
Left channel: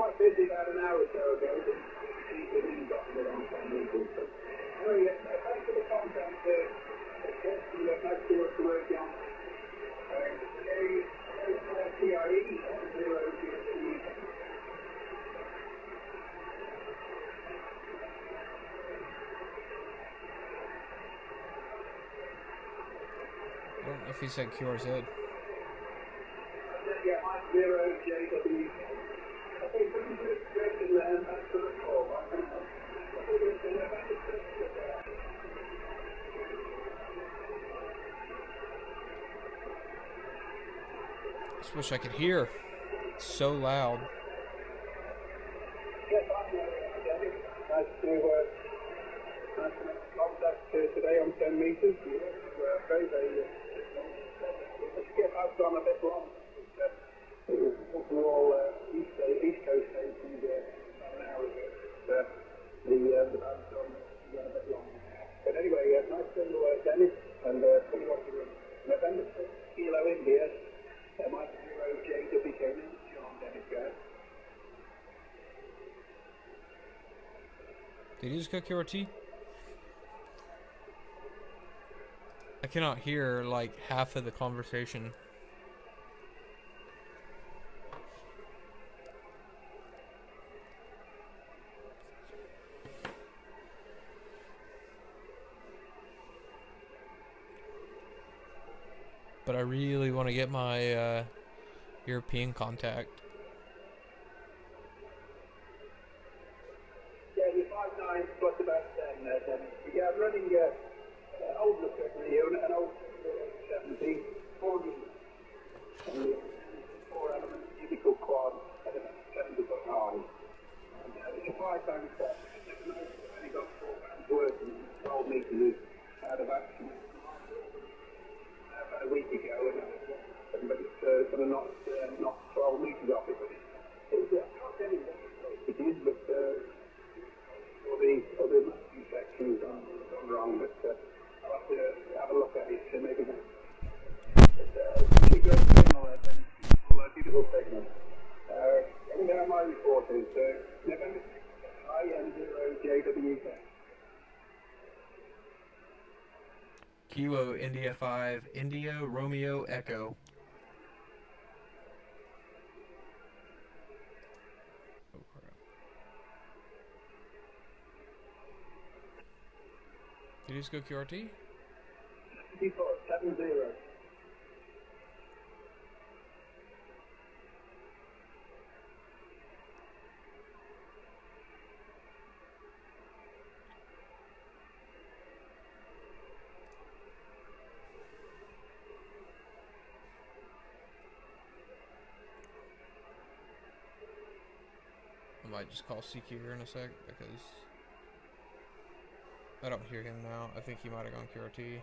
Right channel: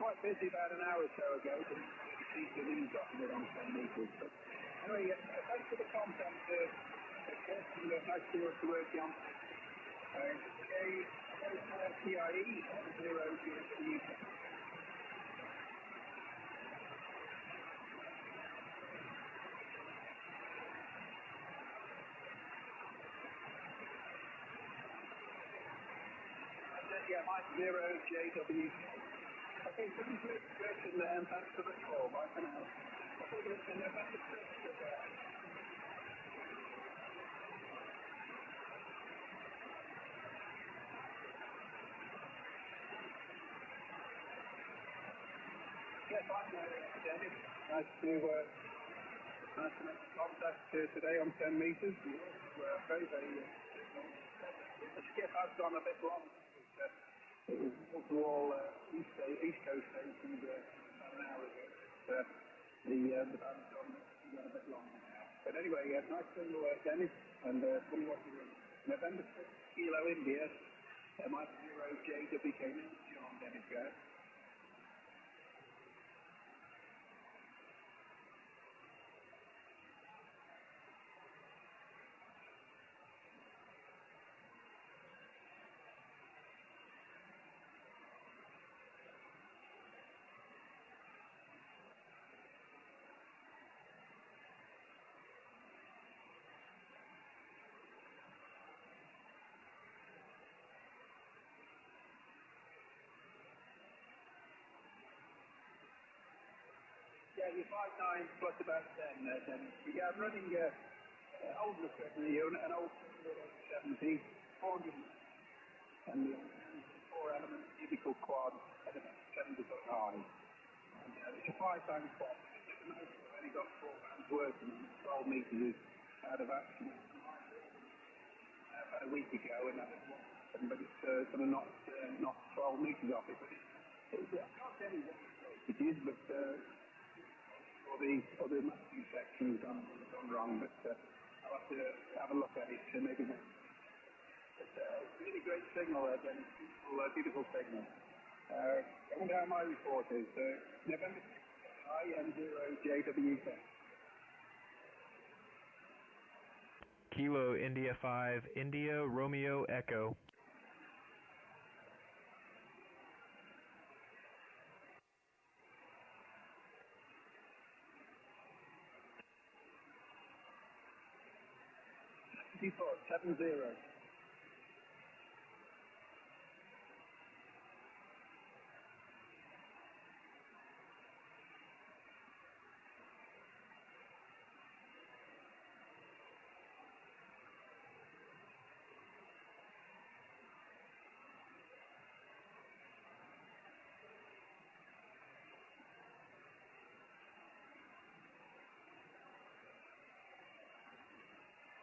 quite busy about an hour or so ago. The new doctor on 10 meters. So, anyway, thanks for the content. Nice to work the work on. KI5IRE 0GT. I don't know if he said QRZ. Yeah, 0JW. I think this is a question that's for the call. I don't know. Just wish I could hear. It's so loud. Yes, nice to make contact today on 10 meters. Very, very. Let's get us on a bit long. All East Coast stations about an hour ago. The band's on a bit long. But anyway, nice to Dennis and see what you're doing. November 6th, Kilo India. Mike 0JW came in. John Dennis, guys. Did you just go QRT? I cannot hear like half of the conversation. But I really want to get my European contact. Yeah, you're 5'9", plus about 10. Yeah, I'm running old Reflector and old 70, 4 element cubical quad at about 70 foot high. And, it's a 5-band set. I've only got 4 bands working. 12 meters out of action. About a week ago, but it's sort of not 12 meters off it. But it's I can't tell you what it is, but all the matching sections gone wrong. But I'll have to have a look at it to make it. Really great signal, then beautiful signal. And now my report is November 6th, IM0JW. Kilo India 5, India Romeo Echo. Did you just go QRT? 70. I might just call CQ here in a sec because I don't hear him now. I think he might have gone QRT.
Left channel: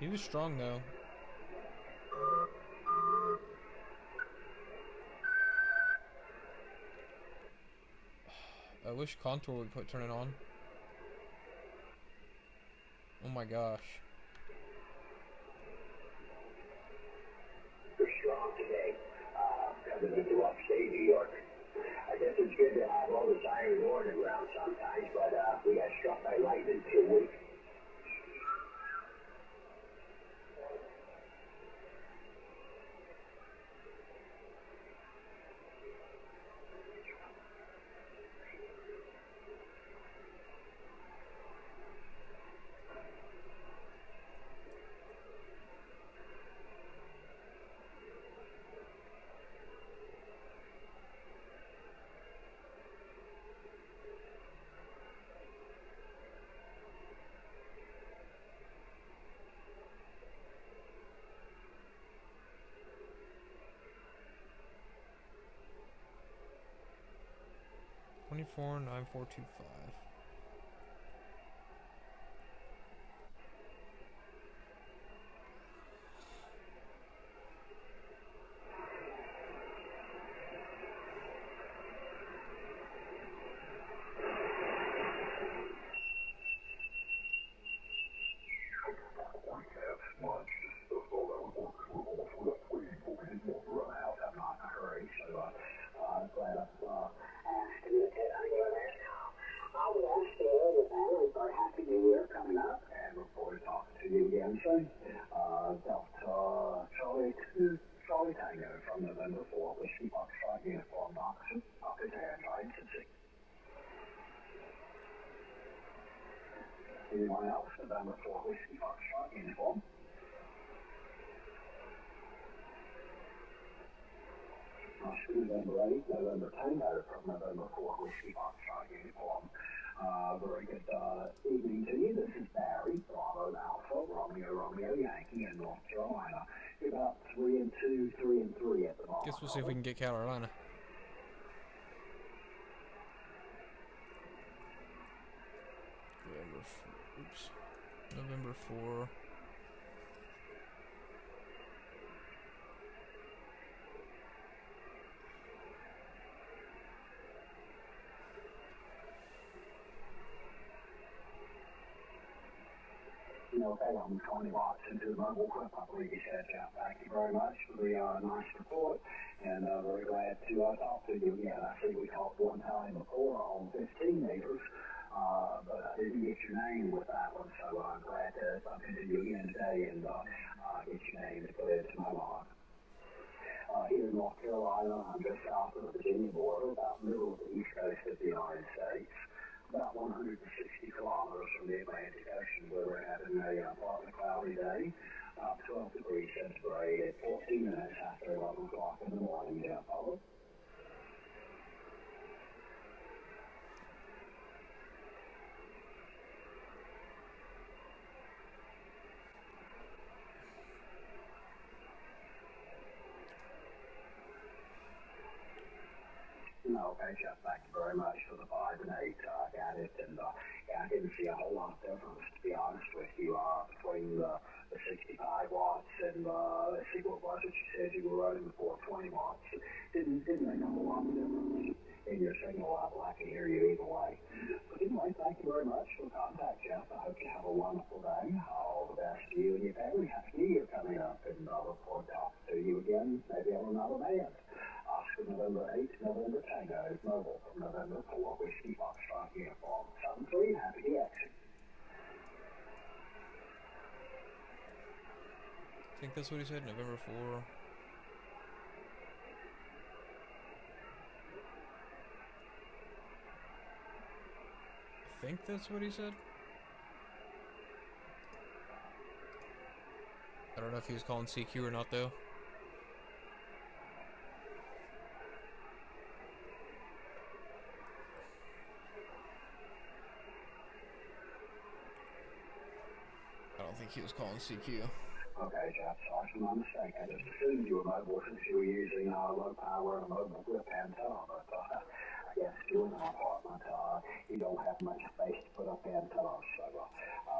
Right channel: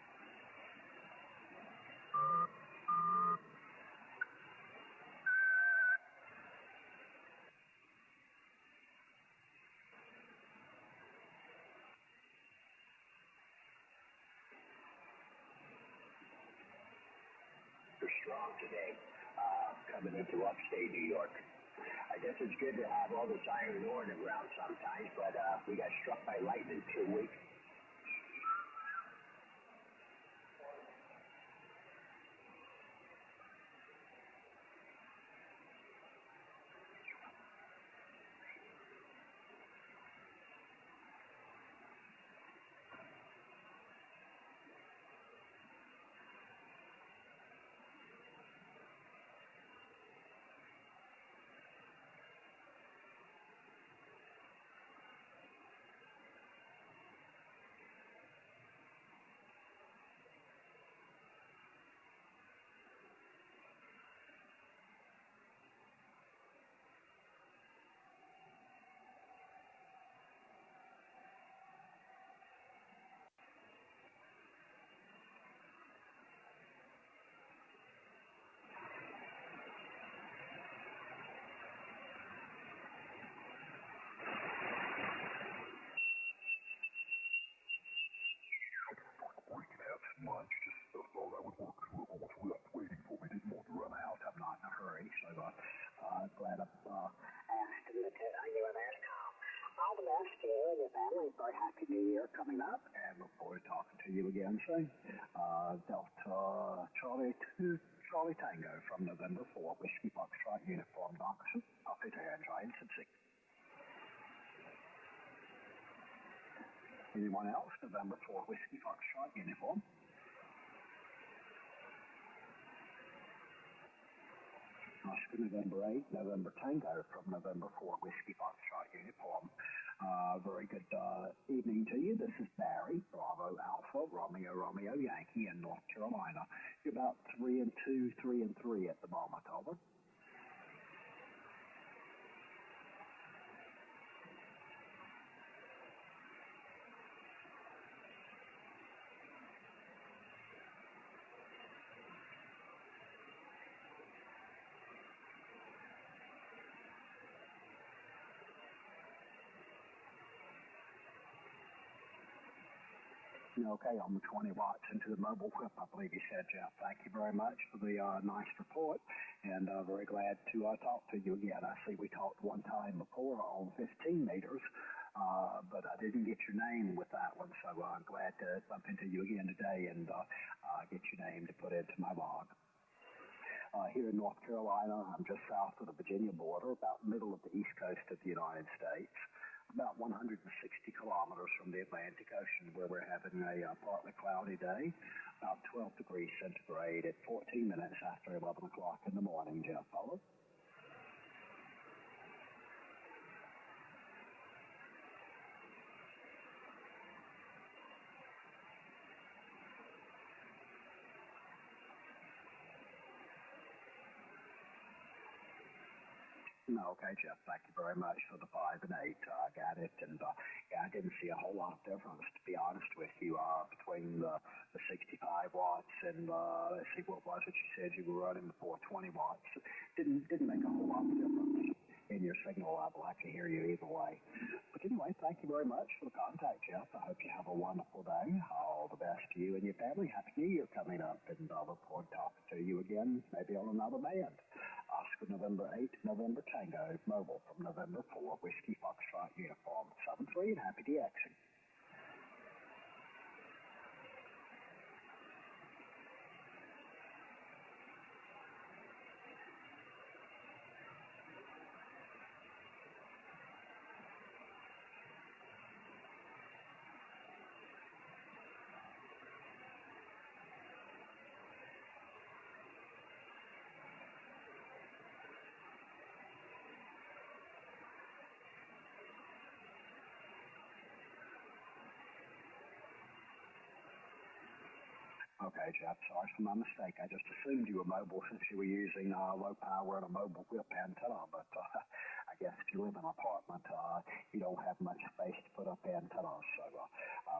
He was strong though. I wish Contour would turn it on. Oh my gosh. You're strong today. Coming into upstate New York. I guess it's good to have all this iron ore in the ground sometimes, but we got struck by lightning for a week. anything? Delta Charlie 2, Charlie Tango from November 4, Whiskey Foxtrot Uniform Oxford, Office Air Train City. Anyone else? November 4, Whiskey Foxtrot Uniform. November 8, November Tango from November 4, Whiskey Foxtrot Uniform. Very good evening to you. This is Barry, Bravo Alpha, Romeo Yankee in North Carolina. You're about 3 and 2, 3 and 3 at the moment. Guess we'll see if we can get Carolina. November 4. Okay, I'm 20 watts into the mobile whip, I believe you said, Jeff. Thank you very much for the nice report, and very glad to talk to you again. I see we talked one time before on 15 meters, but I didn't get your name with that one, so I'm glad to bump into you again today and get your name to put into my log. Here in North Carolina, I'm just south of the Virginia border, about middle of the east coast of the United States. About 160 kilometers from the Atlantic Ocean, where we're having a partly cloudy day, about 12 degrees centigrade at 14 minutes after 11 o'clock in the morning, Jeff. Over. Okay, Jeff, thank you very much for the 5 and 8. Got it, and I didn't see a whole lot of difference, to be honest with you, between the 65 watts and, let's see, what was it you said you were running, the 420 watts. Didn't make a whole lot of difference in your signal level. I can hear you either way. But anyway, thank you very much for the contact, Jeff. I hope you have a wonderful day. All the best to you and your family. Happy New Year coming up, and look forward to talking to you again, maybe on another band. Oscar November 8, November Tango, mobile from November 4, Whiskey Foxtrot Uniform 73, happy DXing. I think that's what he said, November 4. I think that's what he said. I don't know if he was calling CQ or not, though. He was calling CQ. Okay, Jeff, sorry for my mistake. I just assumed you were mobile since you were using low power and a mobile whip antenna, but I guess if you live in an apartment, you don't have much space to put up antennas, so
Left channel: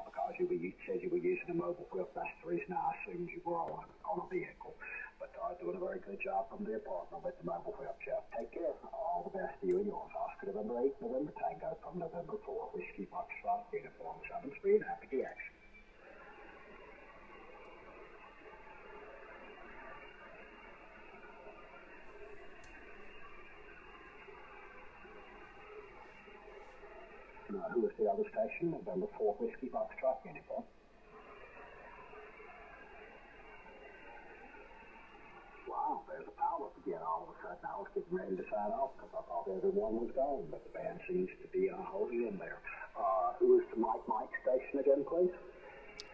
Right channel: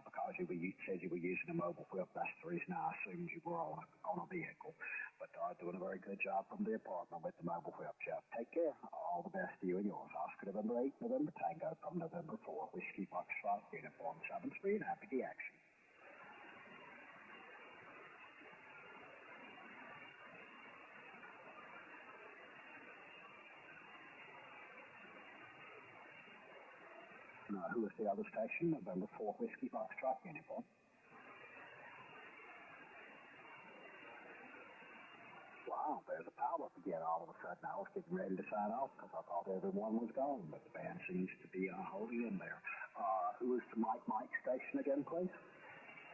because you said you were using a mobile whip, that's the reason I assumed you were on a vehicle. But doing a very good job from the apartment with the mobile whip, Jeff. Take care. All the best to you and yours. Oscar November 8, November Tango from November 4, Whiskey Foxtrot Uniform 73, happy DXing. Who is the other station? November 4, Whiskey Foxtrot Uniform. Wow, there's a power up again all of a sudden. I was getting ready to sign off because I thought everyone was gone, but the band seems to be holding in there. Who is the Mike station again, please?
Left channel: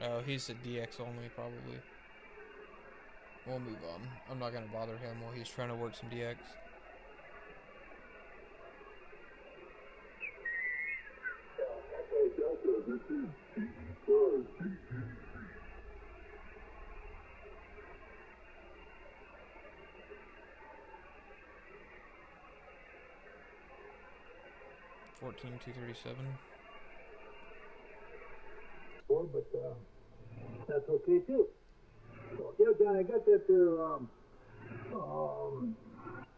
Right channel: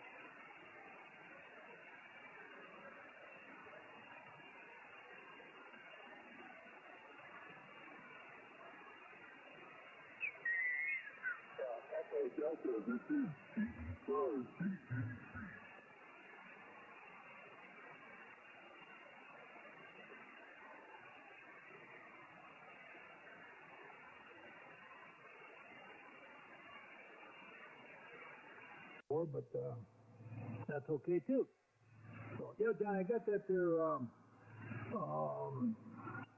Oh, he's a DX only, probably. We'll move on. I'm not going to bother him while he's trying to work some DX. Delta, this is KI5IRE. 14237. But that's okay too. So, yeah, John, I got that there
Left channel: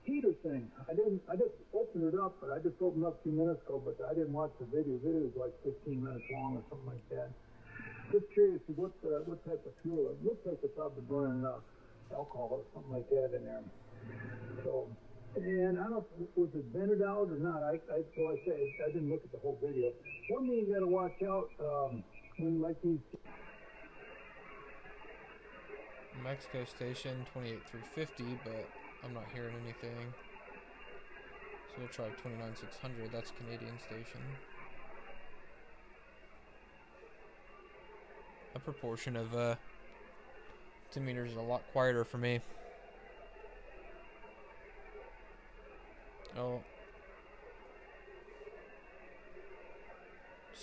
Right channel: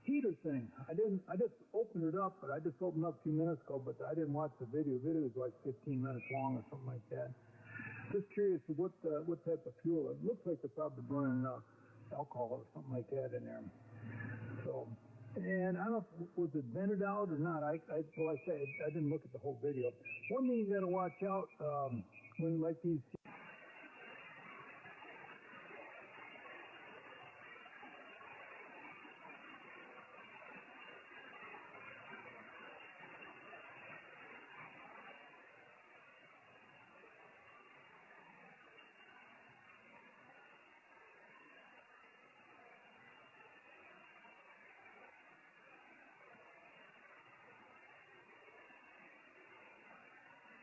heater thing. I just opened it up, but I just opened up a few minutes ago, but I didn't watch the video. The video was like 15 minutes long or something like that. Just curious what type of fuel. It looks like they're probably burning alcohol or something like that in there. So, and I don't know, was it vented out or not? I didn't look at the whole video. One thing you got to watch out when like these. Mexico station 28350, but I'm not hearing anything. So we'll try 29600. That's a Canadian station. A proportion of 10 meters is a lot quieter for me. Oh.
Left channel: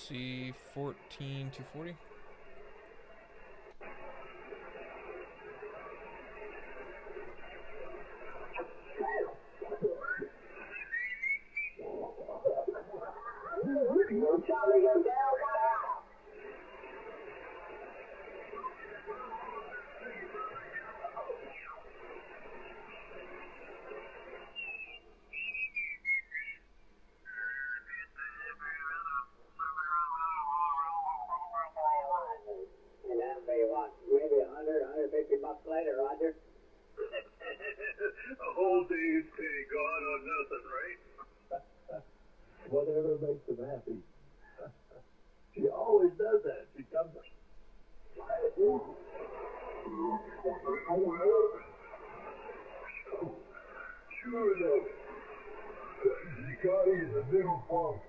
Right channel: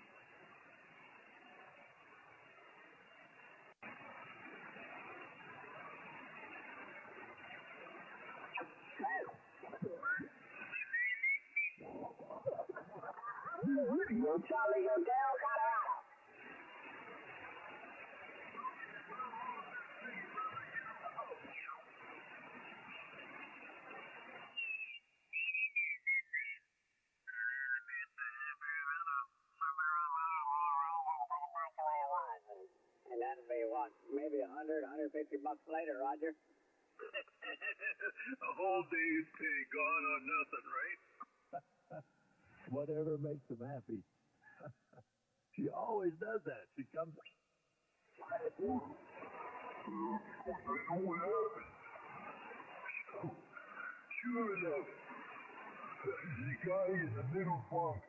C 14240. And that'll be what, maybe $150 later, Roger? A whole day's pay gone on nothing, right? Whatever makes them happy. She always does that. She comes. Sure enough, she got in the middle bunk.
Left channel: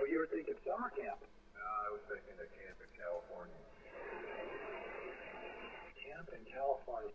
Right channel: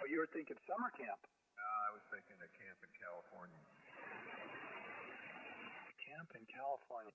Well, you were thinking summer camp. No, I was thinking of camp in California. Camp in California.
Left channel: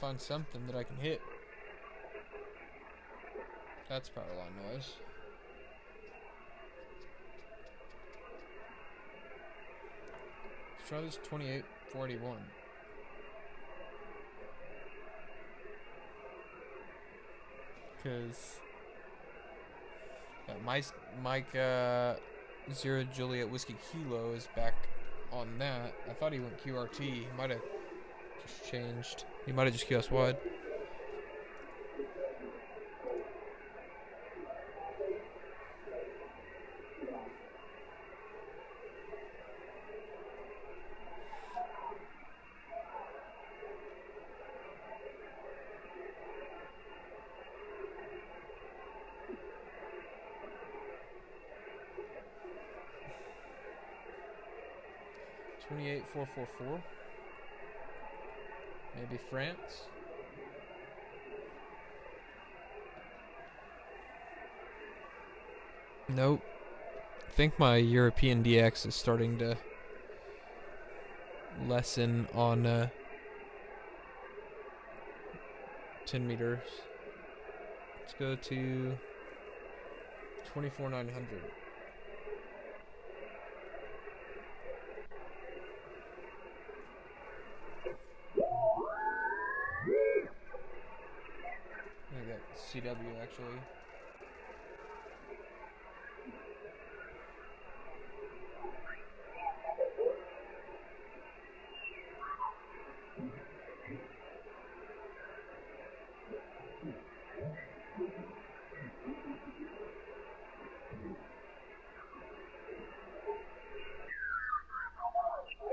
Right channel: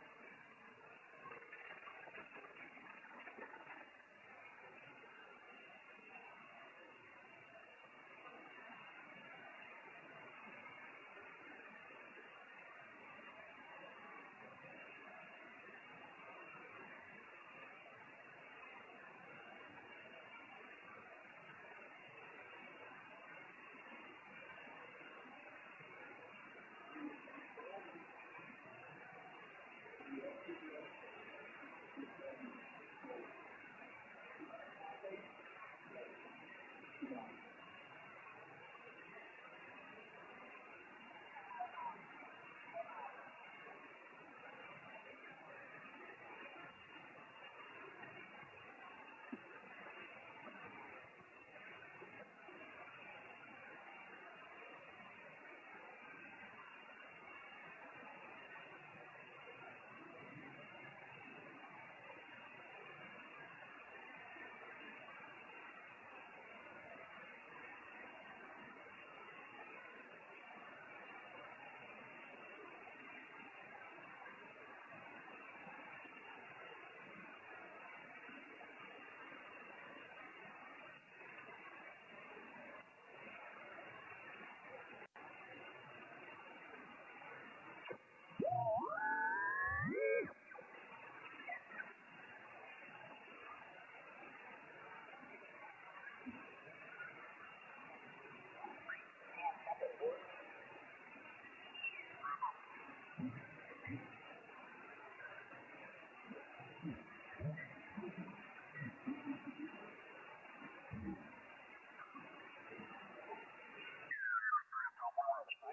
Find something that I can hit. That's power line noise. Let's try this 2841. Because Mike 0 Juliet Whiskey Kilo is back on that. I thought he went QRT. He might have just changed. He might have just QS wide. $28,444. Maybe France. Nope. I think my European DX is starting to lessen on 10 meters. Let's go to 24,900. I got CW actually.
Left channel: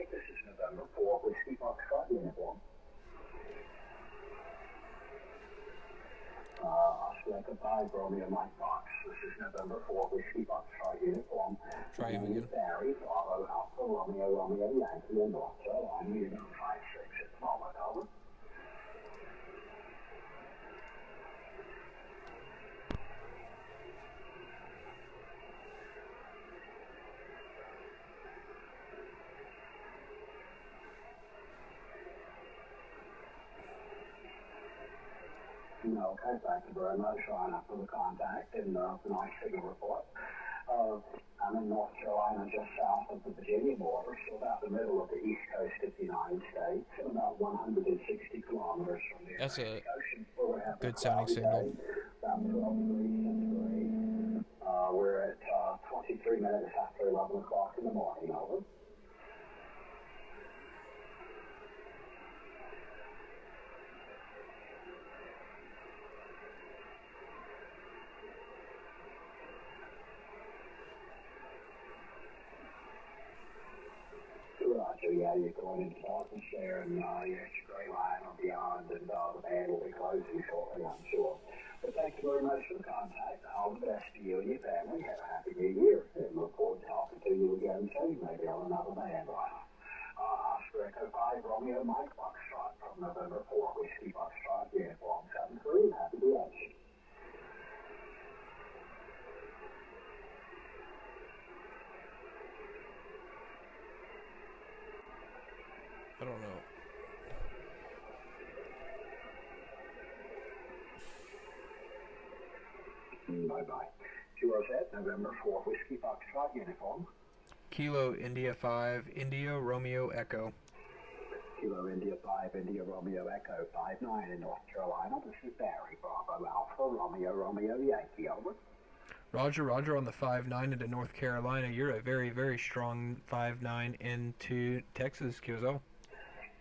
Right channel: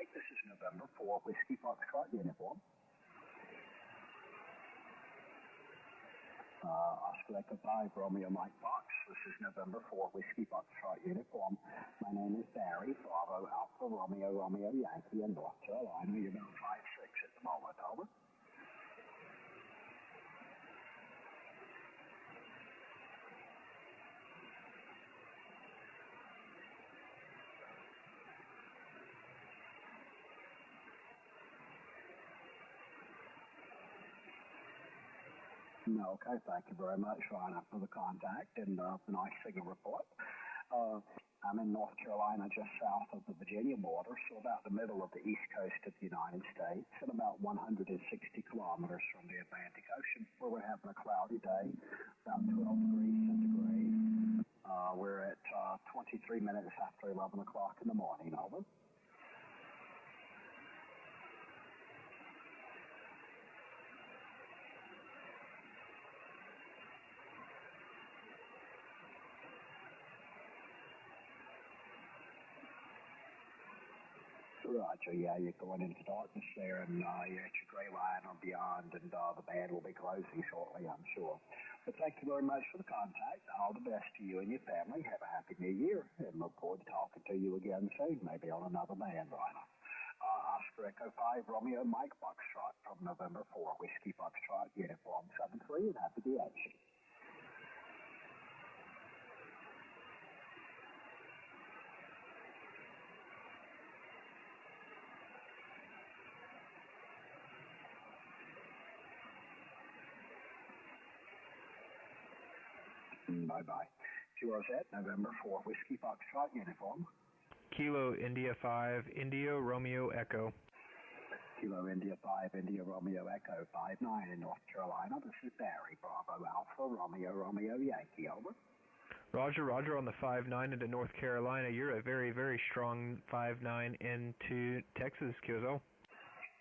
This is November 4 Whiskey Foxtrot uniform. Oscar Echo 5 Romeo Mike Fox. This is November 4 Whiskey Foxtrot uniform. Try him again. Barry, Bravo, Alpha, Romeo, Romeo, Yankee, and North Carolina. You're going to 5-6 at Smallwood, over. Okay, thank you very much, Ryan, for the contact and the nice signal report. I'm in North Carolina, just south of the Virginia border, so about the middle of the east coast of the United States, and about 160 kilometers from the Atlantic Ocean, where we're having good sounding signal. About 12 degrees centigrade. We're at 23 minutes after 11 o'clock in the morning, over. Roger, yeah, you're going into darkness there, and you're at your gray line or beyond, and the band will be closing shortly, I'm sure. But thank you very much for the contact. All the best to you and your family. Have a happy new year, and look forward to talking to you again soon, maybe on another band line. Oscar Echo 5, Romeo Mike Foxtrot from November 4, Whiskey Foxtrot, Uniform 73, happy DX. I don't know. Bye-bye. 207, November 4, Whiskey Foxtrot, Uniform. Kilo India 5, India Romeo Echo. Kilo India 5, India Romeo Echo 59 in North Carolina. This is Barry, Bravo Alpha, Romeo Yankee, over. Roger, Roger on the 5-9 into North Carolina. You're a very, very strong 5-9 into Texas, QSO.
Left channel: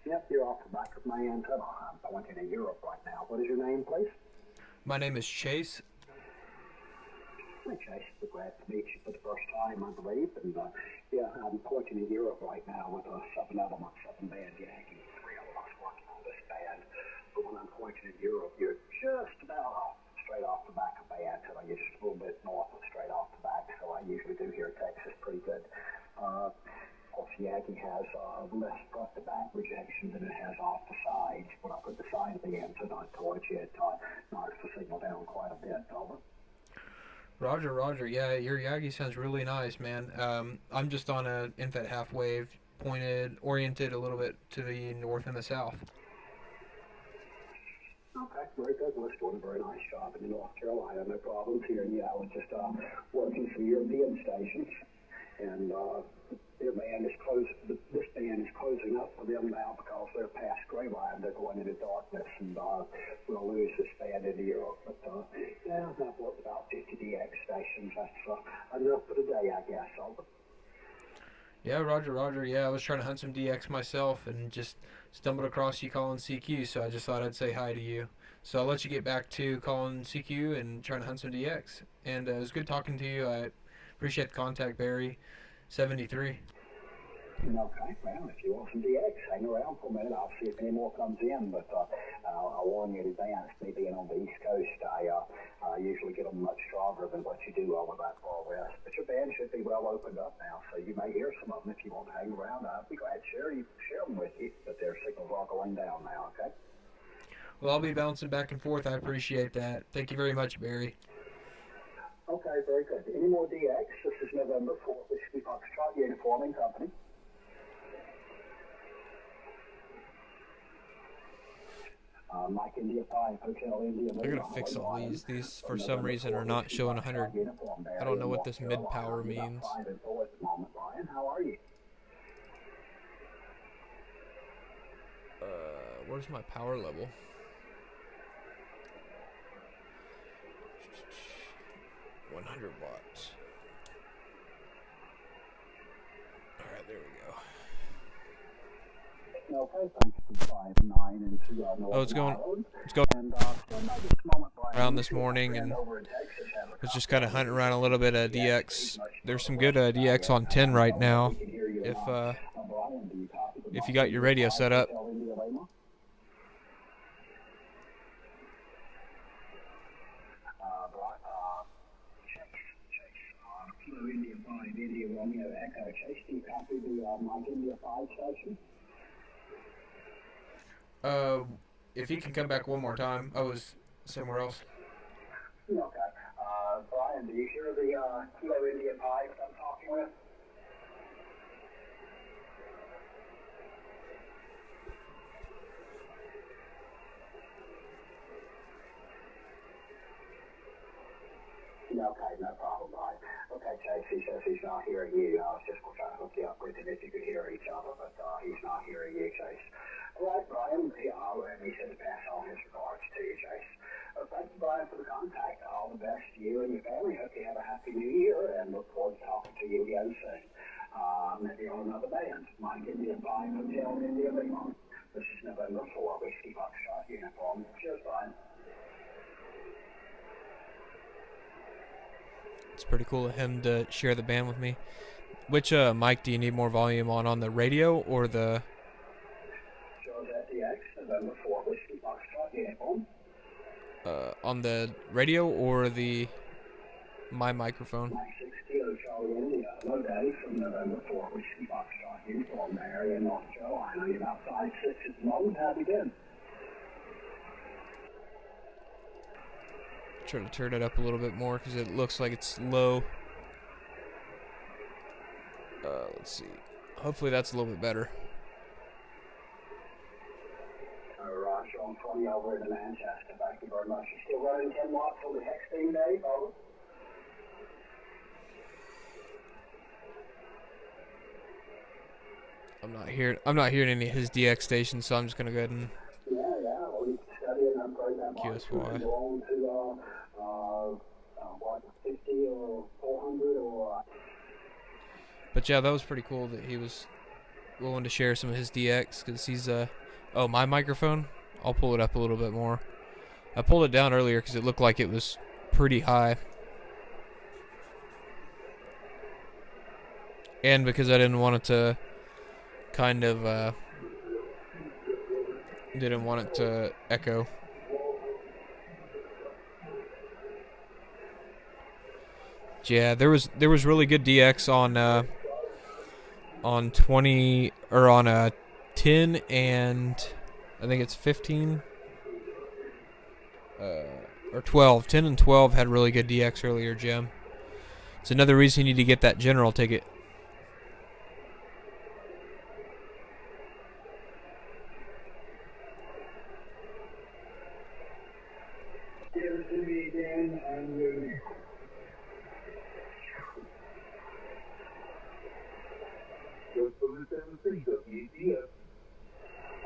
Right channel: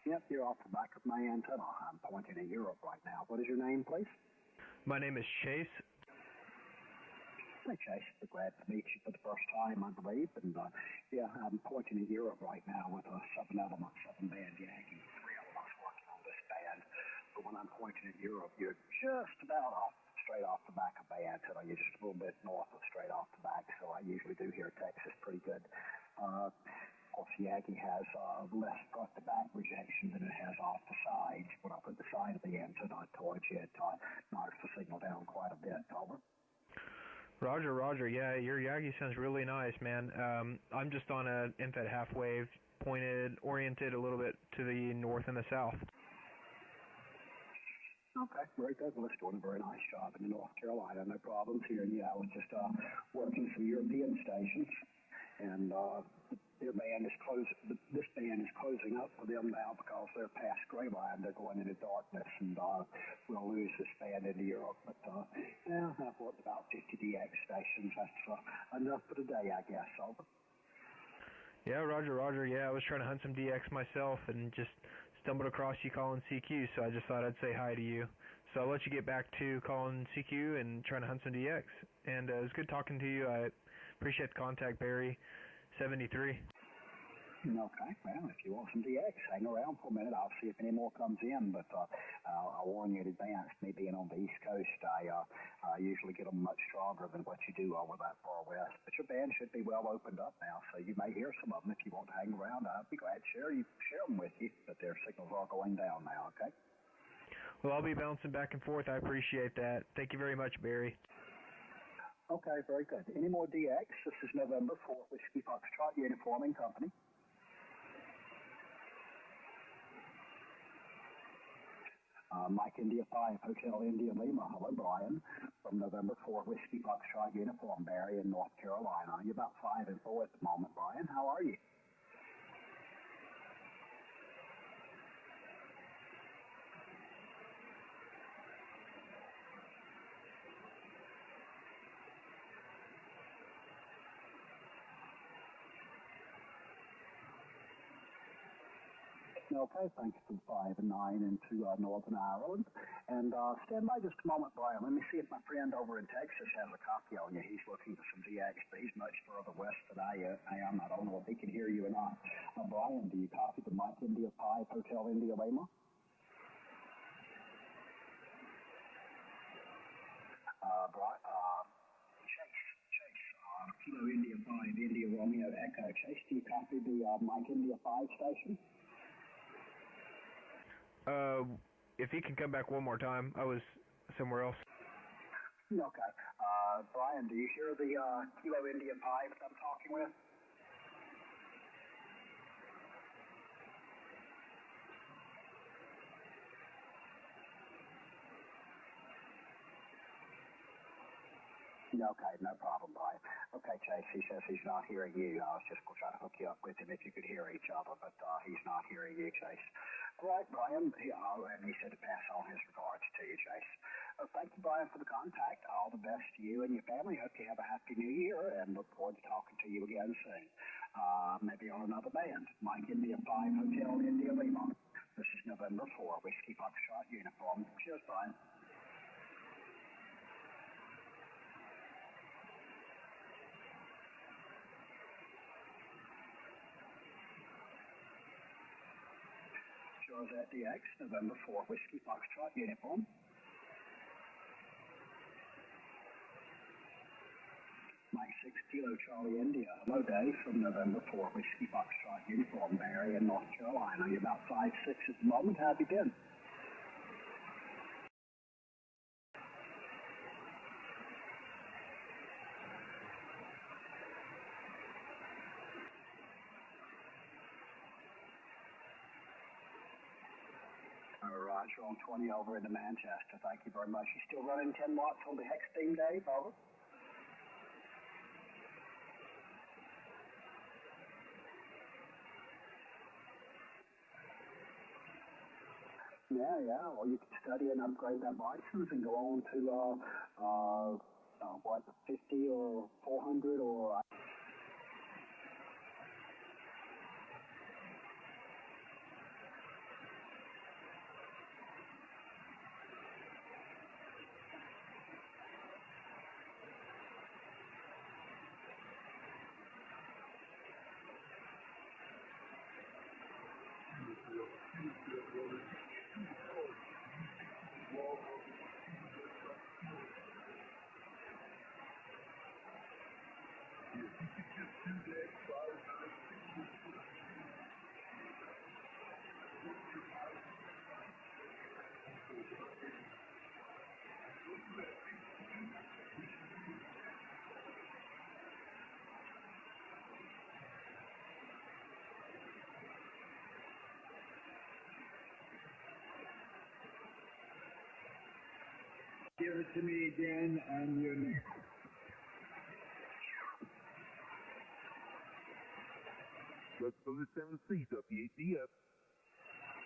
Yep, you're off the back of my antenna. I'm pointing at Europe right now. What is your name, please? My name is Chase. Hi, Chase. We're glad to meet you for the first time, I believe. And, yeah, I'm pointing at Europe right now with a 7-element, 7-band Yankee. 3 of us working on this band. But when I'm pointing at Europe, you're just about straight off the back of my antenna. You're just a little bit north of straight off the back, so I usually do hear Texas pretty good. Of course, Yankee has less front-to-back rejection than it has off the sides. When I put the side of the antenna towards you, it knocks the signal down quite a bit. Over. Roger, Roger. Yeah, your Yagi sounds really nice, man. I'm just on a infet half wave, oriented a little bit to the north and the south. Okay, very good. Well, it's doing a very nice job in North Carolina. No problems here. Yeah, I was just working some European stations, and their band is this band is closing up for them now because they're past gray line. They're going into darkness, and we'll lose this band into Europe. But yeah, I've worked about 50 DX stations. That's enough for the day, I guess. Over. Yeah, Roger, Roger. Yeah, I was trying to hunt some DX myself and just stumbled across you calling CQ, so I just thought I'd say hi to you. So I'll let you get back to calling CQ and trying to hunt some DX. And it was good talking to you. I appreciate the contact, Barry. 73. Okay, well, if you want some DX, hang around for a minute. I'll see if any more comes in, but I'll warn you in advance, me being on the East Coast, I usually get them much stronger than what you do over that far west. But your band should be well opened up now, so you may hear some of them if you want to hang around. I'd be glad to share them with you, but their signals are going down now, okay? Well, I'll be bouncing back and forth. I appreciate that. Thank you very much, Barry. Okay, very good. Any more DX? This is November 4th, Whiskey Foxtrot, Uniforming Company. Mike India 5, Hotel India. I'm gonna fix all these. These, for some reason, are not showing 100. I don't know what this mid-power means. 5 and 4 at the moment, Brian. How are you? Where's my power level? Watts. Alright, there we go. Okay, thanks for 5 and 9 into North it's going and stand by just a moment, Brian. Around this morning, and it's just kind of hunting around a little bit of DX. There's some good DX on 10 right now. If you got your radio set up. Kilo India 5, India Romeo Echo. Chase, do you copy the Mike India 5 station? If you can come back one more time, I was somewhere else. Okay. Brian, do you hear the Kilo India 5 I'm talking with? Yeah, okay, no problem, Brian. Okay, Chase, he says he's not hearing you. I was just going to try to hook you up with him if you could hear each other, but he's not hearing you, Chase. All right, Brian, and he said to pass on his regards to you, Chase. Thank you, Brian, for the contact. All the best to you and your family. Hope you have a happy new year, and look forward to talking to you again soon. Maybe on another band. Mike India 5 Hotel India Lima. This is November 4, Whiskey Foxtrot uniform. Cheers, Brian. It's pretty cool of him to share the band with me. Which mic do you need more volume on the radio or the... WSJT-X, November 4, Whiskey Foxtrot uniform. On the radio or my microphone? Mike 6 Kilo Charlie India. Hello, Daddy, from November 4, Whiskey Foxtrot uniform, Marion, North Carolina. You're about 5'6" at the moment. How have you been? Try to turn it up a little bit more because it looks like it's low. Let's see. Hopefully that's a little bit better. Roger on 20 over into Manchester. Thank you very much. You still running 10 watts on the Hexting day, over? I'm not hearing any of his DX stations, so I'm just gonna go ahead and Well, you can study and upgrade that watch and go on to what, 50 or 400 or. But yeah, that was pretty cool that he was willing to share some of his DX because he's oh, my microphone. I'll pull it up a little bit more. I pulled it down earlier because it looked like it was pretty high. And because I didn't want it to kind of, didn't want it to echo. Yeah, there was really good DX on 20 or on 10 and I think it's 15 or 12. 10 and 12 had really good DX earlier, Jim. It's another reason you need to get that general ticket. Give it to me again. I'm ready. Just for the 7C, WETF.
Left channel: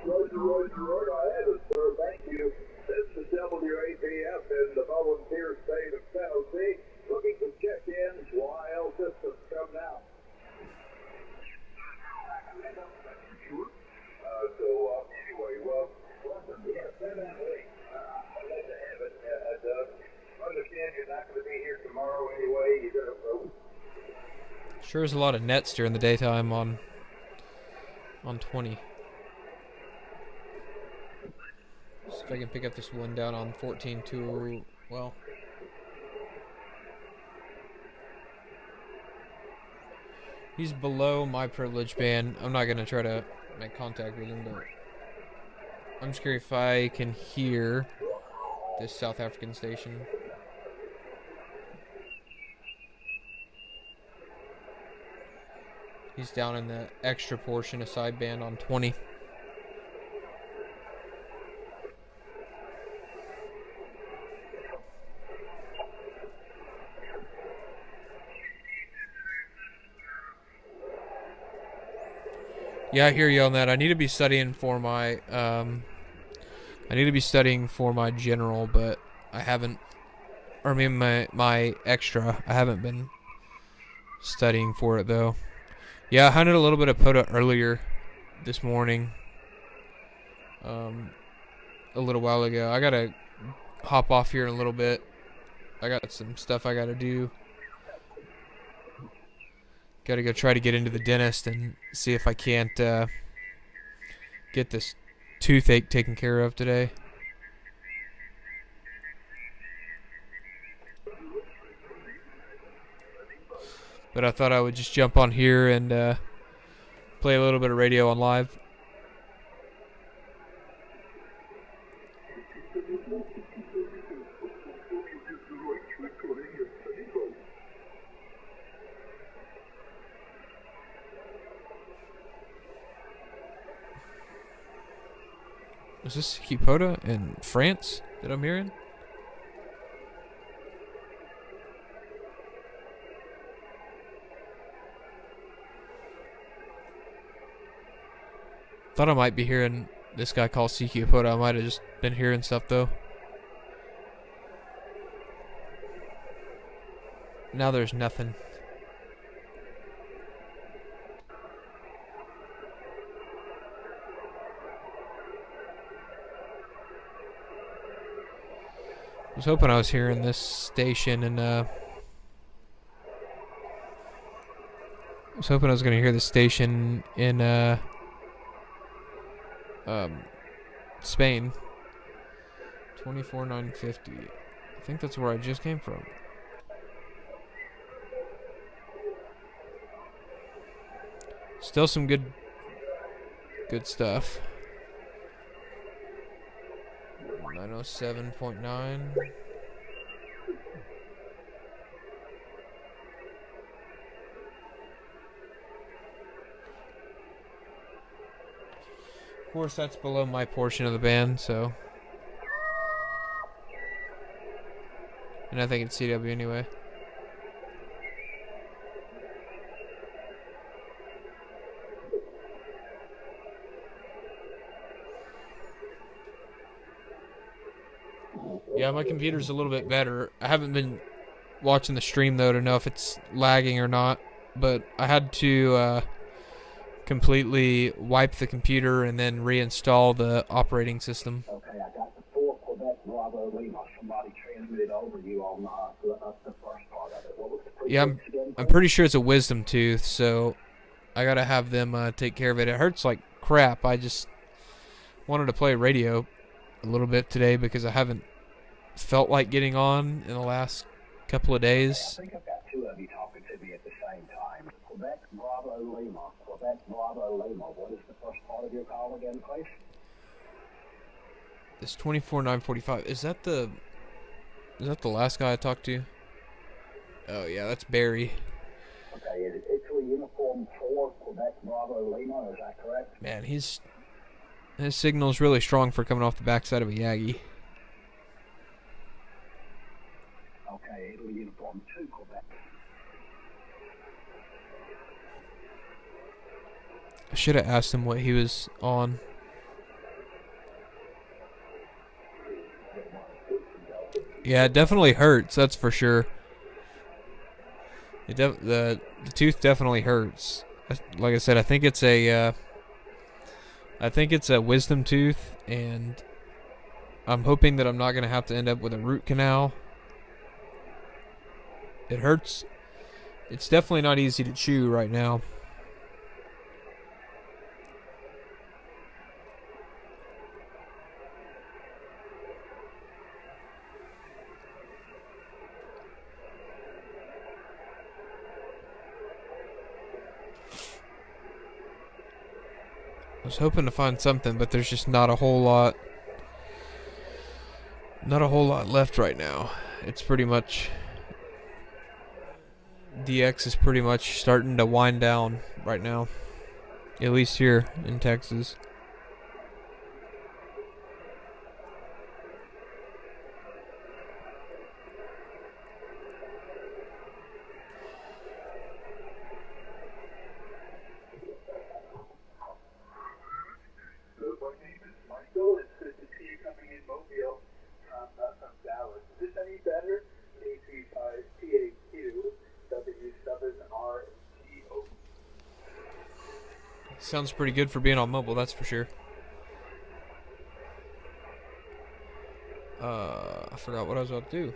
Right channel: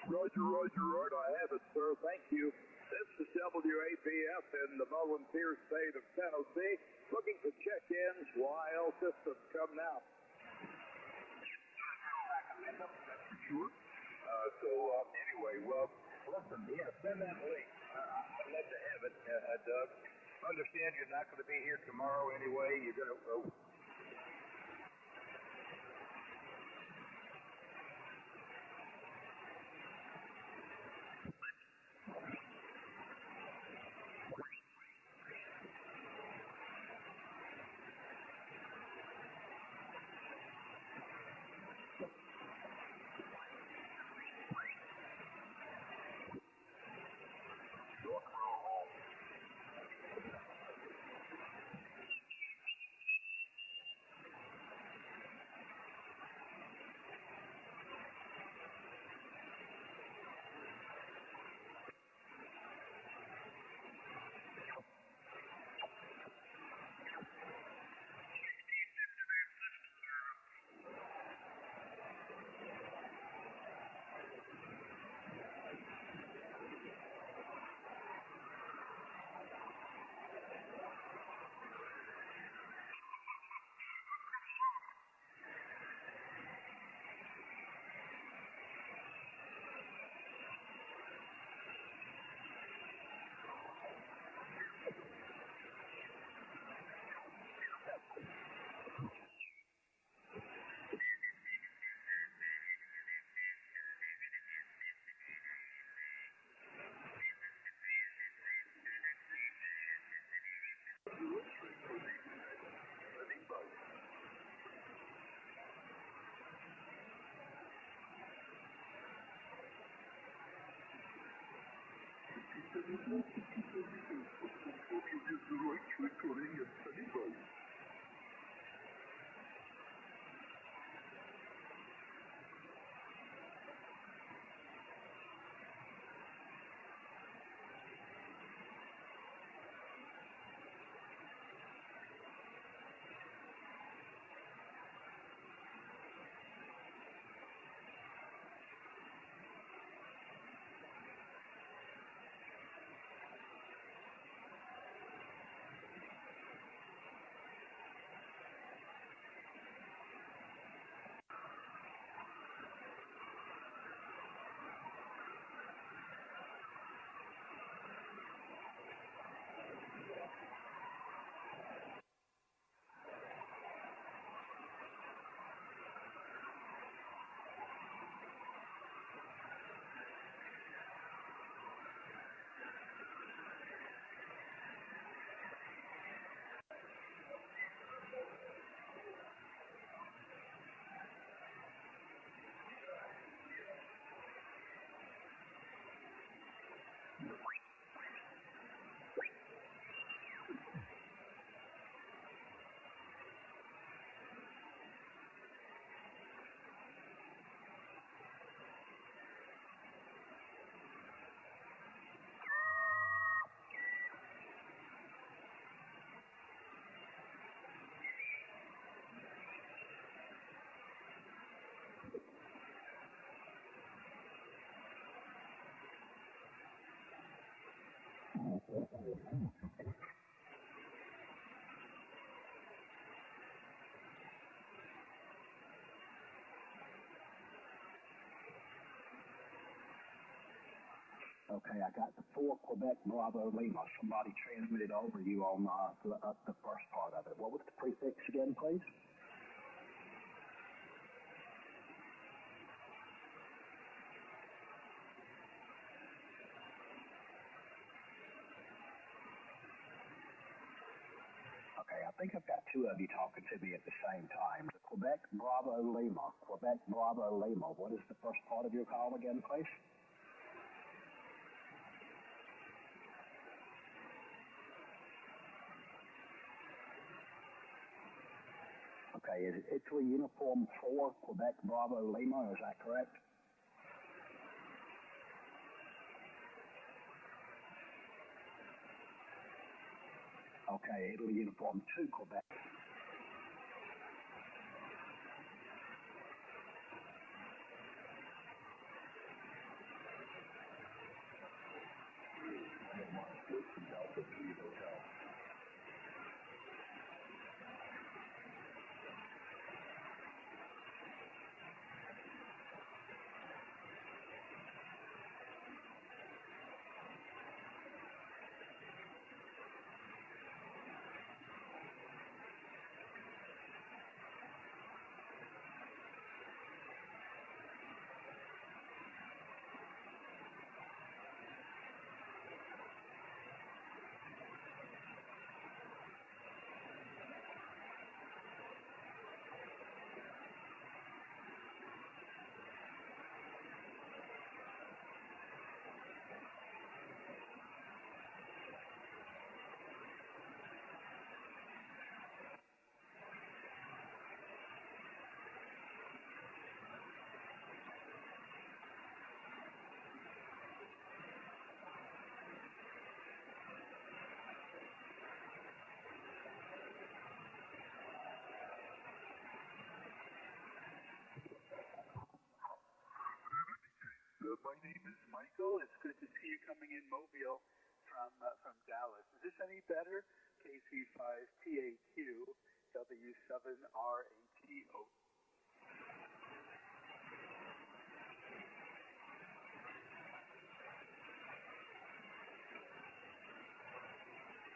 Roger, I have it, sir. Thank you. This is WAPF in the volunteer state of Tennessee. Looking to check in while systems come now. Sure. Anyway, listen, definitely. I'd love to have it, Doug. Understand you're not going to be here tomorrow anyway. You're going to go. Sure is a lot of nets during the daytime on 20. See if I can pick up this one down on 14 too. Well, he's below my privilege band. I'm not gonna try to make contact with him, but I'm just curious if I can hear this South African station. He's down in the extra portion of sideband on 20. Yeah, I hear you on that. I need to be studying for my general, but I haven't, or I mean my extra. I haven't been studying for it though. Yeah, I hunted a little bit of POTA earlier this morning. A little while ago. I gotta hop off here in a little bit. I got some stuff I gotta do. Gotta go try to get into the dentist and see if I can't get this toothache taken care of today. But I thought I would just jump on here and play a little bit of radio on live. Is this POTA in France that I'm hearing? Thought I might be hearing this guy call CQ POTA. I might have just been hearing stuff though. Now there's nothing. I was hoping I was hearing this station and I was hoping I was gonna hear the station in Spain. 24,950. I think that's where I just came from. Still some good stuff. 907.9. Of course, that's below my portion of the band, so. And I think it's CW anyway. Yeah, my computer's a little bit better. I haven't been watching the stream though to know if it's lagging or not, but I had to completely wipe the computer and then reinstall the operating system. Okay, I got the 4 Quebec Bravo Lima. Somebody transmitted over you on the first part of it. What was the prefix again? I'm pretty sure it's a wisdom tooth, so I gotta have them take care of it. It hurts like crap. I just wanted to play radio a little bit today because I haven't felt like getting on in the last couple of days. Okay, I think I've got 2 of you talking to me at the same time. Quebec Bravo Lima. Quebec Bravo Lima. What is the first part of your call again, please? This 24,945. Is that the last guy I talked to? Oh yeah, that's Barry. Okay, is it Italy Uniform 4 Quebec Bravo Lima? Is that correct? Man, his signal's really strong for coming off the backside of a Yagi. Okay, Italy Uniform 2 Quebec. I should have asked him what he was on. Yeah, it definitely hurts. That's for sure. The tooth definitely hurts. Like I said, I think it's a wisdom tooth, and I'm hoping that I'm not gonna have to end up with a root canal. It hurts. It's definitely not easy to chew right now. I was hoping to find something, but there's just not a whole lot left right now. It's pretty much DX is pretty much starting to wind down right now, at least here in Texas. My name is Michael. It's good to see you coming in Mobile from Dallas. Is this any better? KI5IRE W7RTO. Sounds pretty good for being on mobile, that's for sure. I forgot what I was about to do.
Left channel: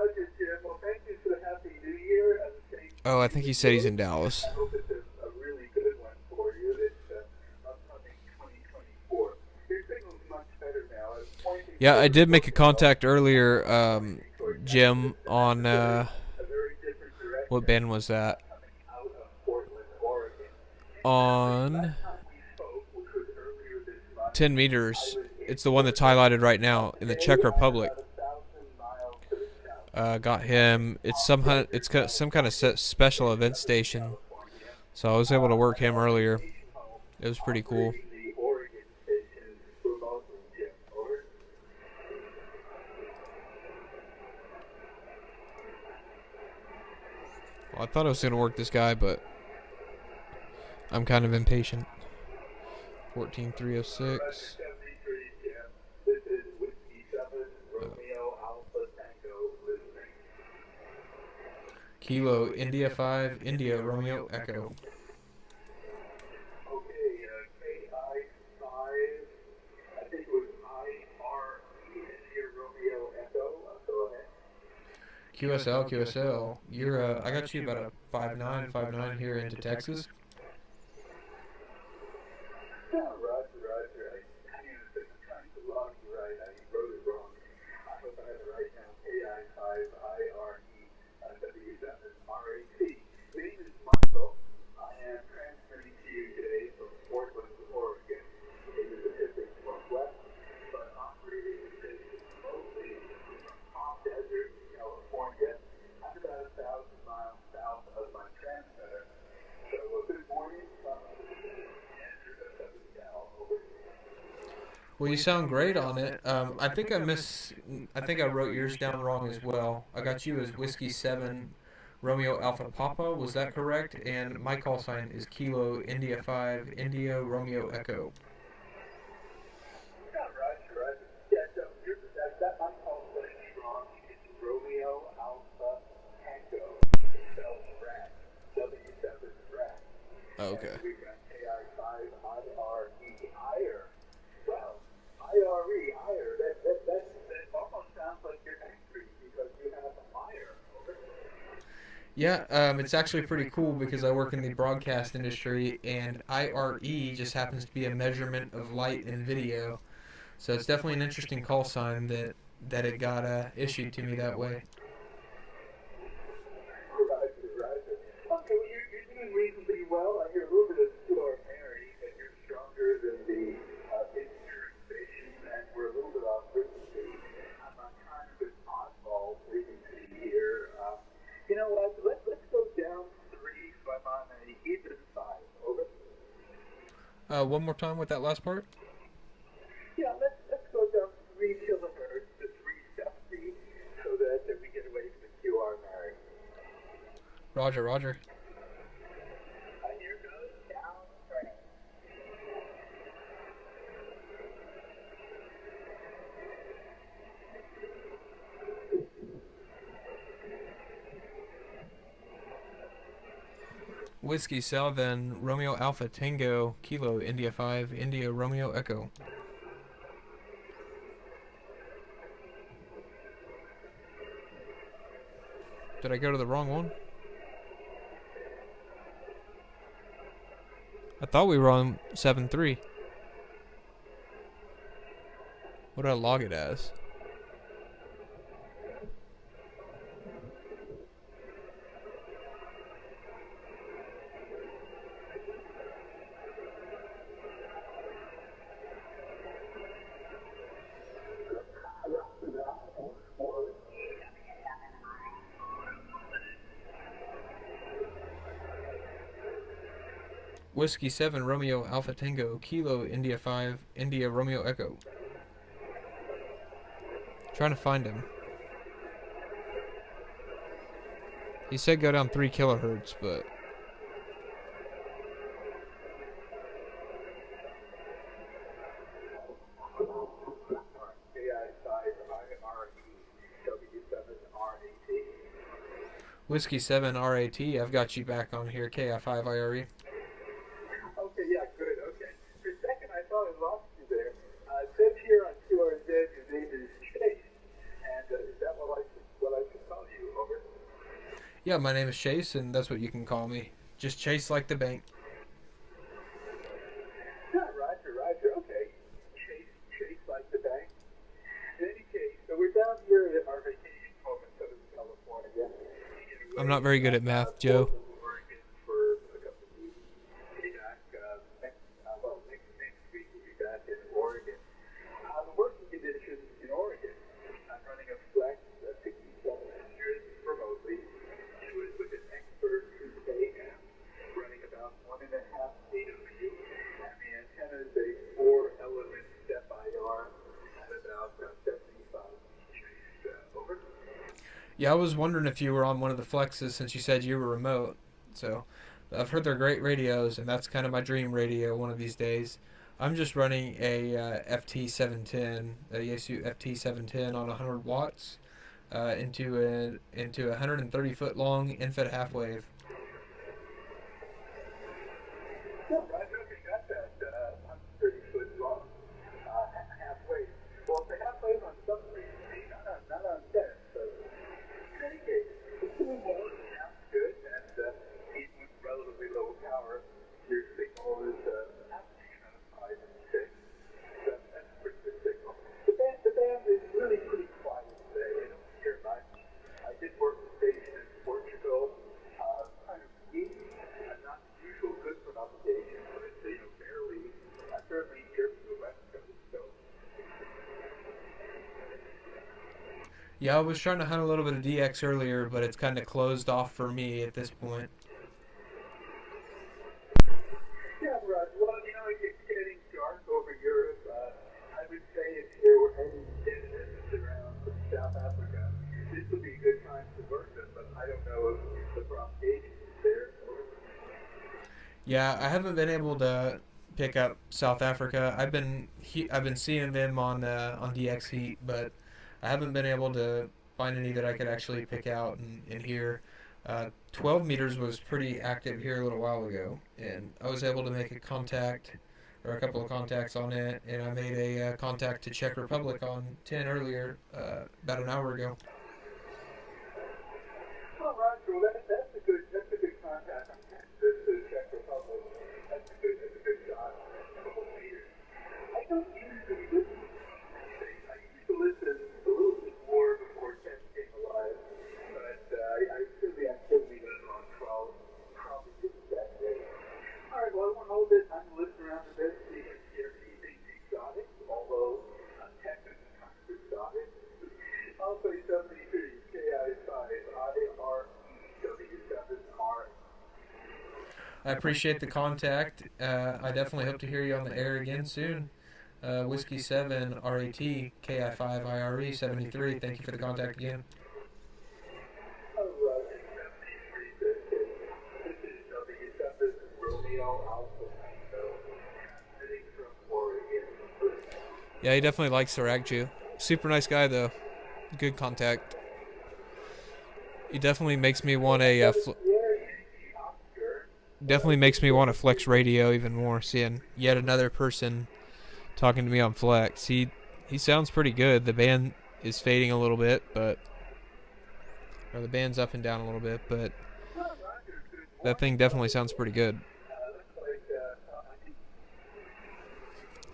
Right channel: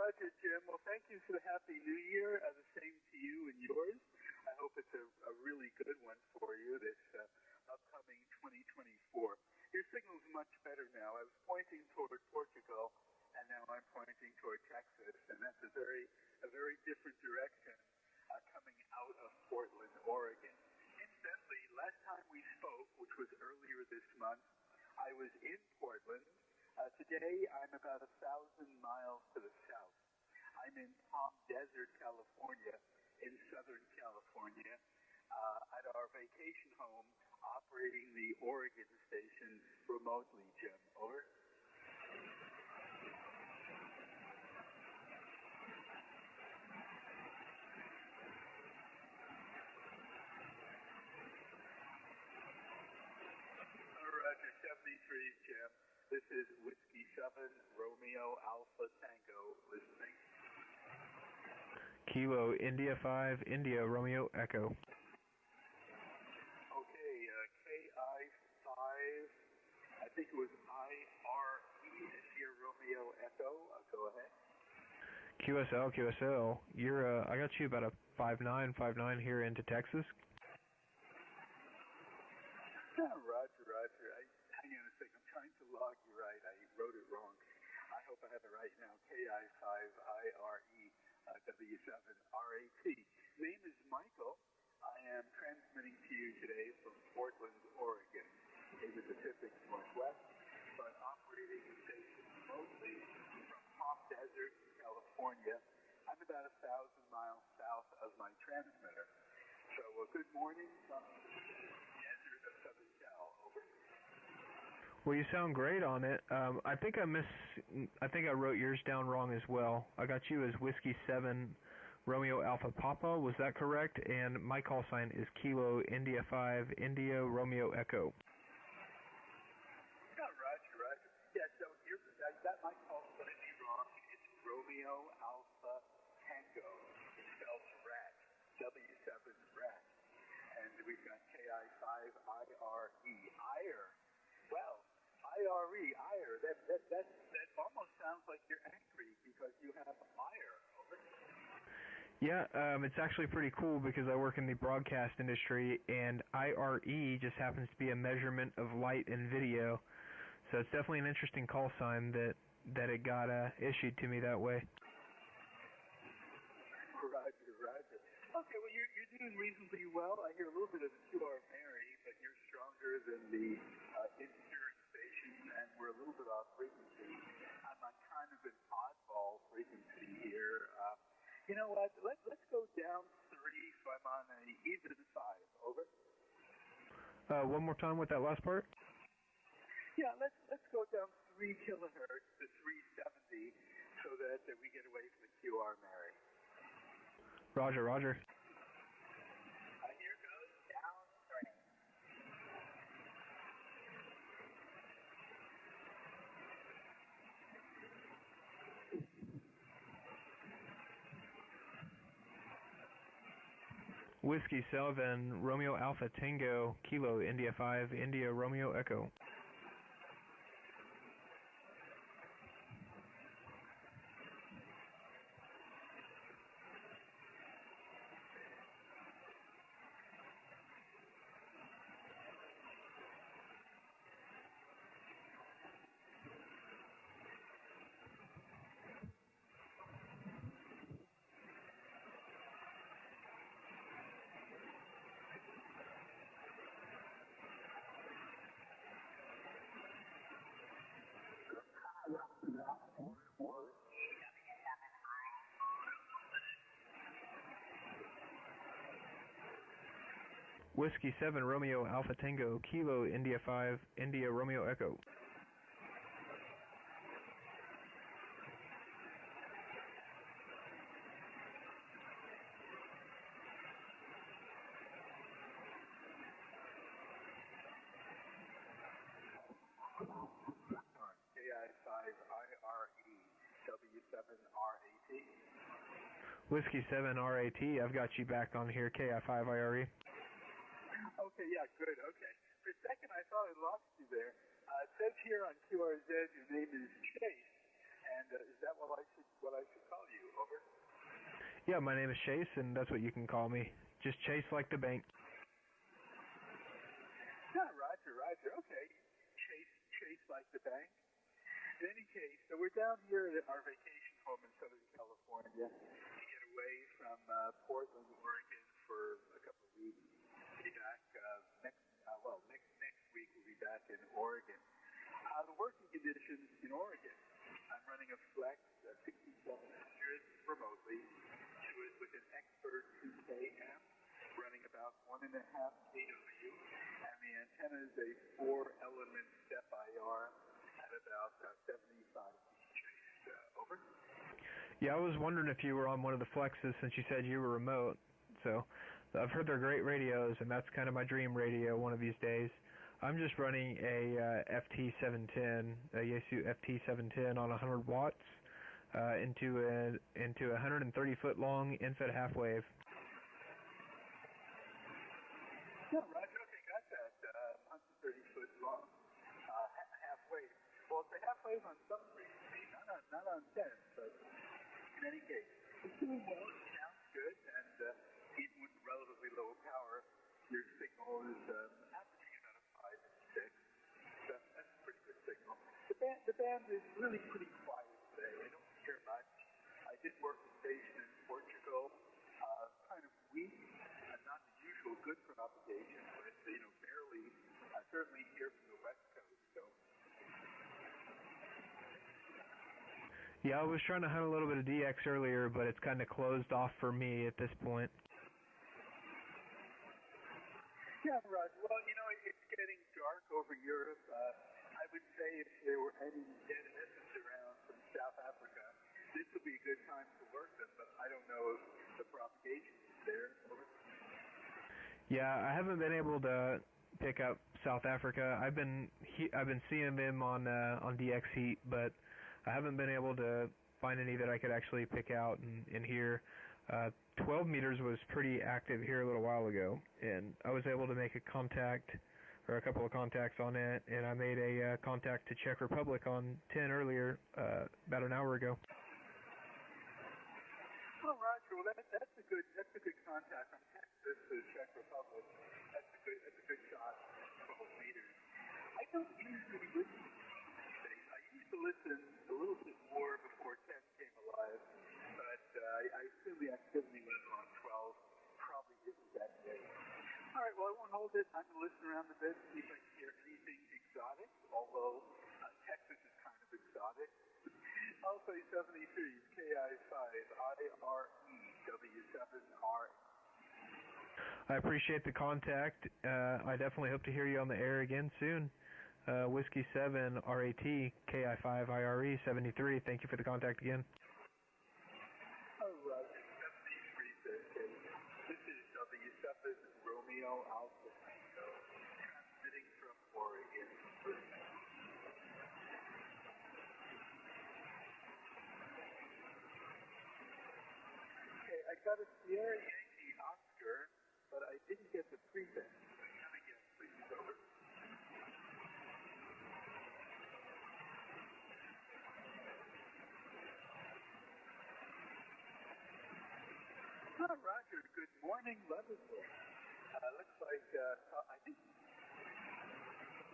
Roger, Jim. Well, thank you for a happy new year. At the same Oh, I think he said he's in Dallas. I hope it's a really good one for you. It's upcoming 2024. Your signal's much better now. Yeah, I did make a contact earlier, Jim, on what band was that? On 10 meters. It's the one that's highlighted right now in the Czech Republic. Got him. It's some kind of special event station, so I was able to work him earlier. It was pretty cool. thought I was going to work this guy, but I'm kind of impatient. 14306. This is Whiskey 7, Romeo Alpha Tango listening. Kilo India 5, India Romeo Echo. Okay, KI5, I think it was IRE here, Romeo Echo. Go ahead. QSL, you're, I got you about a 5.9 here into Texas. Yeah, Roger. I mean, the county the log, you're right. You wrote it wrong. I hope I have it right now. KI5IRE W7RAT. My name is Michael. I am transmitting to you today from Portland, Oregon, in the Pacific Northwest, but operating remotely from Palm Desert, California. I'm about 1,000 miles south of my transmitter. So, good morning. Well, you sound great on it. I think I wrote yours down wrong as well. I got you as Whiskey 7, Romeo Alpha Papa. Was that correct? And my call sign is Kilo India 5, India Romeo Echo. Yeah, right. Yeah, so that might call sign is wrong. It's Romeo Alpha Tango. Spelled Rat. W7 Rat. Oh, okay. And we got KI5IRE. IRE. Well, IRE. That almost sounds like you're angry because you have a fire. Yeah, it's actually pretty cool because I work in the broadcast industry, and IRE just happens to be a measurement of light and video. So it's definitely an interesting call sign that it got issued to me that way. Right. Okay, well, you're doing reasonably well. I hear a little bit of extraordinary, but you're stronger than the insurance station, and we're a little bit off frequency. I'm on kind of an oddball frequency here. You know what? Let's go down 3, so I'm on a even 5. Over. One more time with that last part. Yeah, let's go down 3 kilohertz to 370 so that we get away from the QR Mary. Roger. Here goes down 3. Whiskey 7, Romeo Alpha Tango, Kilo India 5, India Romeo Echo. Did I go to the wrong one? I thought we were on 7.3. What did I log it as? Whiskey 7, Romeo Alpha Tango, Kilo India 5, India Romeo Echo. Trying to find him. He said go down 3 kilohertz, but Whiskey 7 RAT, I've got you back on here, KI5IRE. Okay, yeah, good, okay. For a second I thought I lost you there. It says here on QRZ your name is Chase, and is that what I should call you, over? Yeah, my name is Chase, and that's what you can call me. Just Chase like the bank. Yeah, Roger, okay. Chase like the bank. In any case, so we're down here at our vacation home in Southern California. I'm not very good at math, Joe. Oregon for a couple of weeks. Be back next week we'll be back in Oregon. The working conditions in Oregon. I'm running a Flex 6700 remotely. It was with an expert 2K amp running about 1.5 AW, and the antenna is a 4-element step IR at about 75 trace. Over. Yeah, I was wondering if you were on one of the flexes since you said you were remote. So I've heard they're great radios, and that's kind of my dream radio one of these days. I'm just running a FT710, a Yaesu FT710 on 100 watts into a 130 foot long infrared half wave. Yeah, right. Okay, got that 130 foot long half wave. Well, it's a half wave on submarine, not on deck. So in any case, it's doing well. It sounds good, and even with relatively low power, your signal is kind of 5 and 6. That's a pretty good signal. The band is really pretty quiet today. I don't hear much. I did work the station in Portugal, kind of deep, and not the usual good propagation, but barely. I certainly hear from the West Coast. So. Yeah, I was trying to hunt a little bit of DX earlier, but it's kind of closed off for me at this point. Yeah, right. Well, it's getting dark over Europe. I would say if there were any businesses around from South Africa, this would be a good time to work them, but I don't know if the propagation is there. Yeah, I haven't been able to pick up South Africa. I've been seeing them on DX Heat, but I haven't been able to find any that I could actually pick out and hear. 12 meters was pretty active here a little while ago, and I was able to make a contact, or a couple of contacts on it, and I made a contact to Czech Republic on 10 earlier, about an hour ago. Well, Roger, that's a good contact. This is Czech Republic. That's a good shot. 12 meters. I don't usually listen. I used to listen a little bit more before 10 came alive, but I see the activity level on 12 probably didn't that day. All right, well, I won't hold this. I'm going to listen around a bit, see if I can hear anything exotic, although Texas is kind of exotic. I'll say 73, KI5IRE, W7R. I appreciate the contact. I definitely hope to hear you on the air again soon. Whiskey 7 RAT KI5IRE 73. Thank you for the contact again. Yeah, he definitely likes Saragju. Super nice guy though. Good contact. He definitely makes me want a flex radio even more, seeing yet another person talking to me on flex. He sounds pretty good. The band is fading a little bit, but the band's up and down a little bit, but that thing definitely sounds pretty good.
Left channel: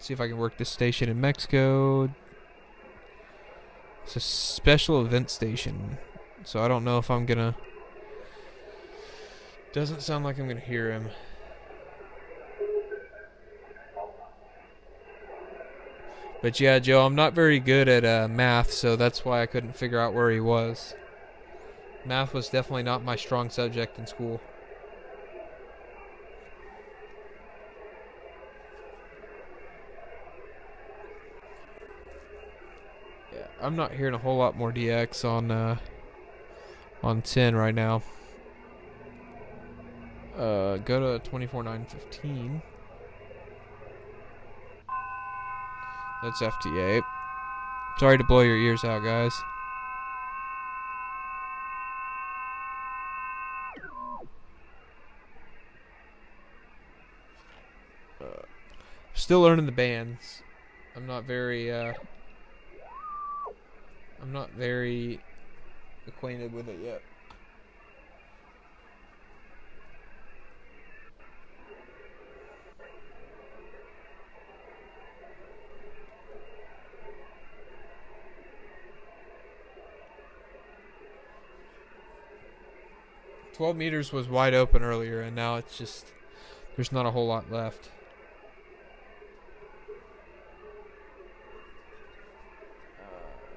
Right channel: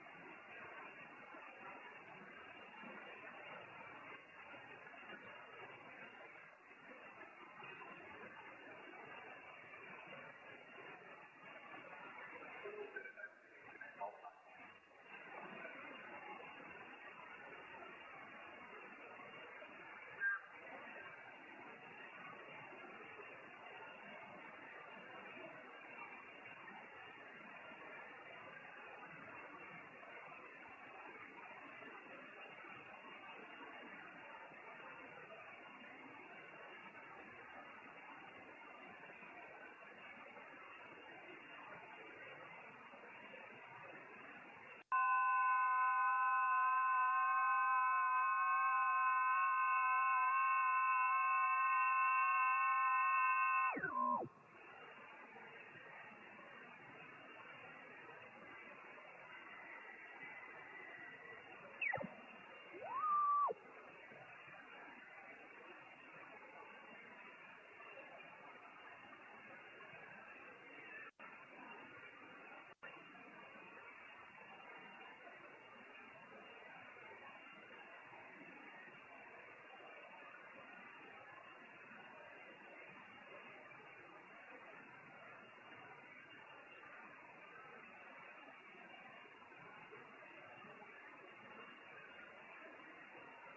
See if I can work this station in Mexico. It's a special event station, so I don't know if I'm gonna. Doesn't sound like I'm gonna hear him. But yeah, Joe, I'm not very good at math, so that's why I couldn't figure out where he was. Math was definitely not my strong subject in school. Yeah, I'm not hearing a whole lot more DX on 10 right now. Go to 24.915. That's FTA. Sorry to blow your ears out, guys. Still learning the bands. I'm not very acquainted with it yet. $12 meters was wide open earlier, and now it's just, there's not a whole lot left.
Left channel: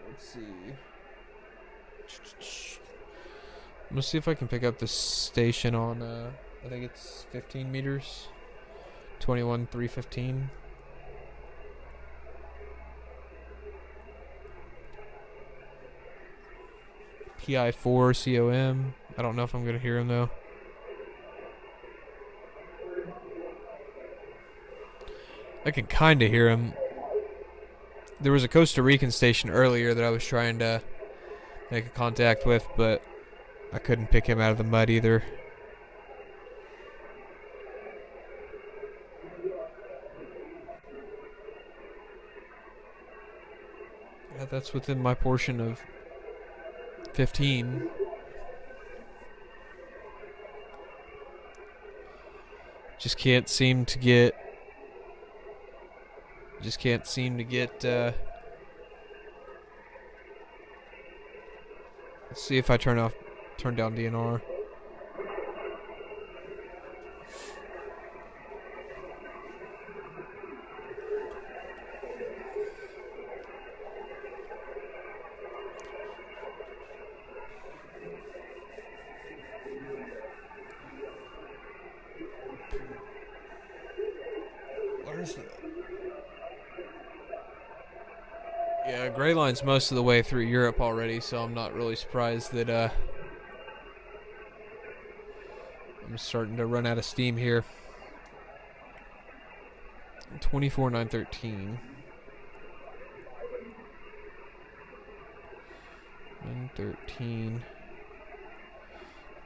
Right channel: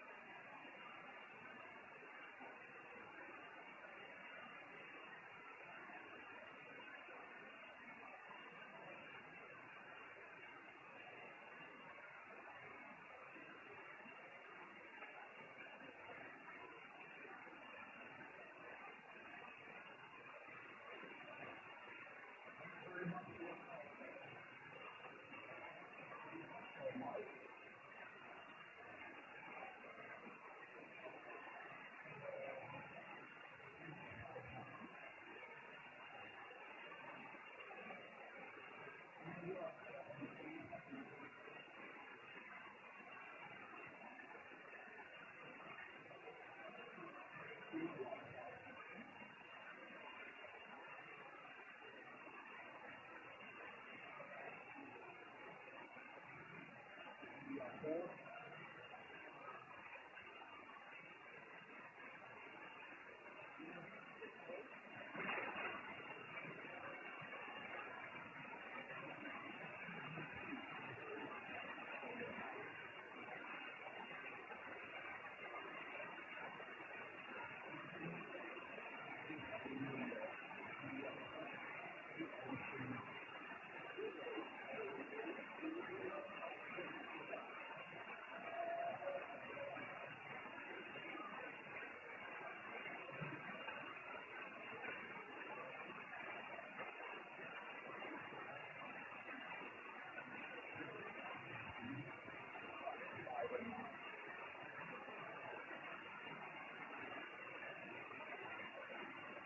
Let's see. I'm gonna see if I can pick up the station on, I think it's 15 meters. 21.315. TI4 COM. I don't know if I'm going to hear him though. I can kind of hear him. There was a Costa Rican station earlier that I was trying to make a contact with, but I couldn't pick him out of the mud either. Yeah, that's within my portion of 15. Just can't seem to get. Let's see if I turn down DNR. Yeah, Gray Line's most of the way through Europe already, so I'm not really surprised that I'm starting to run out of steam here. 24,913. 913.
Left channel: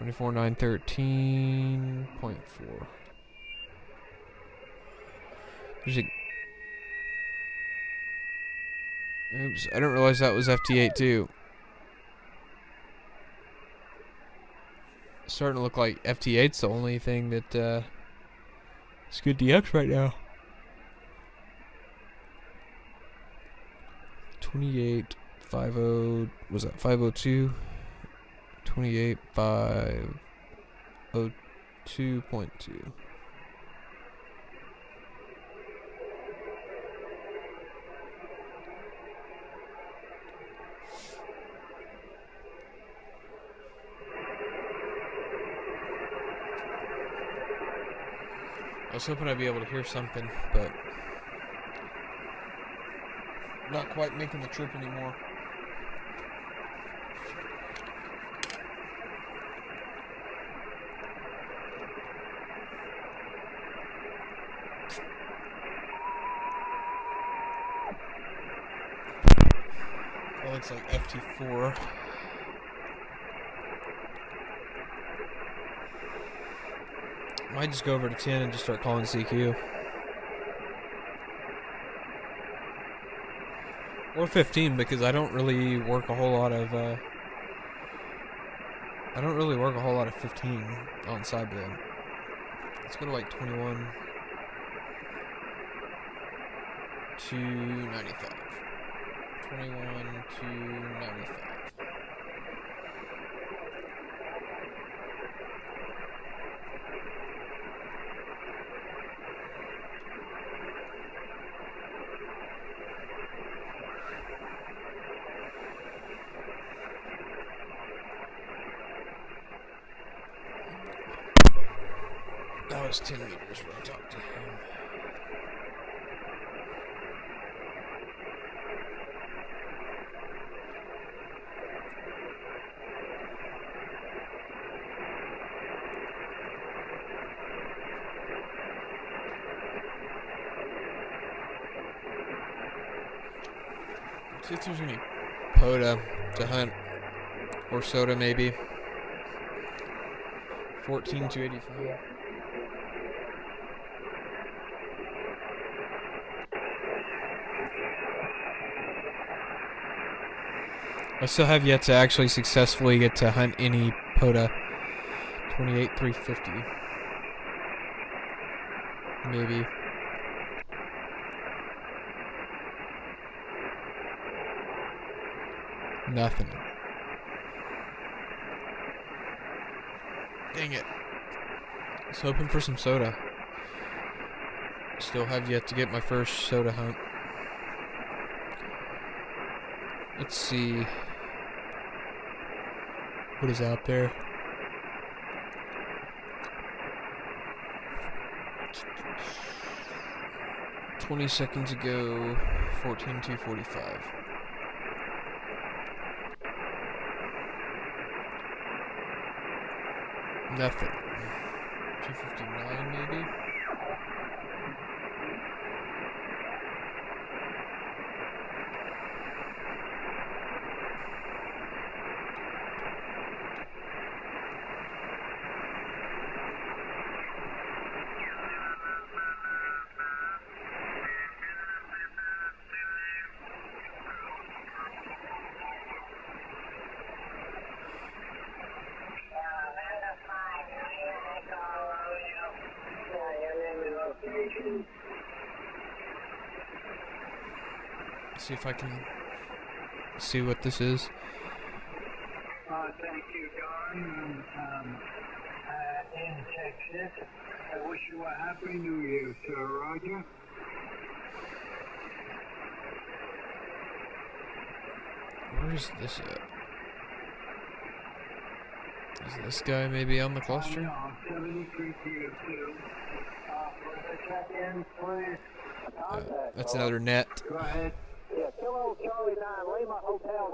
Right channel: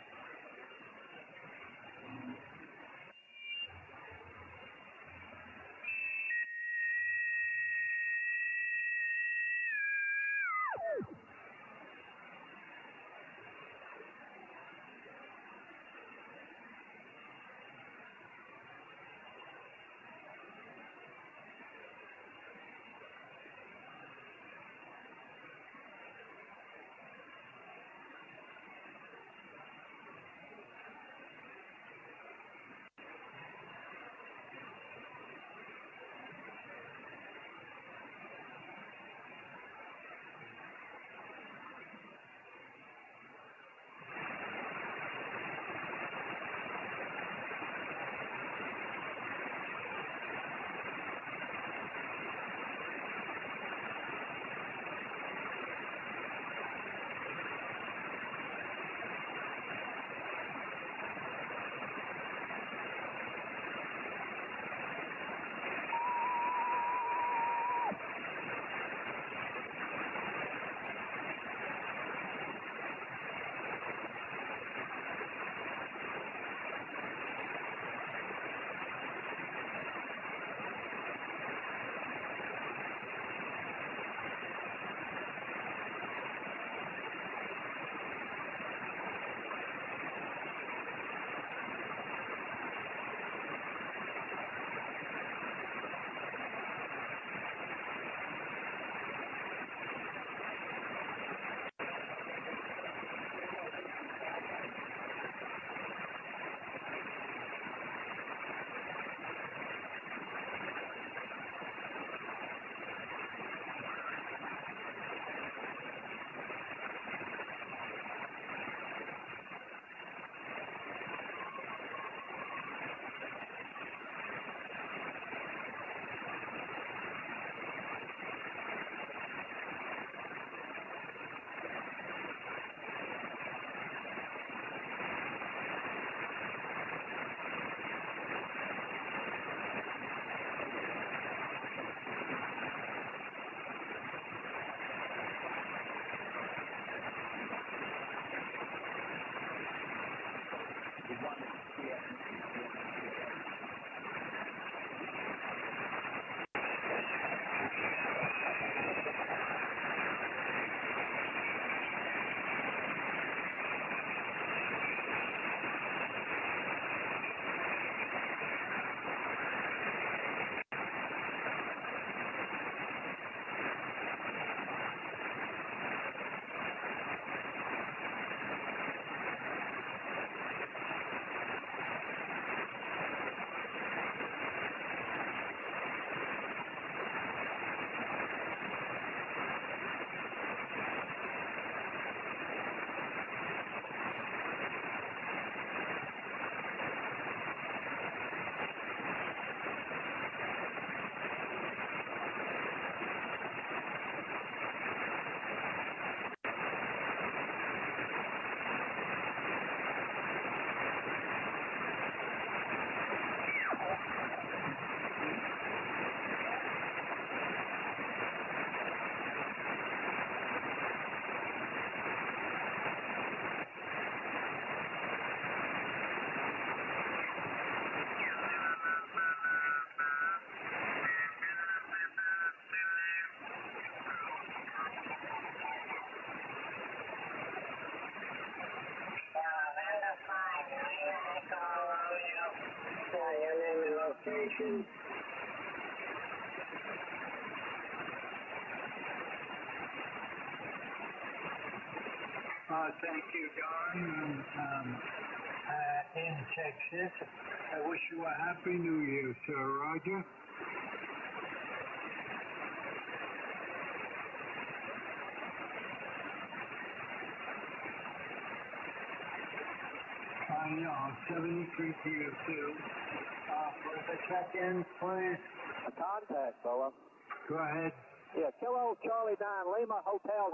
24,913.4. There's a. Oops, I didn't realize that was FT8 too. It's starting to look like FT8's the only thing that is good DX right now. 28.50 was that 502? 28.502.2. I was hoping I'd be able to hear something, but not quite making the trip anymore. That looks like FT4. Might just go over to 10 and just start calling CQ. Or 15, because I don't really work a whole lot of 15 on sideband. Let's go to like 21 to 95. 21 to 95. That was 10 meters when I talked to him. See if there's any POTA to hunt, or soda maybe. 14 to 85. I still have yet to actually successfully get to hunt any POTA. 28,350. Maybe. Nothing. Dang it. I was hoping for some soda. Still have yet to get my first soda hunt. Let's see. What is out there? $20 seconds ago, 14,245. Nothing. 259 maybe? See if I can see what this is. Thank you, Don. In Texas. I wish you a happy New Year, sir. Roger. Where's this at? Is this guy maybe on the cluster? No, 73 PO2. For the check-in, please. That's another net. Go ahead. Yeah, Kilo Charlie 9, Lima Hotel.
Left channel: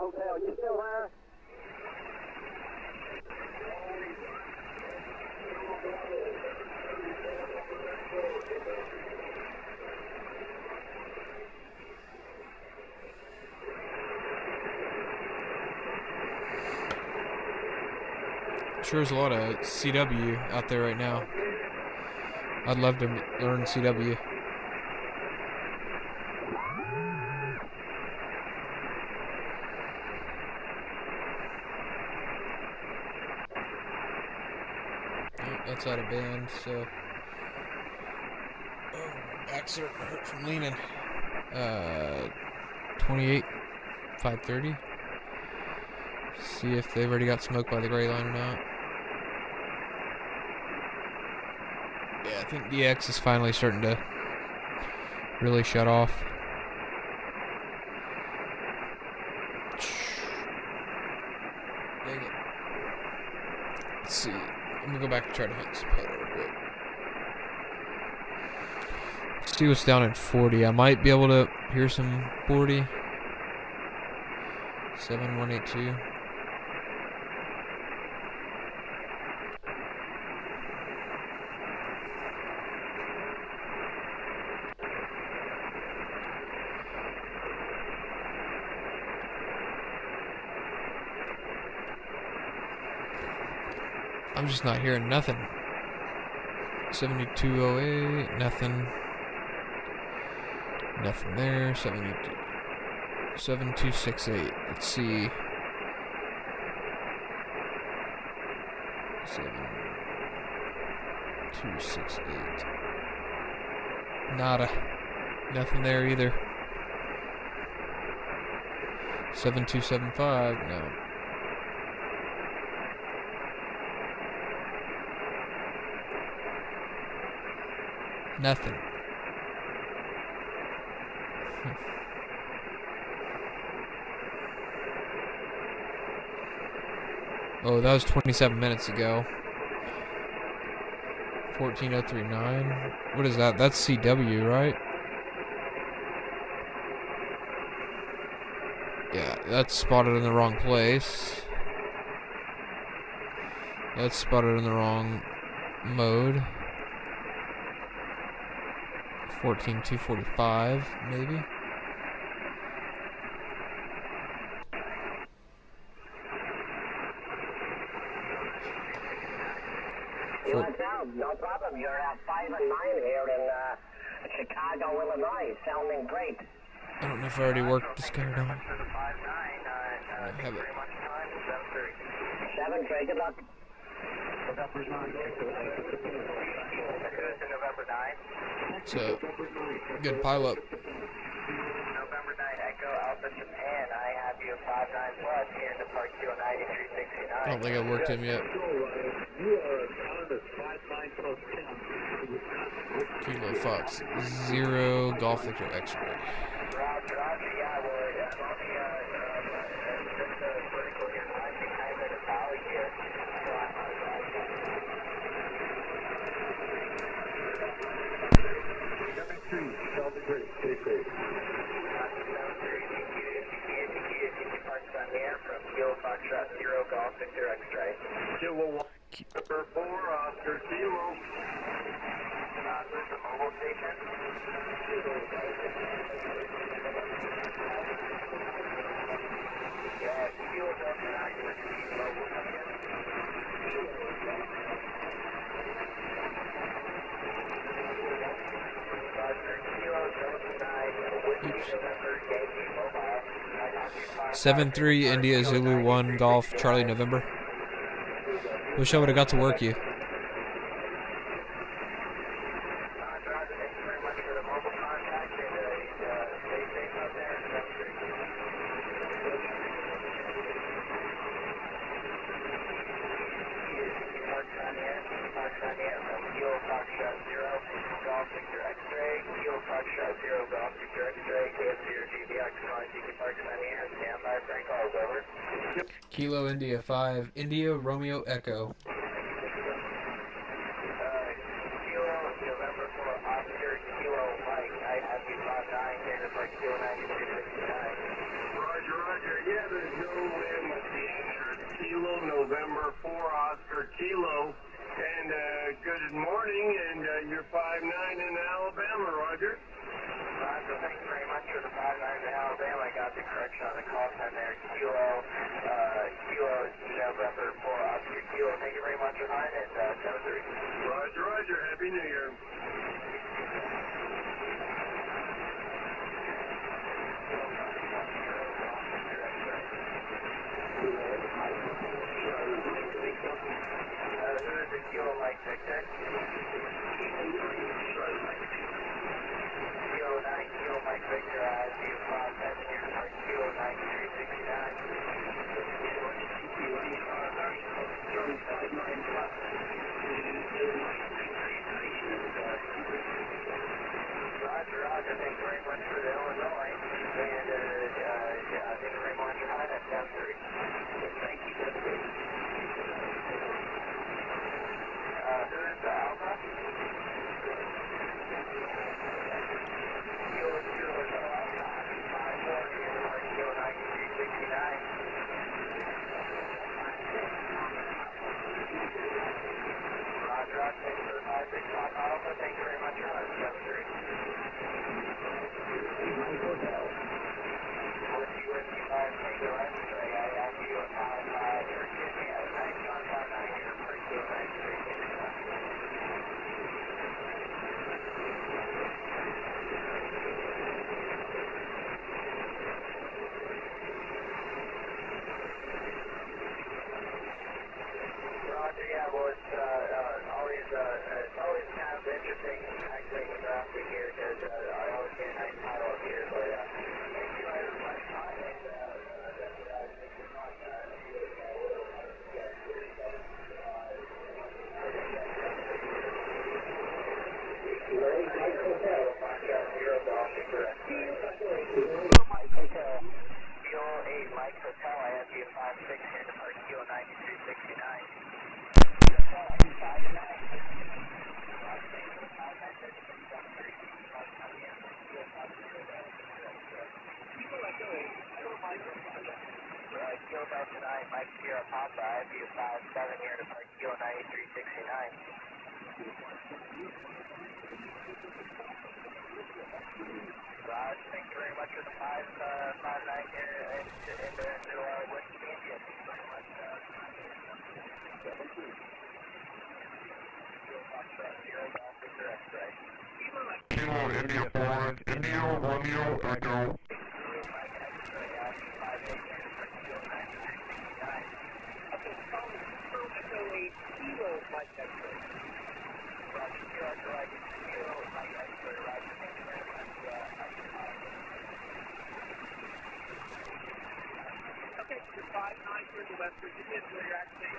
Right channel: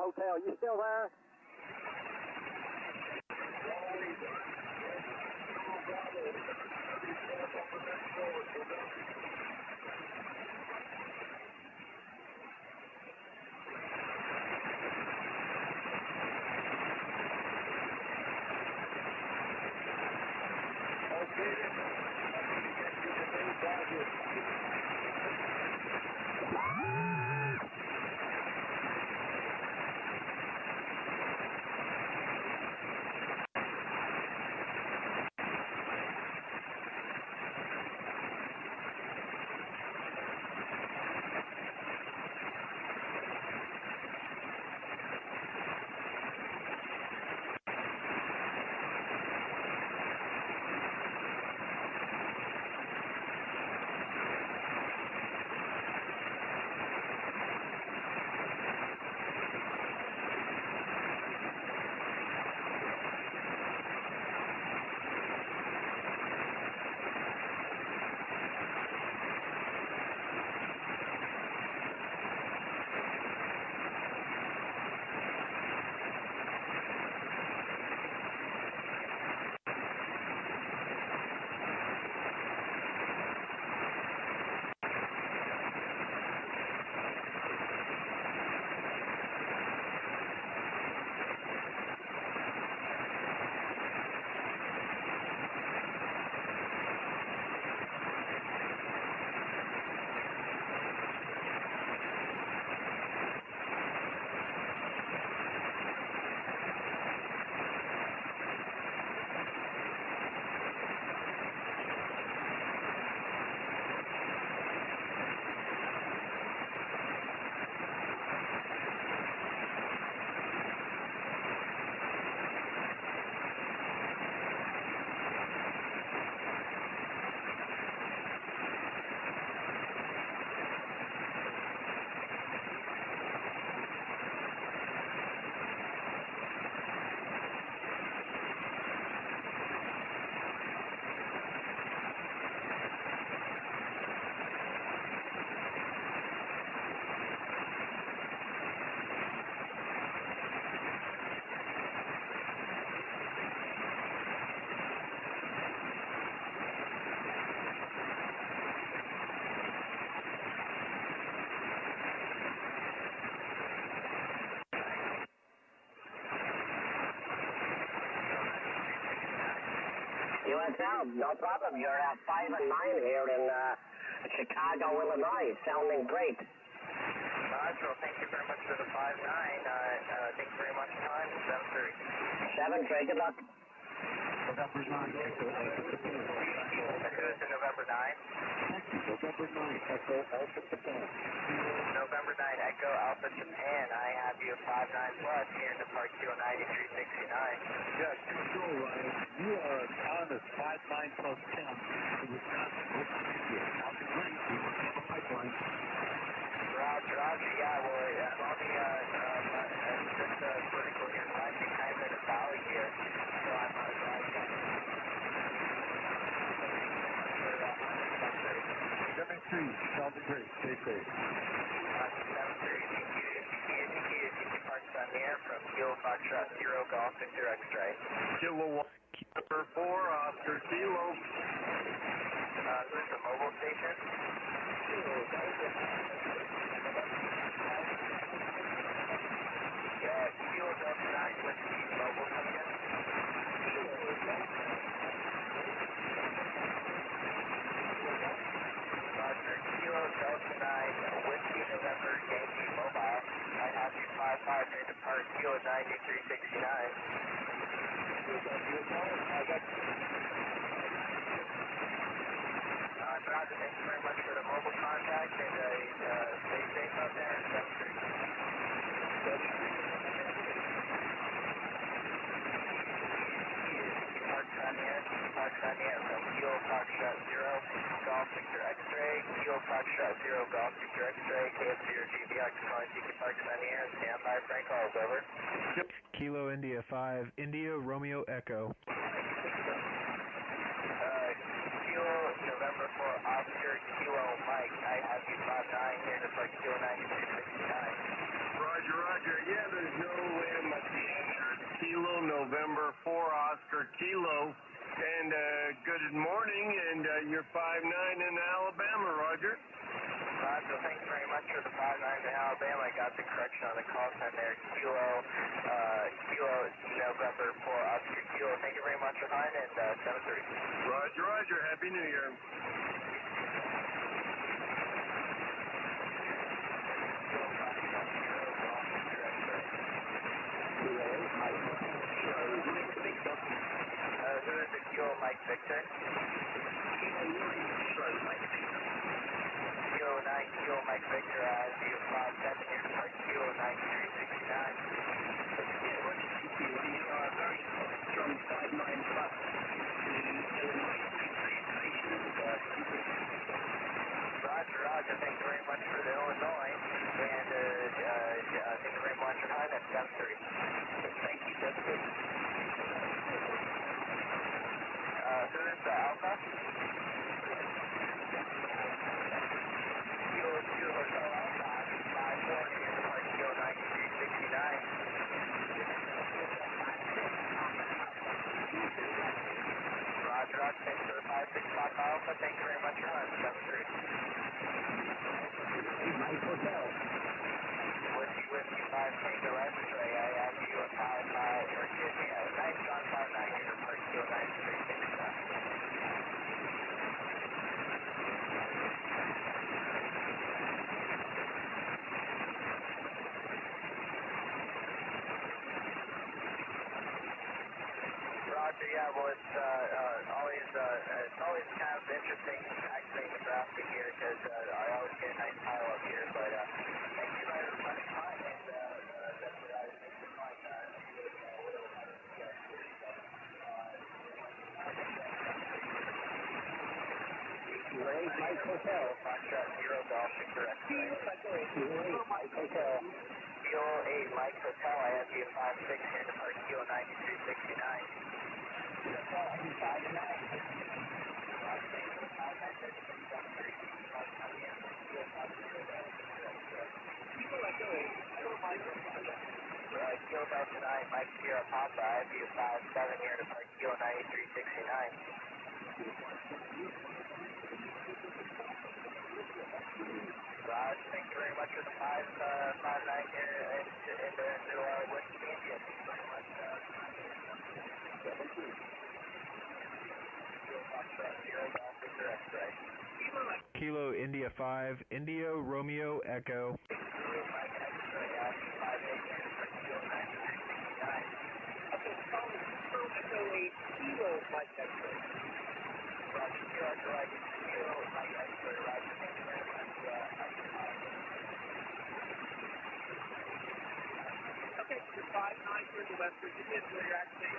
You still there? Sure, there's a lot of CW out there right now. I'd love to learn CW. That's out of band, so backs are hurt from leaning. 28, 530. See if they've already got smoked by the gray line or not. Yeah, I think DX is finally starting to really shut off. Let's see. I'm gonna go back and try to hit some POTA real quick. Let's see what's down at 40. I might be able to hear some 40. 7182. I'm just not hearing nothing. 7208, nothing. Nothing there. 7268. Let's see. 7268. Nada. Nothing there either. 7275. No. Nothing. Oh, that was 27 minutes ago. 14039. What is that? That's CW, right? Yeah, that's spotted in the wrong place. That's spotted in the wrong mode. 14245, maybe. USL, no problem. You're at 5 and 9 here in Chicago, Illinois. Sounding great. I don't know if I already worked this guy down. For the 5-9, thank you very much. Time 7-3, good luck. November 9. November 9. It's a good pileup. November 9, Echo Alpha Japan. I have you 59 plus here in the Park Q 9369. I don't think I worked him yet. You are on the 5-9 plus 10. Kilo Fox. 0 Golf Victor X-ray. Roger, yeah, well, on the vertical here, climbing kind of the valley here. So I'm on the right side. 73, tell the great, stay safe. 73, Park on the air from Kilo Foxtrot 0 Golf Victor X-ray. Kilo 1. Number 4, Oscar Kilo. This is the mobile station. Yeah, Kilo Delta 9 with mobile coming in. Kilo Delta 9 with November Yankee mobile. 7-3 India Zulu 1 Golf Charlie November. Wish I would have got to work you. Kilo India 5, India Romeo Echo. Kilo November 4, Oscar Kilo Mike. I have you 5-9 here to park Kilo 9269. Roger, Roger. Yeah, there's no M at the end. Kilo November 4, Oscar Kilo. And good morning, and you're 5-9 in Alabama, Roger. Roger, thanks very much for the 5-9 in Alabama. I got the correction on the call time there. Kilo November 4, Oscar Kilo. Thank you very much for mine, and 7-3. Roger, Roger. Happy New Year. Who is the Kilo Mike Victor? Kilo 9, Kilo Mike Victor, you 5-7 here to park Kilo 9369. Roger, Roger, thank you very much for the Illinois, and thank you very much for mine at 7-3. Thank you, 7-3. Who is the Alpha? Kilo is Alpha, 5-4 here to park Kilo 9369. Roger, Roger, thanks for the 5-6 Pop Alpha, thank you very much for mine, 7-3. Whiskey 5 Tango X-ray, I have you a 5-5, or excuse me, a 9-5-9 here for Kilo 9369. Roger, yeah, well, it's always kind of interesting actually in the traffic here because I always get a nice title up here, but thank you very much for time, and Kilo 8 Mike Hotel, I have you 5-6 here to park Kilo 9369. Kilo Delta 9, Mike Sierra Papa, I have you 5-7 here to park Kilo 9369. Raj, thank you very much for the 5-9 here into West India. Thank you very much. Kilo India 5, India Romeo Echo. Okay, so 5-9 here to West Virginia, so you're actually...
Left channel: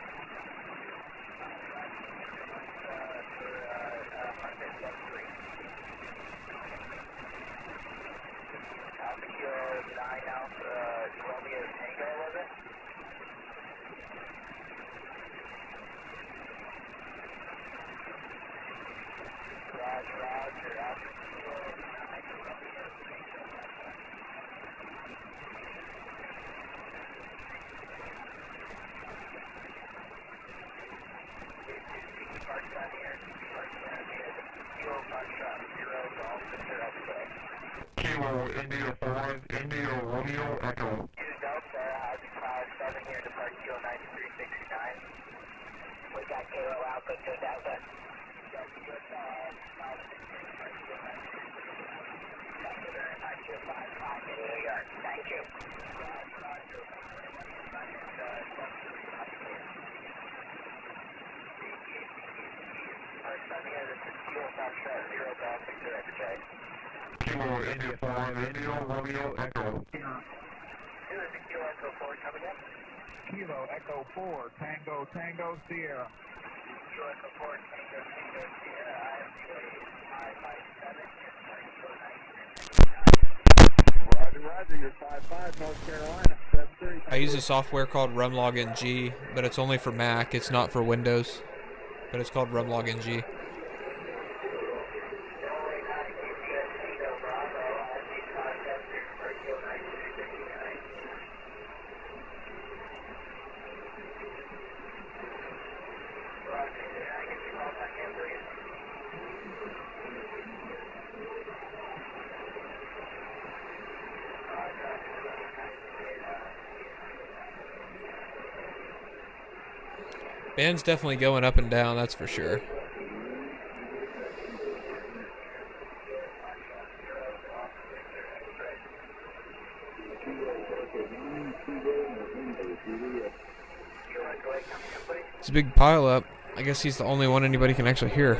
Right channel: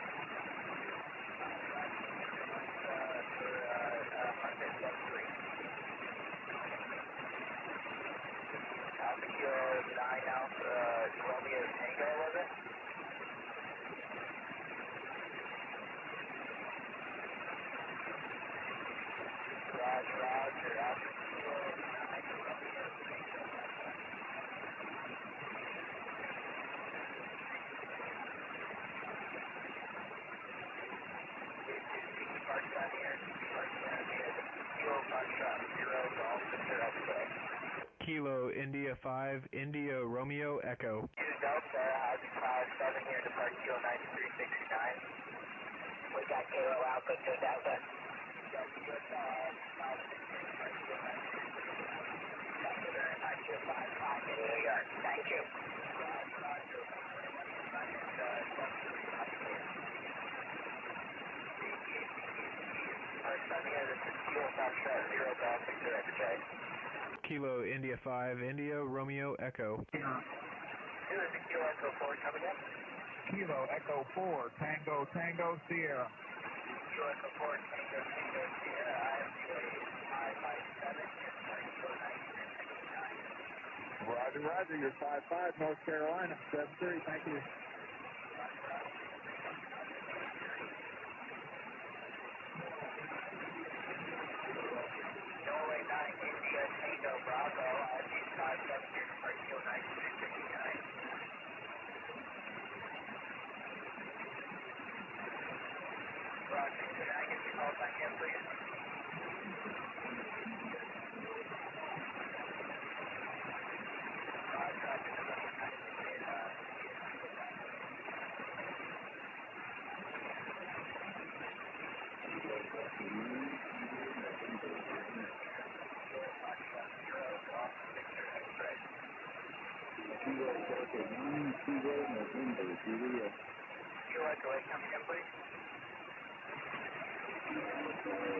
Kilo 9 Alpha Romeo Tango, was it? Roger, Alpha Kilo 9 Romeo Tango. Kilo India 5, India Romeo Echo. Delta, 5-7 here, depart Kilo 9369. We got Kilo Alpha to Delta. In New York. Thank you. Kilo India 5, India Romeo Echo. Kilo Echo 4, come again? Kilo Echo 4, Tango, Tango, Sierra. Kilo Echo 4, Tango, Tango, Sierra. Roger, Roger, you're 5-5, North Carolina, 7-3. I use a software called RUMlogNG, but it's only for Mac. It's not for Windows, but it's called RUMlogNG. Band's definitely going up and down, that's for sure. It's a big pile up. I guess he's the only one anybody can actually hear.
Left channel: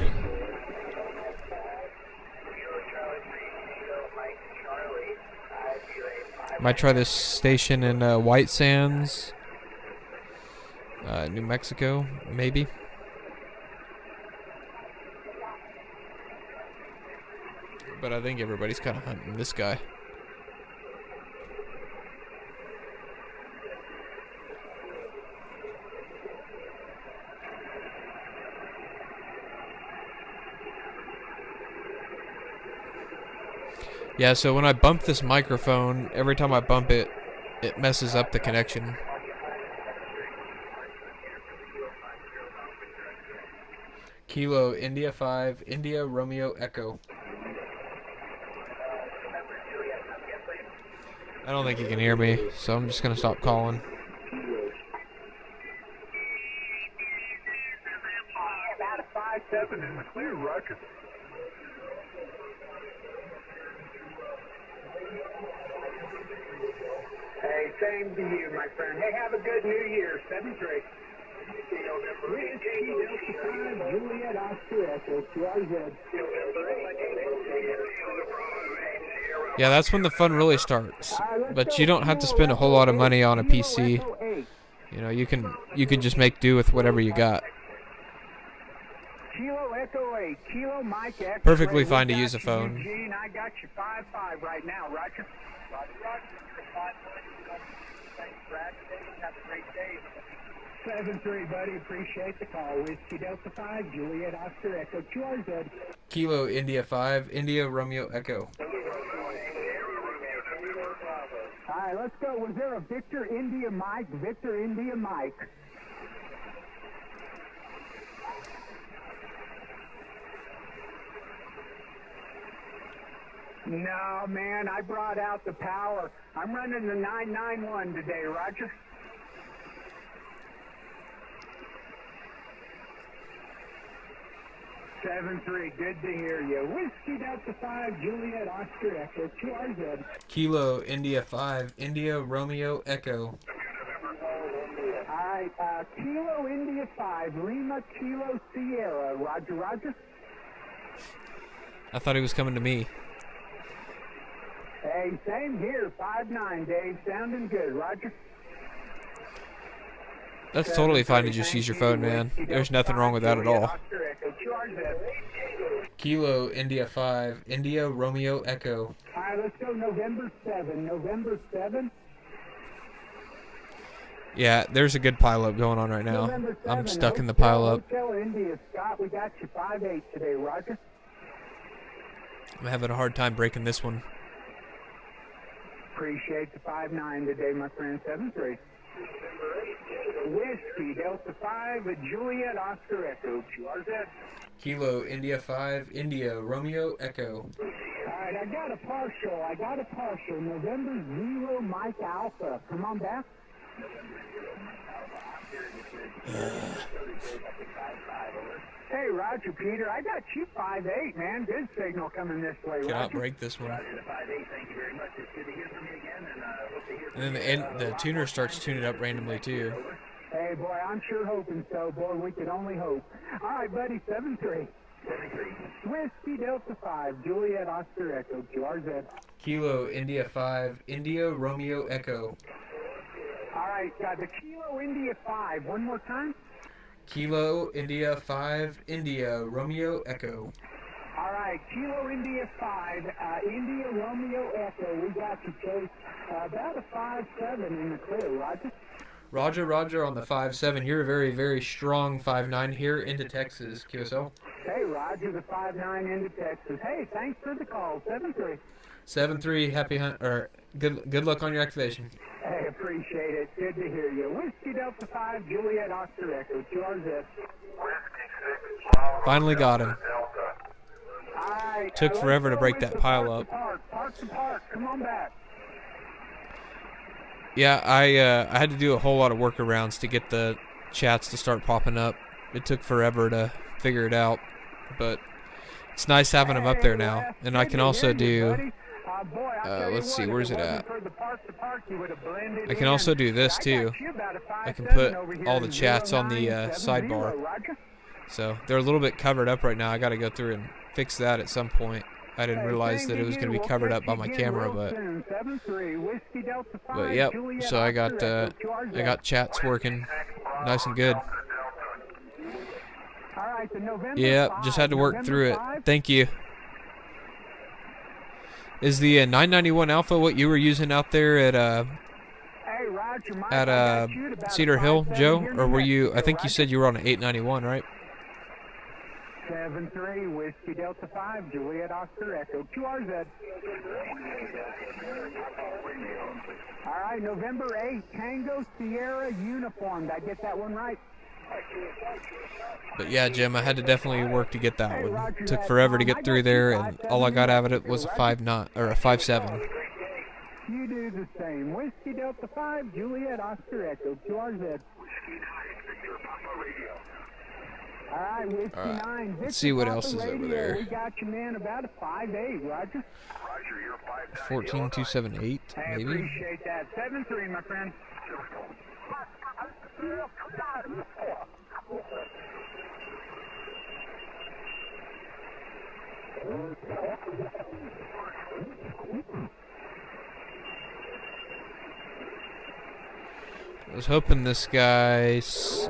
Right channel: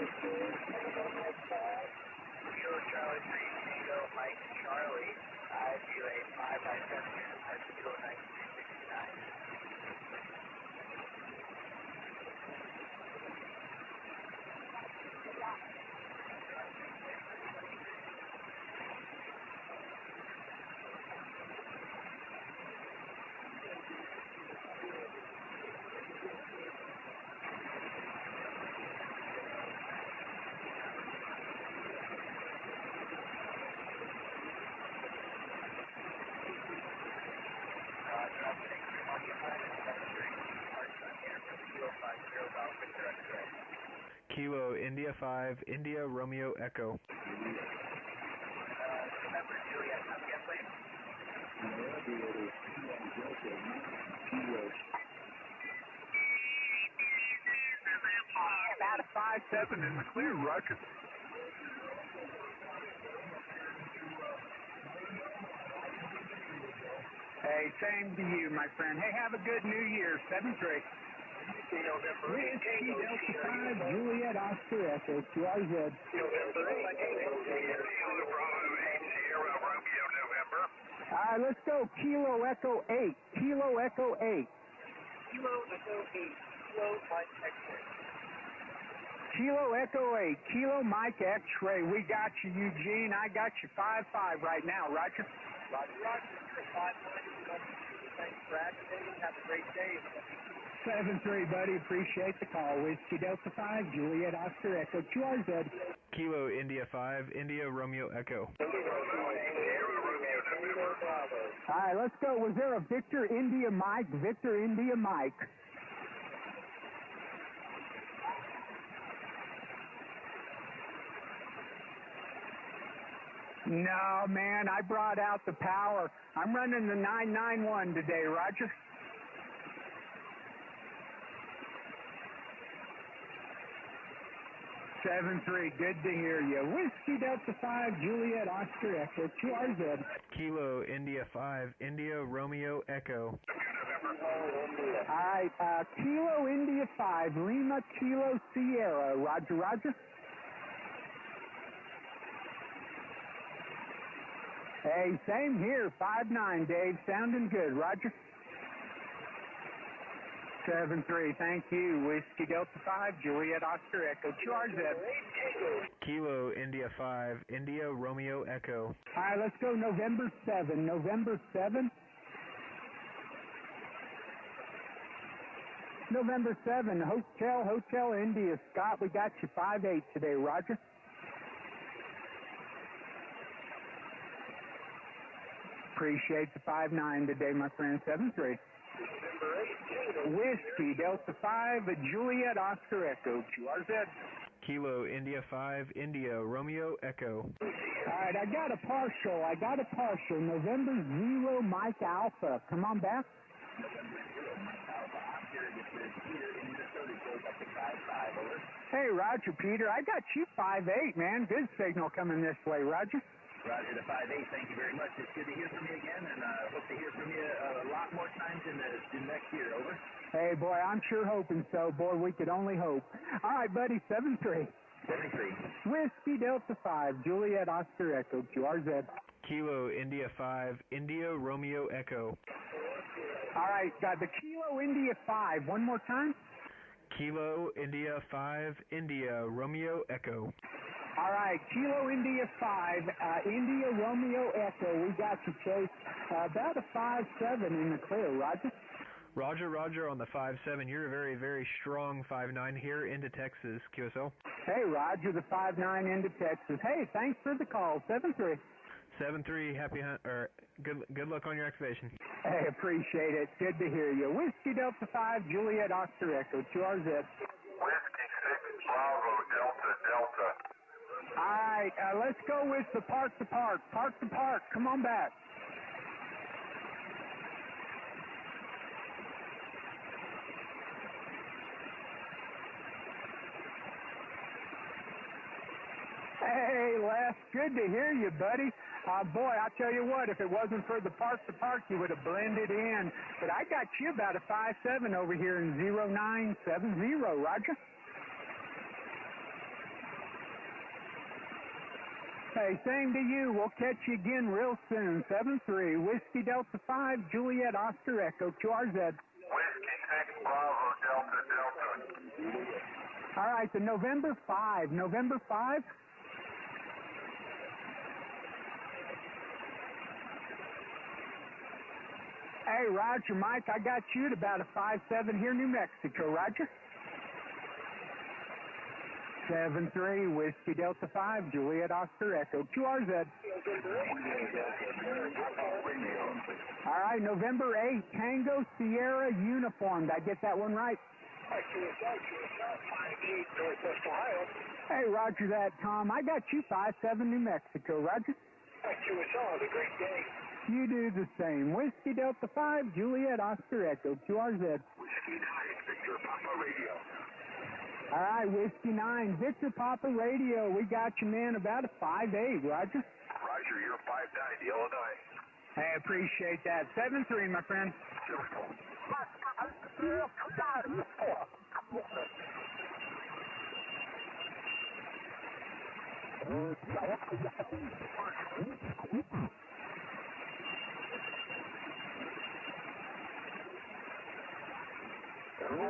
Might try this station in White Sands, New Mexico, maybe. But I think everybody's kind of hunting this guy. Yeah, so when I bump this microphone, every time I bump it, it messes up the connection. Kilo India 5, India Romeo Echo. I don't think he can hear me, so I'm just going to stop calling. About a 5-7 in the clear, Roger. Hey, same to you, my friend. Hey, have a good New Year, 7-3. Juliet Oscar Echo, QRZ. Yeah, that's when the fun really starts. But you don't have to spend a whole lot of money on a PC. You know, you can just make do with whatever you got. Kilo Echo 8, Kilo Mike X-ray. Perfectly fine to use a phone. Eugene, I got you 5-5 right now, Roger. Roger, Roger. Thanks, Brad. Have a great day. 7-3, buddy. Appreciate the call. Whiskey Delta 5, Juliet Oscar Echo, QRZ. Kilo India 5, India Romeo Echo. All right, let's go. Was there a Victor India Mike? Victor India Mike. No, man, I brought out the power. I'm running the 991 today, Roger. Seven 3, good to hear you. Whiskey Delta 5, Juliet Oscar Echo, QRZ. Kilo India 5, India Romeo Echo. All right, Kilo India 5, Lima Kilo Sierra, Roger, Roger. I thought he was coming to me. Hey, same here, 5-9, Dave, sounding good, Roger. That's totally fine to just use your phone, man. There's nothing wrong with that at all. Kilo India 5, India Romeo Echo. All right, let's go November 7, November 7. Yeah, there's a good pileup going on right now. I'm stuck in the pileup. Hotel India, Scott, we got you 5-8 today, Roger. I'm having a hard time breaking this one. Appreciate the 5-9 today, my friend. 7-3. Whiskey Delta 5, Juliet Oscar Echo, QRZ. Kilo India 5, India Romeo Echo. All right, I got a partial. November 0 Mike Alpha. Come on back. Hey, Roger, Peter, I got you 5-8, man. Good signal coming this way, Roger. Cannot break this one. Roger the 5-8, thank you very much. It's good to hear from you again, and hope to hear from And then the tuner starts tuning up randomly too. Hey, boy, I'm sure hoping so. Boy, we could only hope. All right, buddy, 7-3. 73. Whiskey Delta 5, Juliet Oscar Echo, QRZ. Kilo India 5, India Romeo Echo. All right, the Kilo India 5. One more time. Kilo India 5, India Romeo Echo. All right, Kilo India 5, India Romeo Echo. We got you, Chase. About a 5-7 in the clear, Roger. Roger on the 5-7. You're a very, very strong 5-9 here into Texas, QSL. Hey, Roger, the 5-9 into Texas. Hey, thanks for the call. 7-3. 7-3, happy hunt, or good luck on your activation. Hey, appreciate it. Good to hear you. Whiskey Delta 5, Juliet Oscar Echo, QRZ. Finally got him. All right. Took forever to break that pile up. Park to park. Come on back. Yeah, I had to do a whole lot of workarounds to get the chats to start popping up. It took forever to figure it out, but it's nice having them up there now. And I can also do. Let's see, where's it at? I can also do this too. I can put all the chats on the sidebar. So they're a little bit covered up right now. I got to go through and fix that at some point. I didn't realize that it was going to be covered up by my camera, but yep. So I got chats working nice and good. Yep, just had to work through it. Thank you. Is the 991 Alpha what you were using out there at Cedar Hill, Joe? Or were you? I think you said you were on an 891, right? 7-3, Whiskey Delta 5, Juliet Oscar Echo, QRZ. All right, November 8, Tango Sierra Uniform. Did I get that one right? But yeah, Jim, I had to definitely work to get that one. Took forever to get through there, and all I got out of it was a 5-9 or a 5-7. You do the same. Whiskey Delta 5, Juliet Oscar Echo, QRZ. All right, Whiskey 9. Let's see what else is over there. We got you, man, about a 5-8, Roger. Roger, you're 5-9. 14278. I appreciate that. 7-3, my friend. I was hoping this guy's.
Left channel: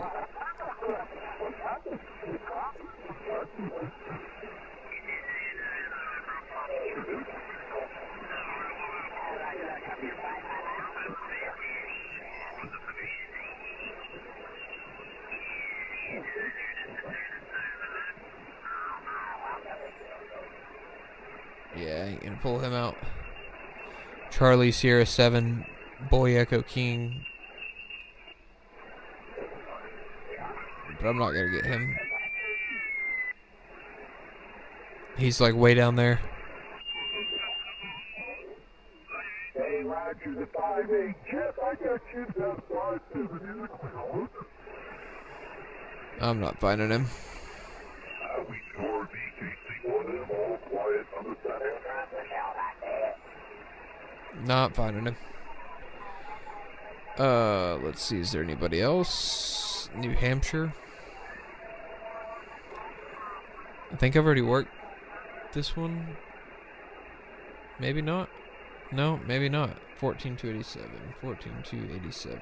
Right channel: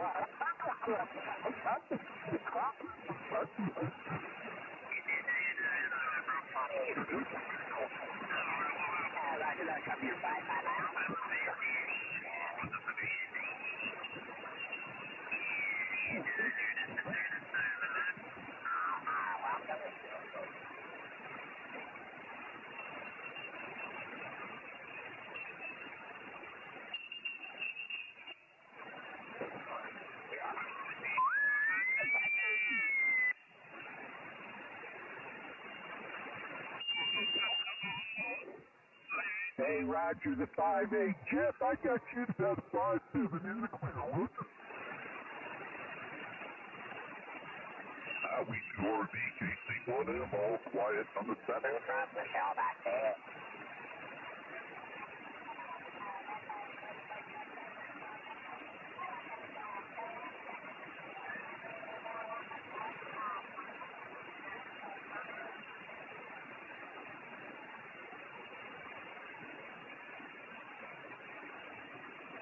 Yeah, you can pull him out. Charlie Sierra 7, Boy Echo King. But I'm not gonna get him. He's like way down there. Hey, Roger, the 5-8. Jeff, I got you about 5-7 in the clear. I'm not finding him. We score BKC1 and I'm all quiet on the 7. Not finding him. Let's see, is there anybody else? New Hampshire. I think I've already worked this one. Maybe not. No, maybe not. 14287. 14287.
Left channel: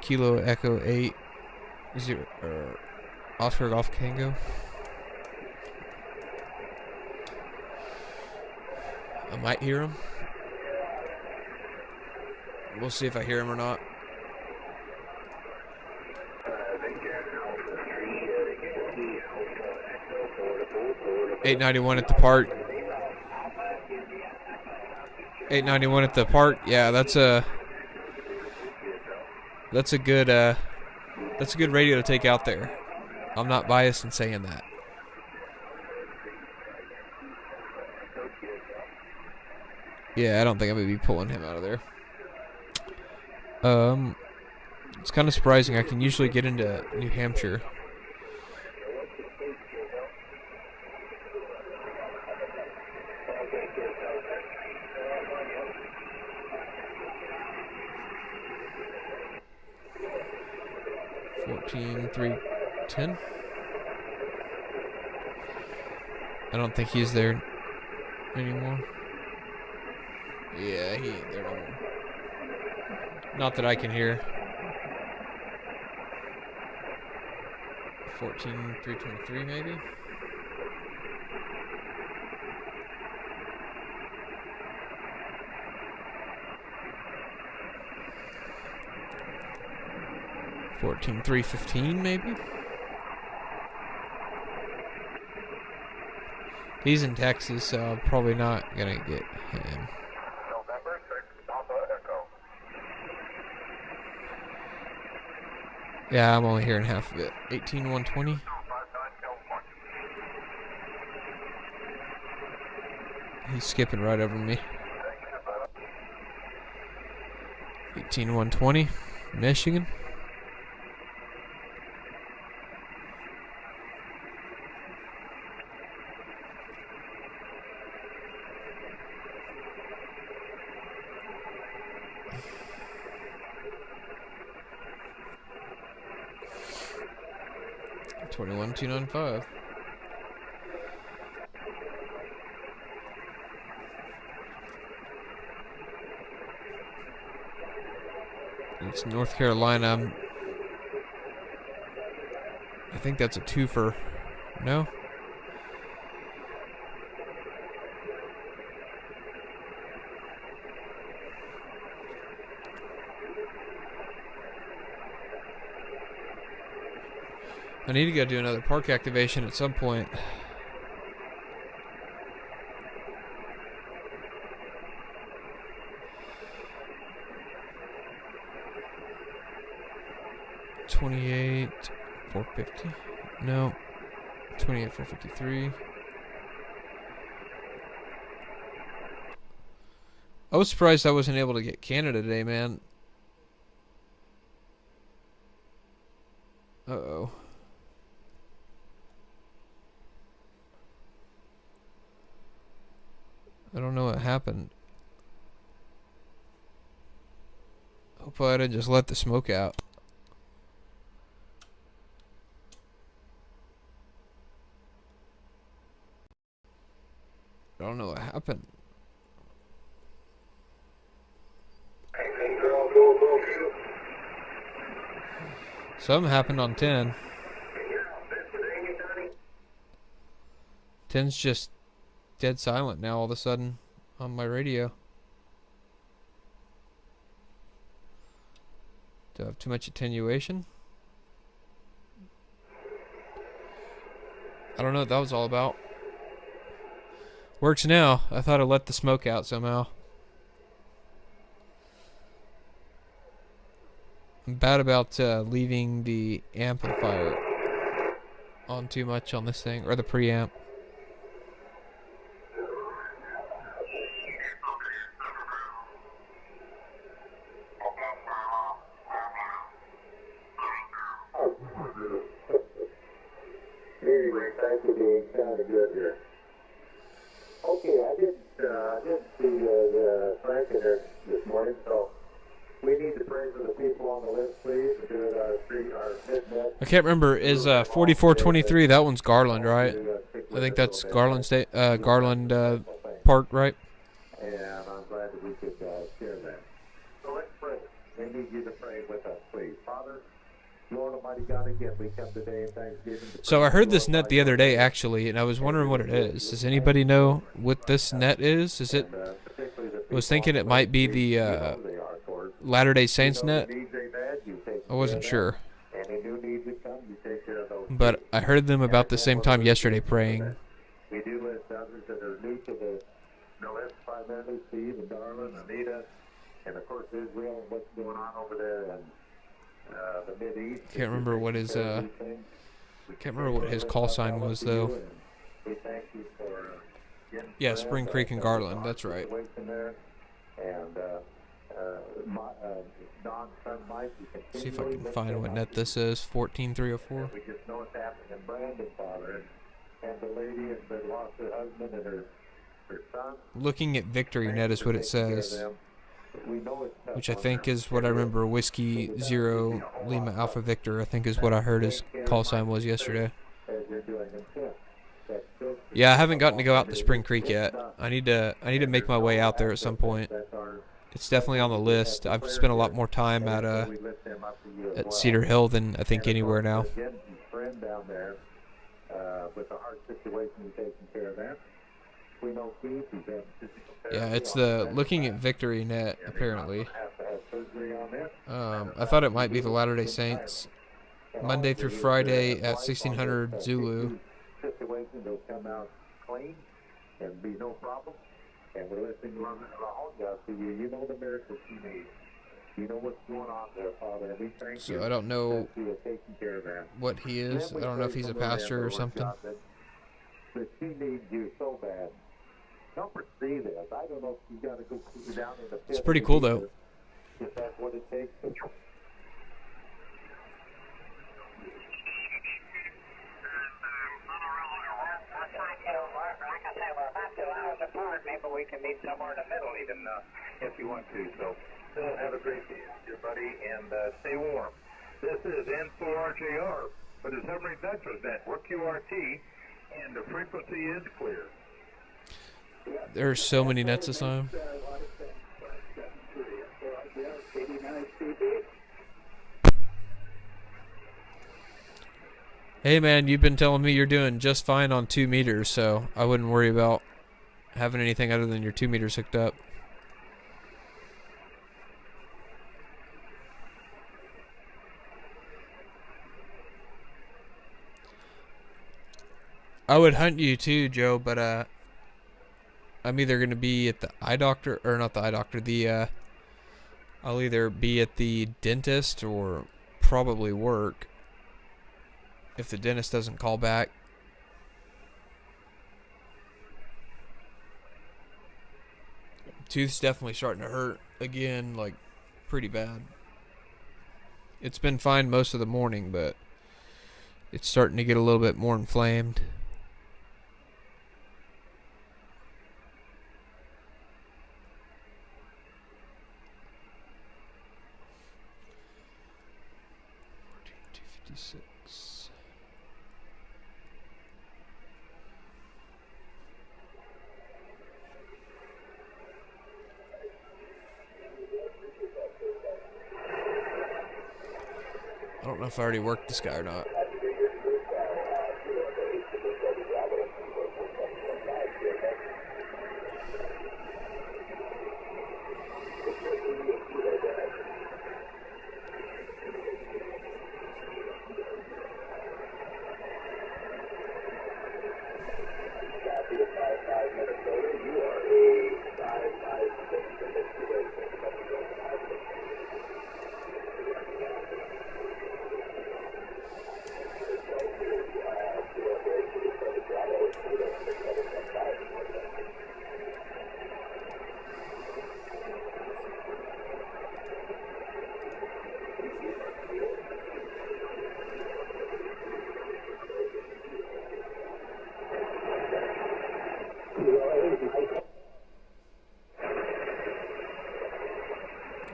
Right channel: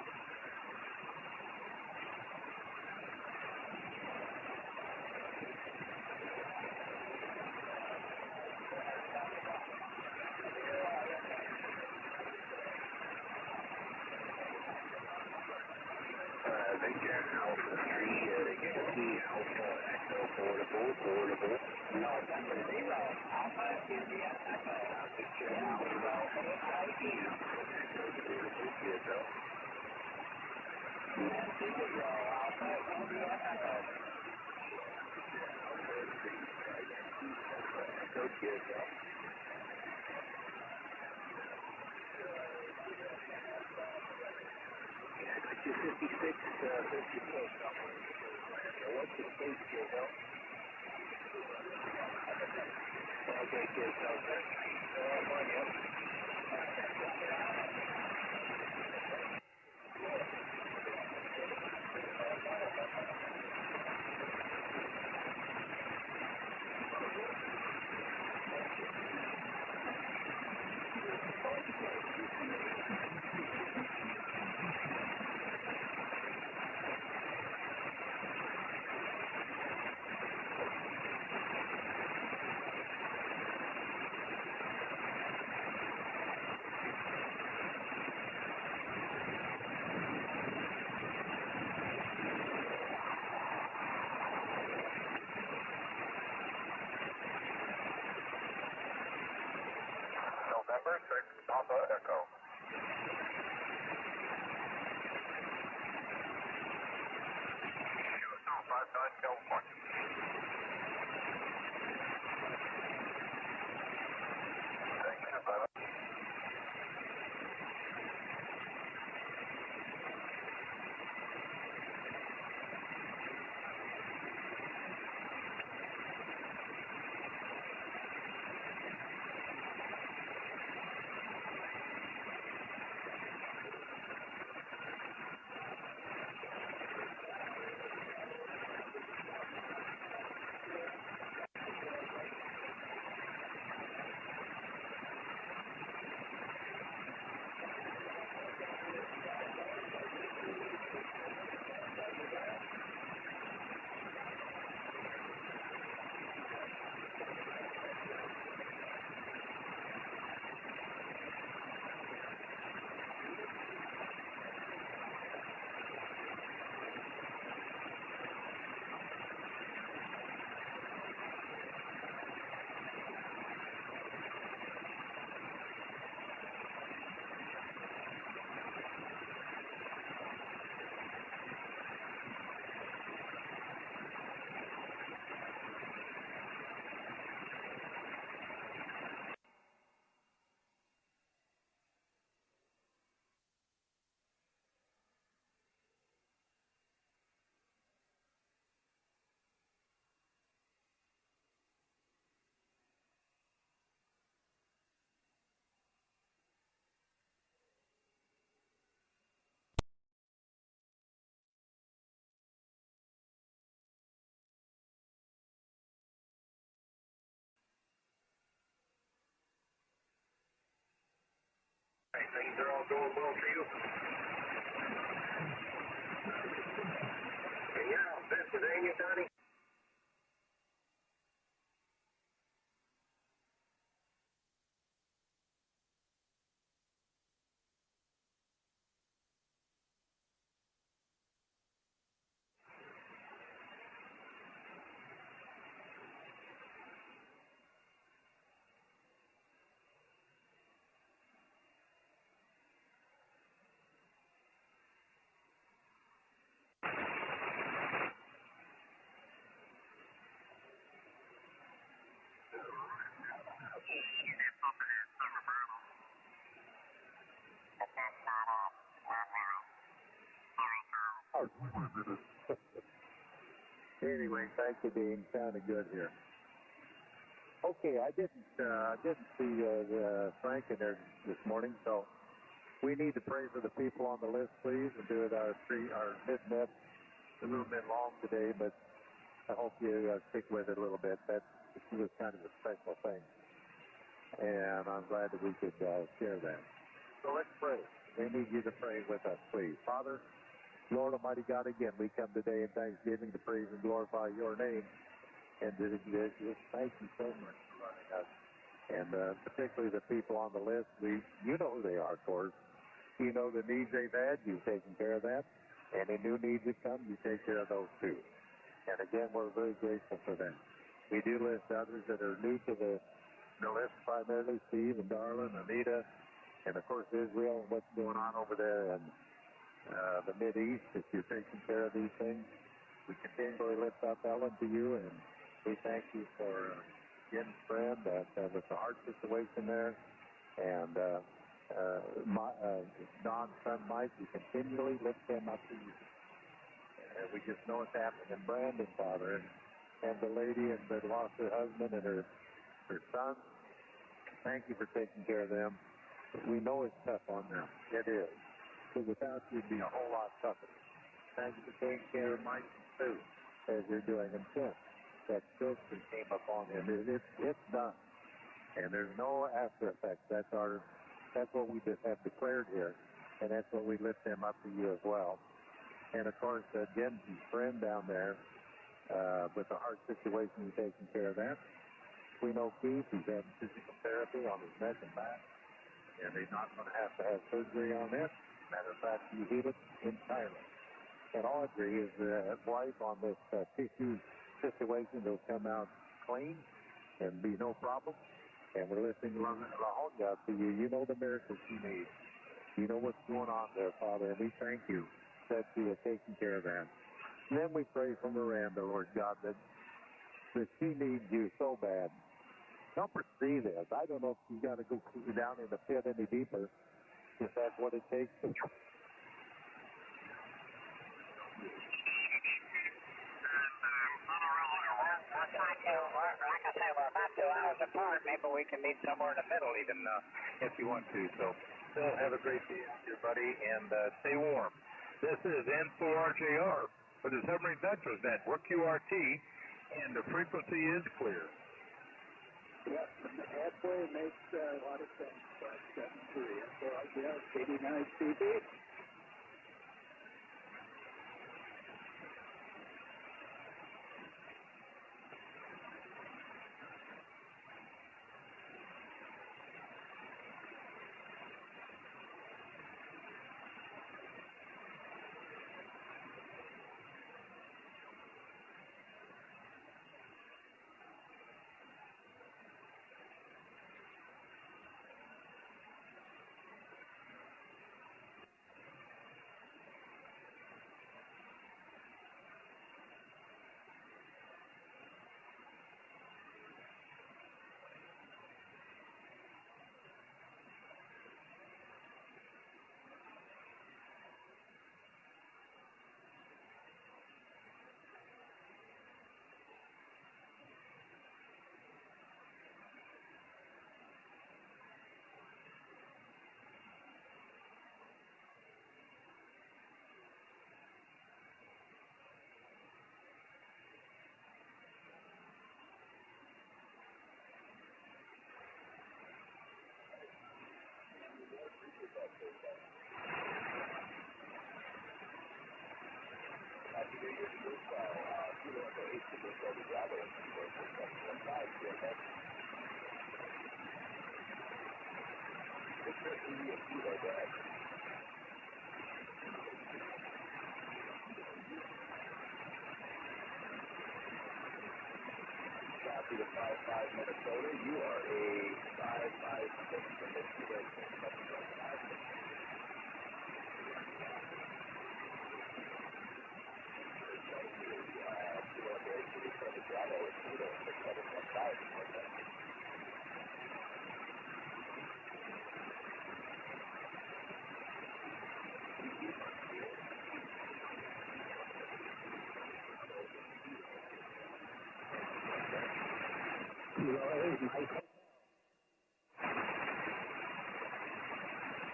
Kilo Echo 8. 0. Oscar Golf Tango. I might hear him. We'll see if I hear him or not. 891 at the park. 891 at the park. Yeah, that's a good radio to take out there. I'm not biased in saying that. Yeah, I don't think I'm going to be pulling him out of there. It's kind of surprising. I can usually get into New Hampshire. $14,310. I don't think he's there anymore. Yeah, he ain't there anymore. Not that I can hear. 14,323 maybe. $14,315 maybe. He's in Texas, so I'm probably not gonna get him. November 6, Papa Echo. Yeah, I'm only hearing half of it. 18,120. He's skipping right over me. 18,120. Michigan. $21,295. It's North Carolina. I think that's a twofer. No? I need to go do another park activation at some point. $28,450. No. $28,453. I was surprised I wasn't able to get Canada today, man. Uh-oh. I don't know what happened. Hopefully I didn't just let the smoke out. I don't know what happened. Something happened on 10. 10's just dead silent now all of a sudden on my radio. Do I have too much attenuation? I don't know what that was all about. Works now. I thought I let the smoke out somehow. I'm bad about leaving the amplifier on too much on this thing, or the preamp. Anyway, thank you, Dean. Sounded good here. Okay, I didn't see Frank in there this morning, so we need to pray for the people on the list, please, and do it our mid-net. I can't remember. Is 4423? That one's Garland, right? I think that's Garland State, Garland Park, right? And I'm glad that we could share that. So let's pray. We need you to pray with us, please. Father, Lord Almighty God, again, we come today in thanksgiving. So I heard this net the other day, actually, and I was wondering what it is. Does anybody know what this net is? Is it? I was thinking it might be the Latter-day Saints net. I wasn't sure. Any new needs that come, you take care of those. But I heard them about the same time yesterday praying. We do list others that are new to the list, primarily Steve and Darlin, Anita, and of course Israel and what's going on over there and the Mideast. Can't remember what his can't remember what his call sign was though. We thank you for Yeah, Spring Creek and Garland. That's right. There. And Don's son Mike, he See if I can find what net this is. 14304. We just know it's happening in Brandon, Father, and the lady that lost her husband and her son. Looking at Victory Net is what it says, which I think is what I remember. Whiskey 0 Lima Alpha Victor, I think is what I heard his call sign was yesterday. Yeah, I haven't gotten to go out to Spring Creek yet. I need to make my way out there at some point. It's definitely on the list. I've spent a lot more time at Cedar Hill than I think anywhere now. Yeah, it's the Looking at Victory Net, apparently. I thought it might be the Latter-day Saints. Monday through Friday at 1600 Zulu. Situation will come out clean and be no problem. And we're listening to LaHonga to you. You know the miracles you need. You know what's going on there, Father, and we thank you. So I don't know that you are taking care of that. What he is. I don't know if he's a pastor or something. God, that she needs you so bad. Help her see this. I don't know if she's got to go down in the pit. It's pretty cool, though. If that's what it takes. Like I say, we're about 2 hours apart. Maybe we can meet somewhere in the middle even if you want to. So have a great day, everybody, and stay warm. This is N4RJR for the Submarine Veterans Network, QRT, and the frequency is clear. There's so many nets assigned. Hey man, you've been telling me you're doing just fine on 2 meters, so I wouldn't worry about having anything other than your 2 meters hooked up. I would hunt you too, Joe, but I'm either gonna be at the eye doctor, or not the eye doctor, I'll either be at the dentist or probably work. If the dentist doesn't call back. Tooth's definitely starting to hurt again, like pretty bad. It's been fine most of the morning, but it's starting to get a little bit more inflamed. I don't know if I already worked this guy or not.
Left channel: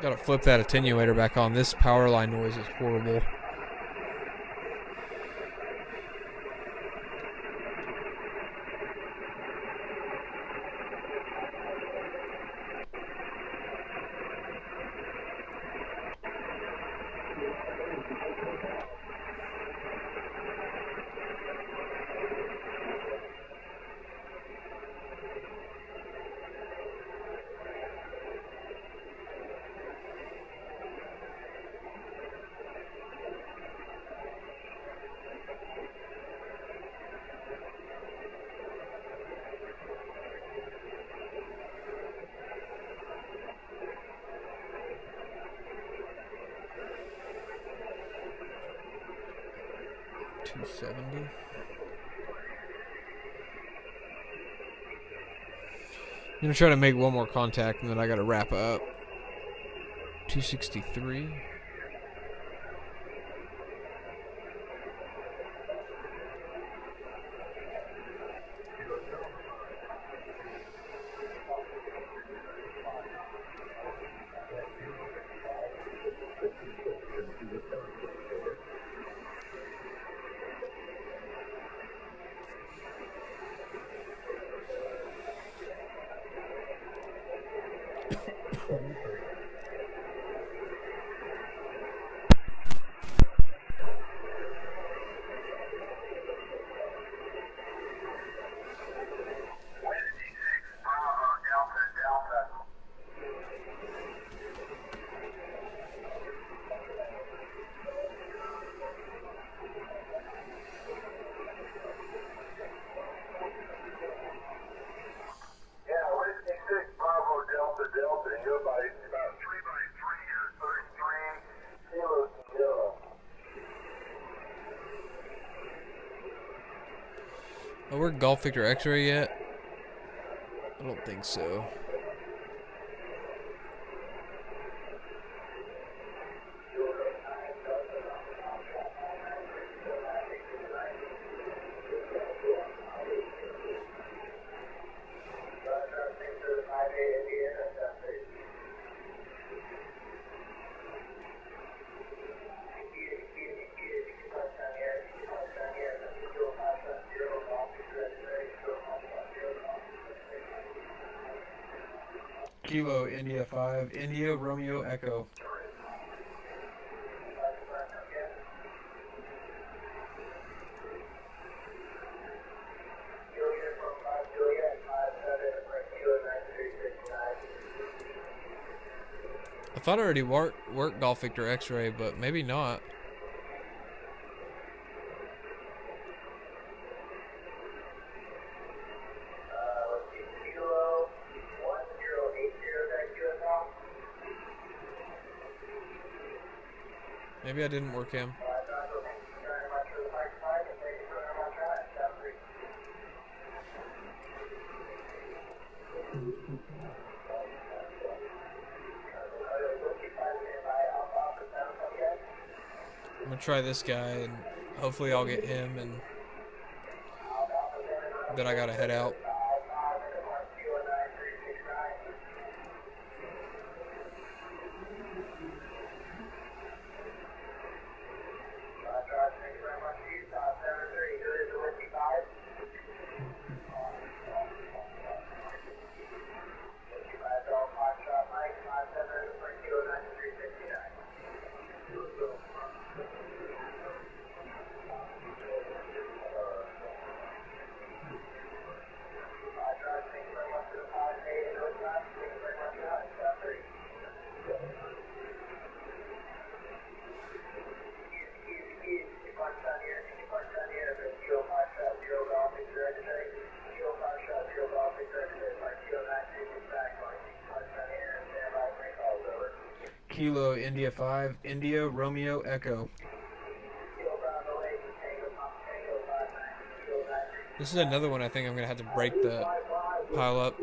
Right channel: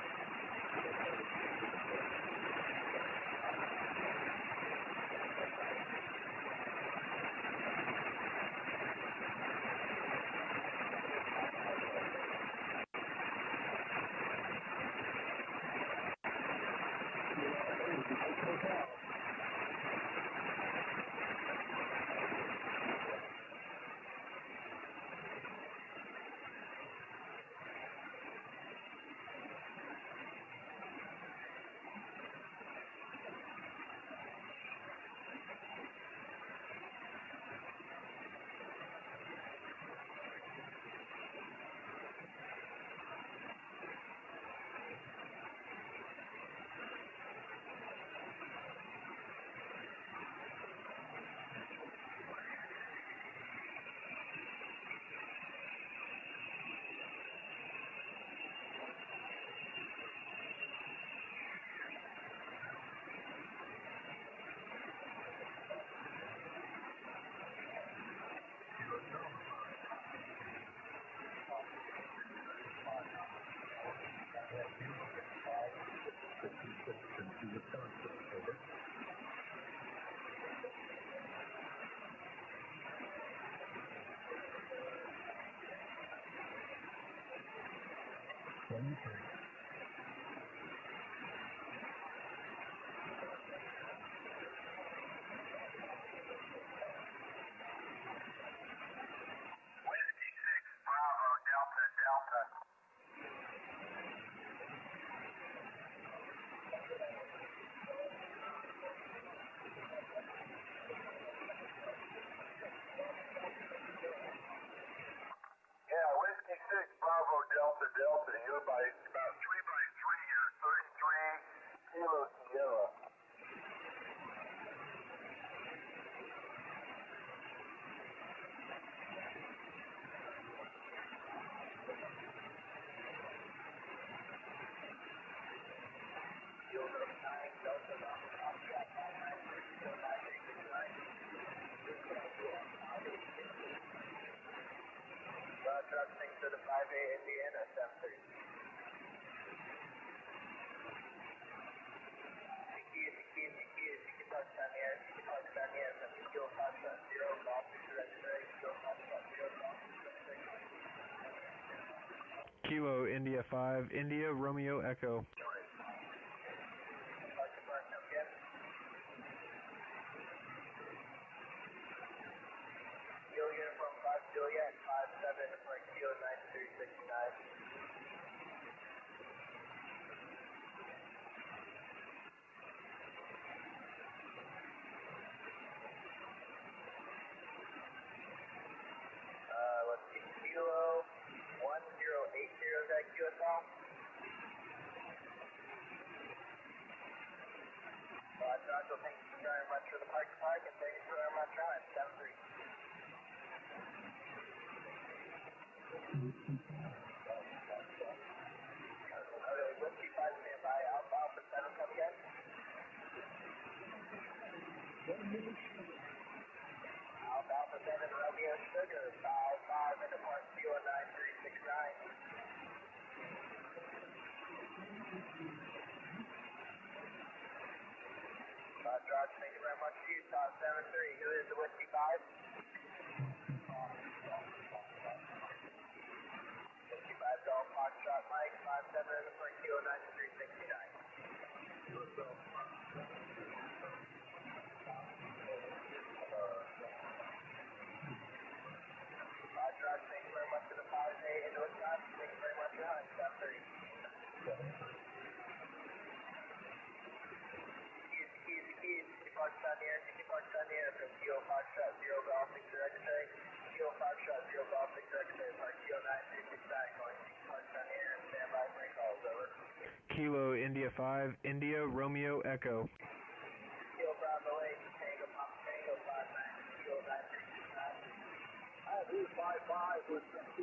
Gotta flip that attenuator back on. This power line noise is horrible. I'm gonna try to make one more contact and then I gotta wrap up. 263. Oh, we're Golf Victor X-ray yet? I don't think so. Kilo India 5, India Romeo Echo. I thought I already worked Golf Victor X-ray, but maybe not. Maybe I didn't work him. I'm gonna try this guy and hopefully I'll get him, and then I gotta head out. Kilo India 5, India Romeo Echo. This is another one I think I'm gonna have to break the pile up.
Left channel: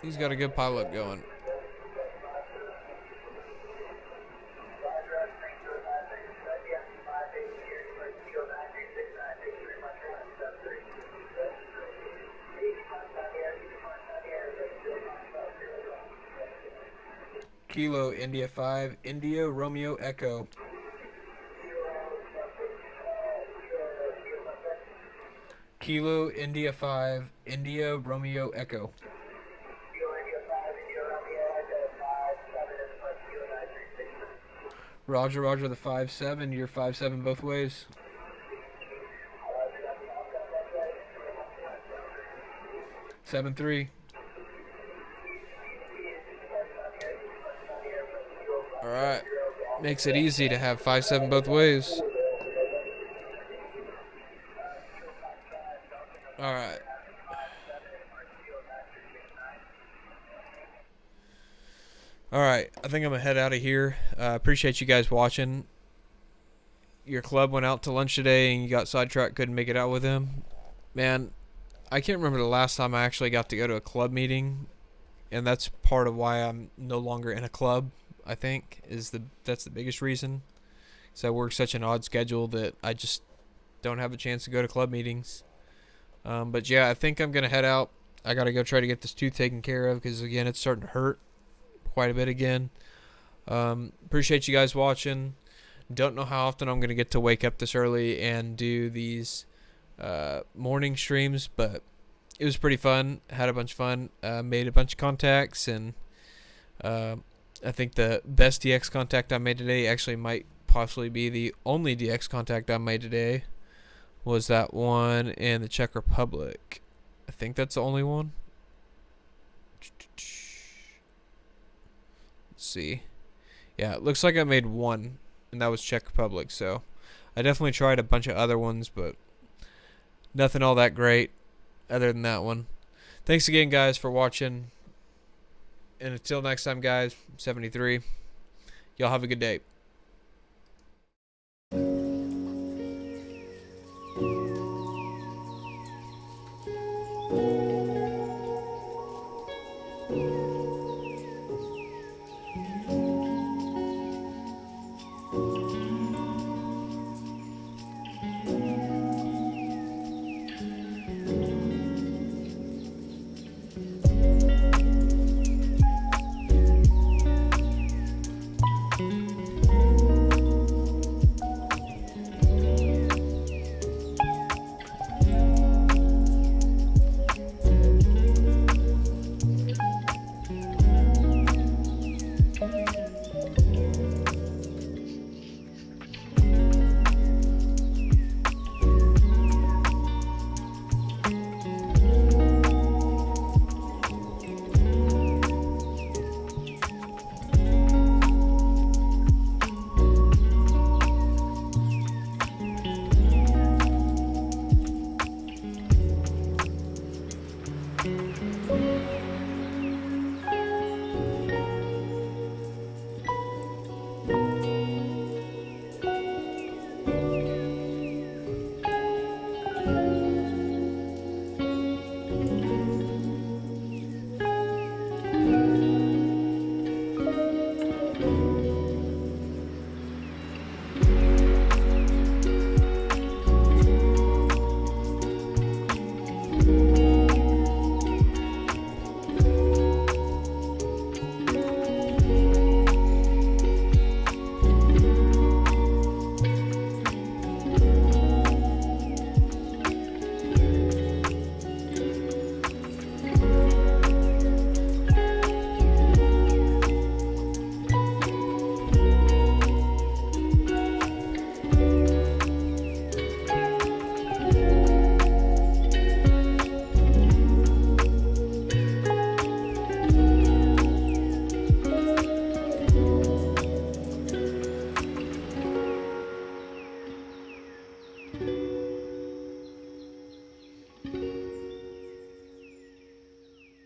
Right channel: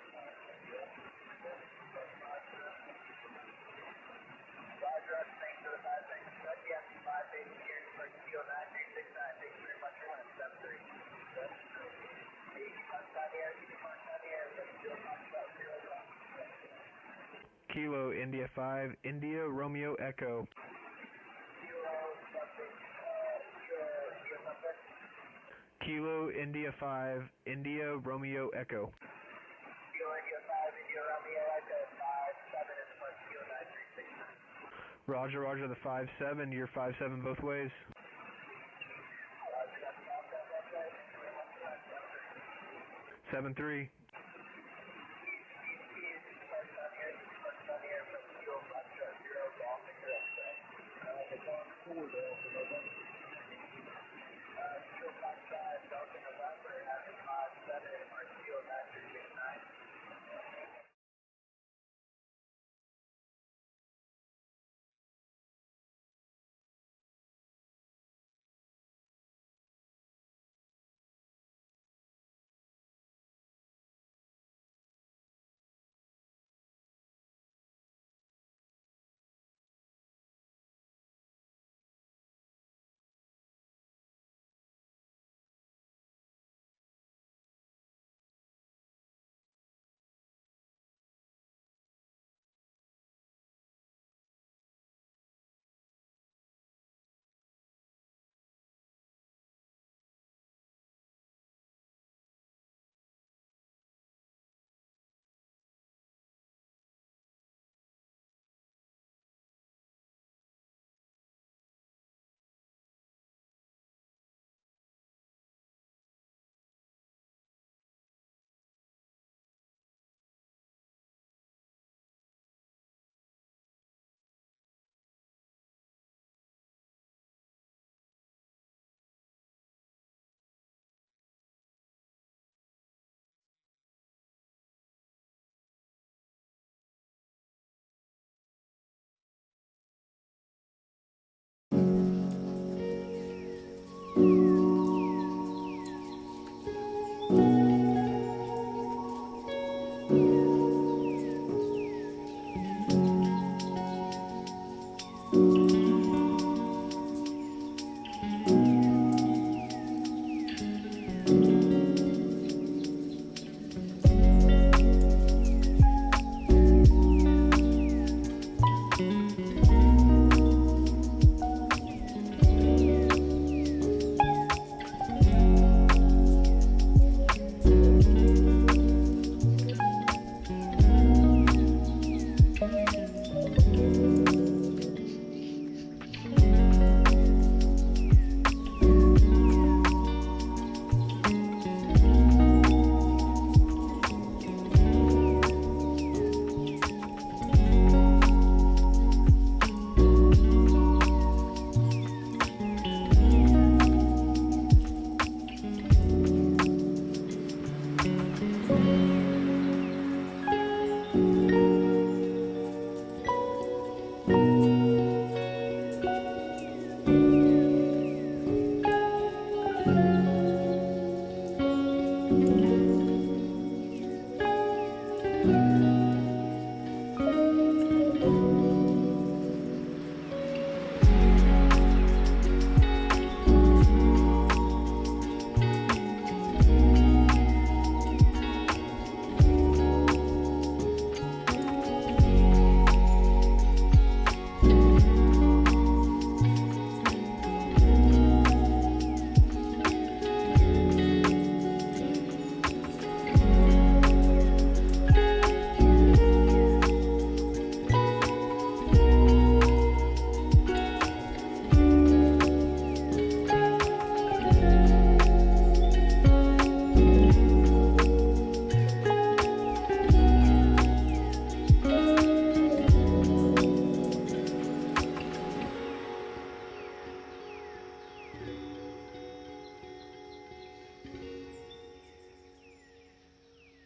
He's got a good pilot going. Kilo India 5, India Romeo Echo. Kilo India 5, India Romeo Echo. Roger, roger, the 5-7, you're 5-7 both ways. Seven 3. Alright. Makes it easy to have 5-7 both ways. All right. All right. I think I'm gonna head out of here. Appreciate you guys watching. Your club went out to lunch today, and you got sidetracked. Couldn't make it out with him. Man, I can't remember the last time I actually got to go to a club meeting, and that's part of why I'm no longer in a club. I think that's the biggest reason. So I work such an odd schedule that I just don't have a chance to go to club meetings. But yeah, I think I'm gonna head out. I gotta go try to get this tooth taken care of because again, it's starting to hurt quite a bit again. Appreciate you guys watching. Don't know how often I'm gonna get to wake up this early and do these morning streams, but it was pretty fun. Had a bunch of fun. Made a bunch of contacts, and I think the best DX contact I made today actually might possibly be the only DX contact I made today. Was that one in the Czech Republic? I think that's the only one. Let's see. Yeah, it looks like I made one, and that was Czech Republic. So I definitely tried a bunch of other ones, but nothing all that great other than that one. Thanks again, guys, for watching. And until next time, guys, 73. Y'all have a good day.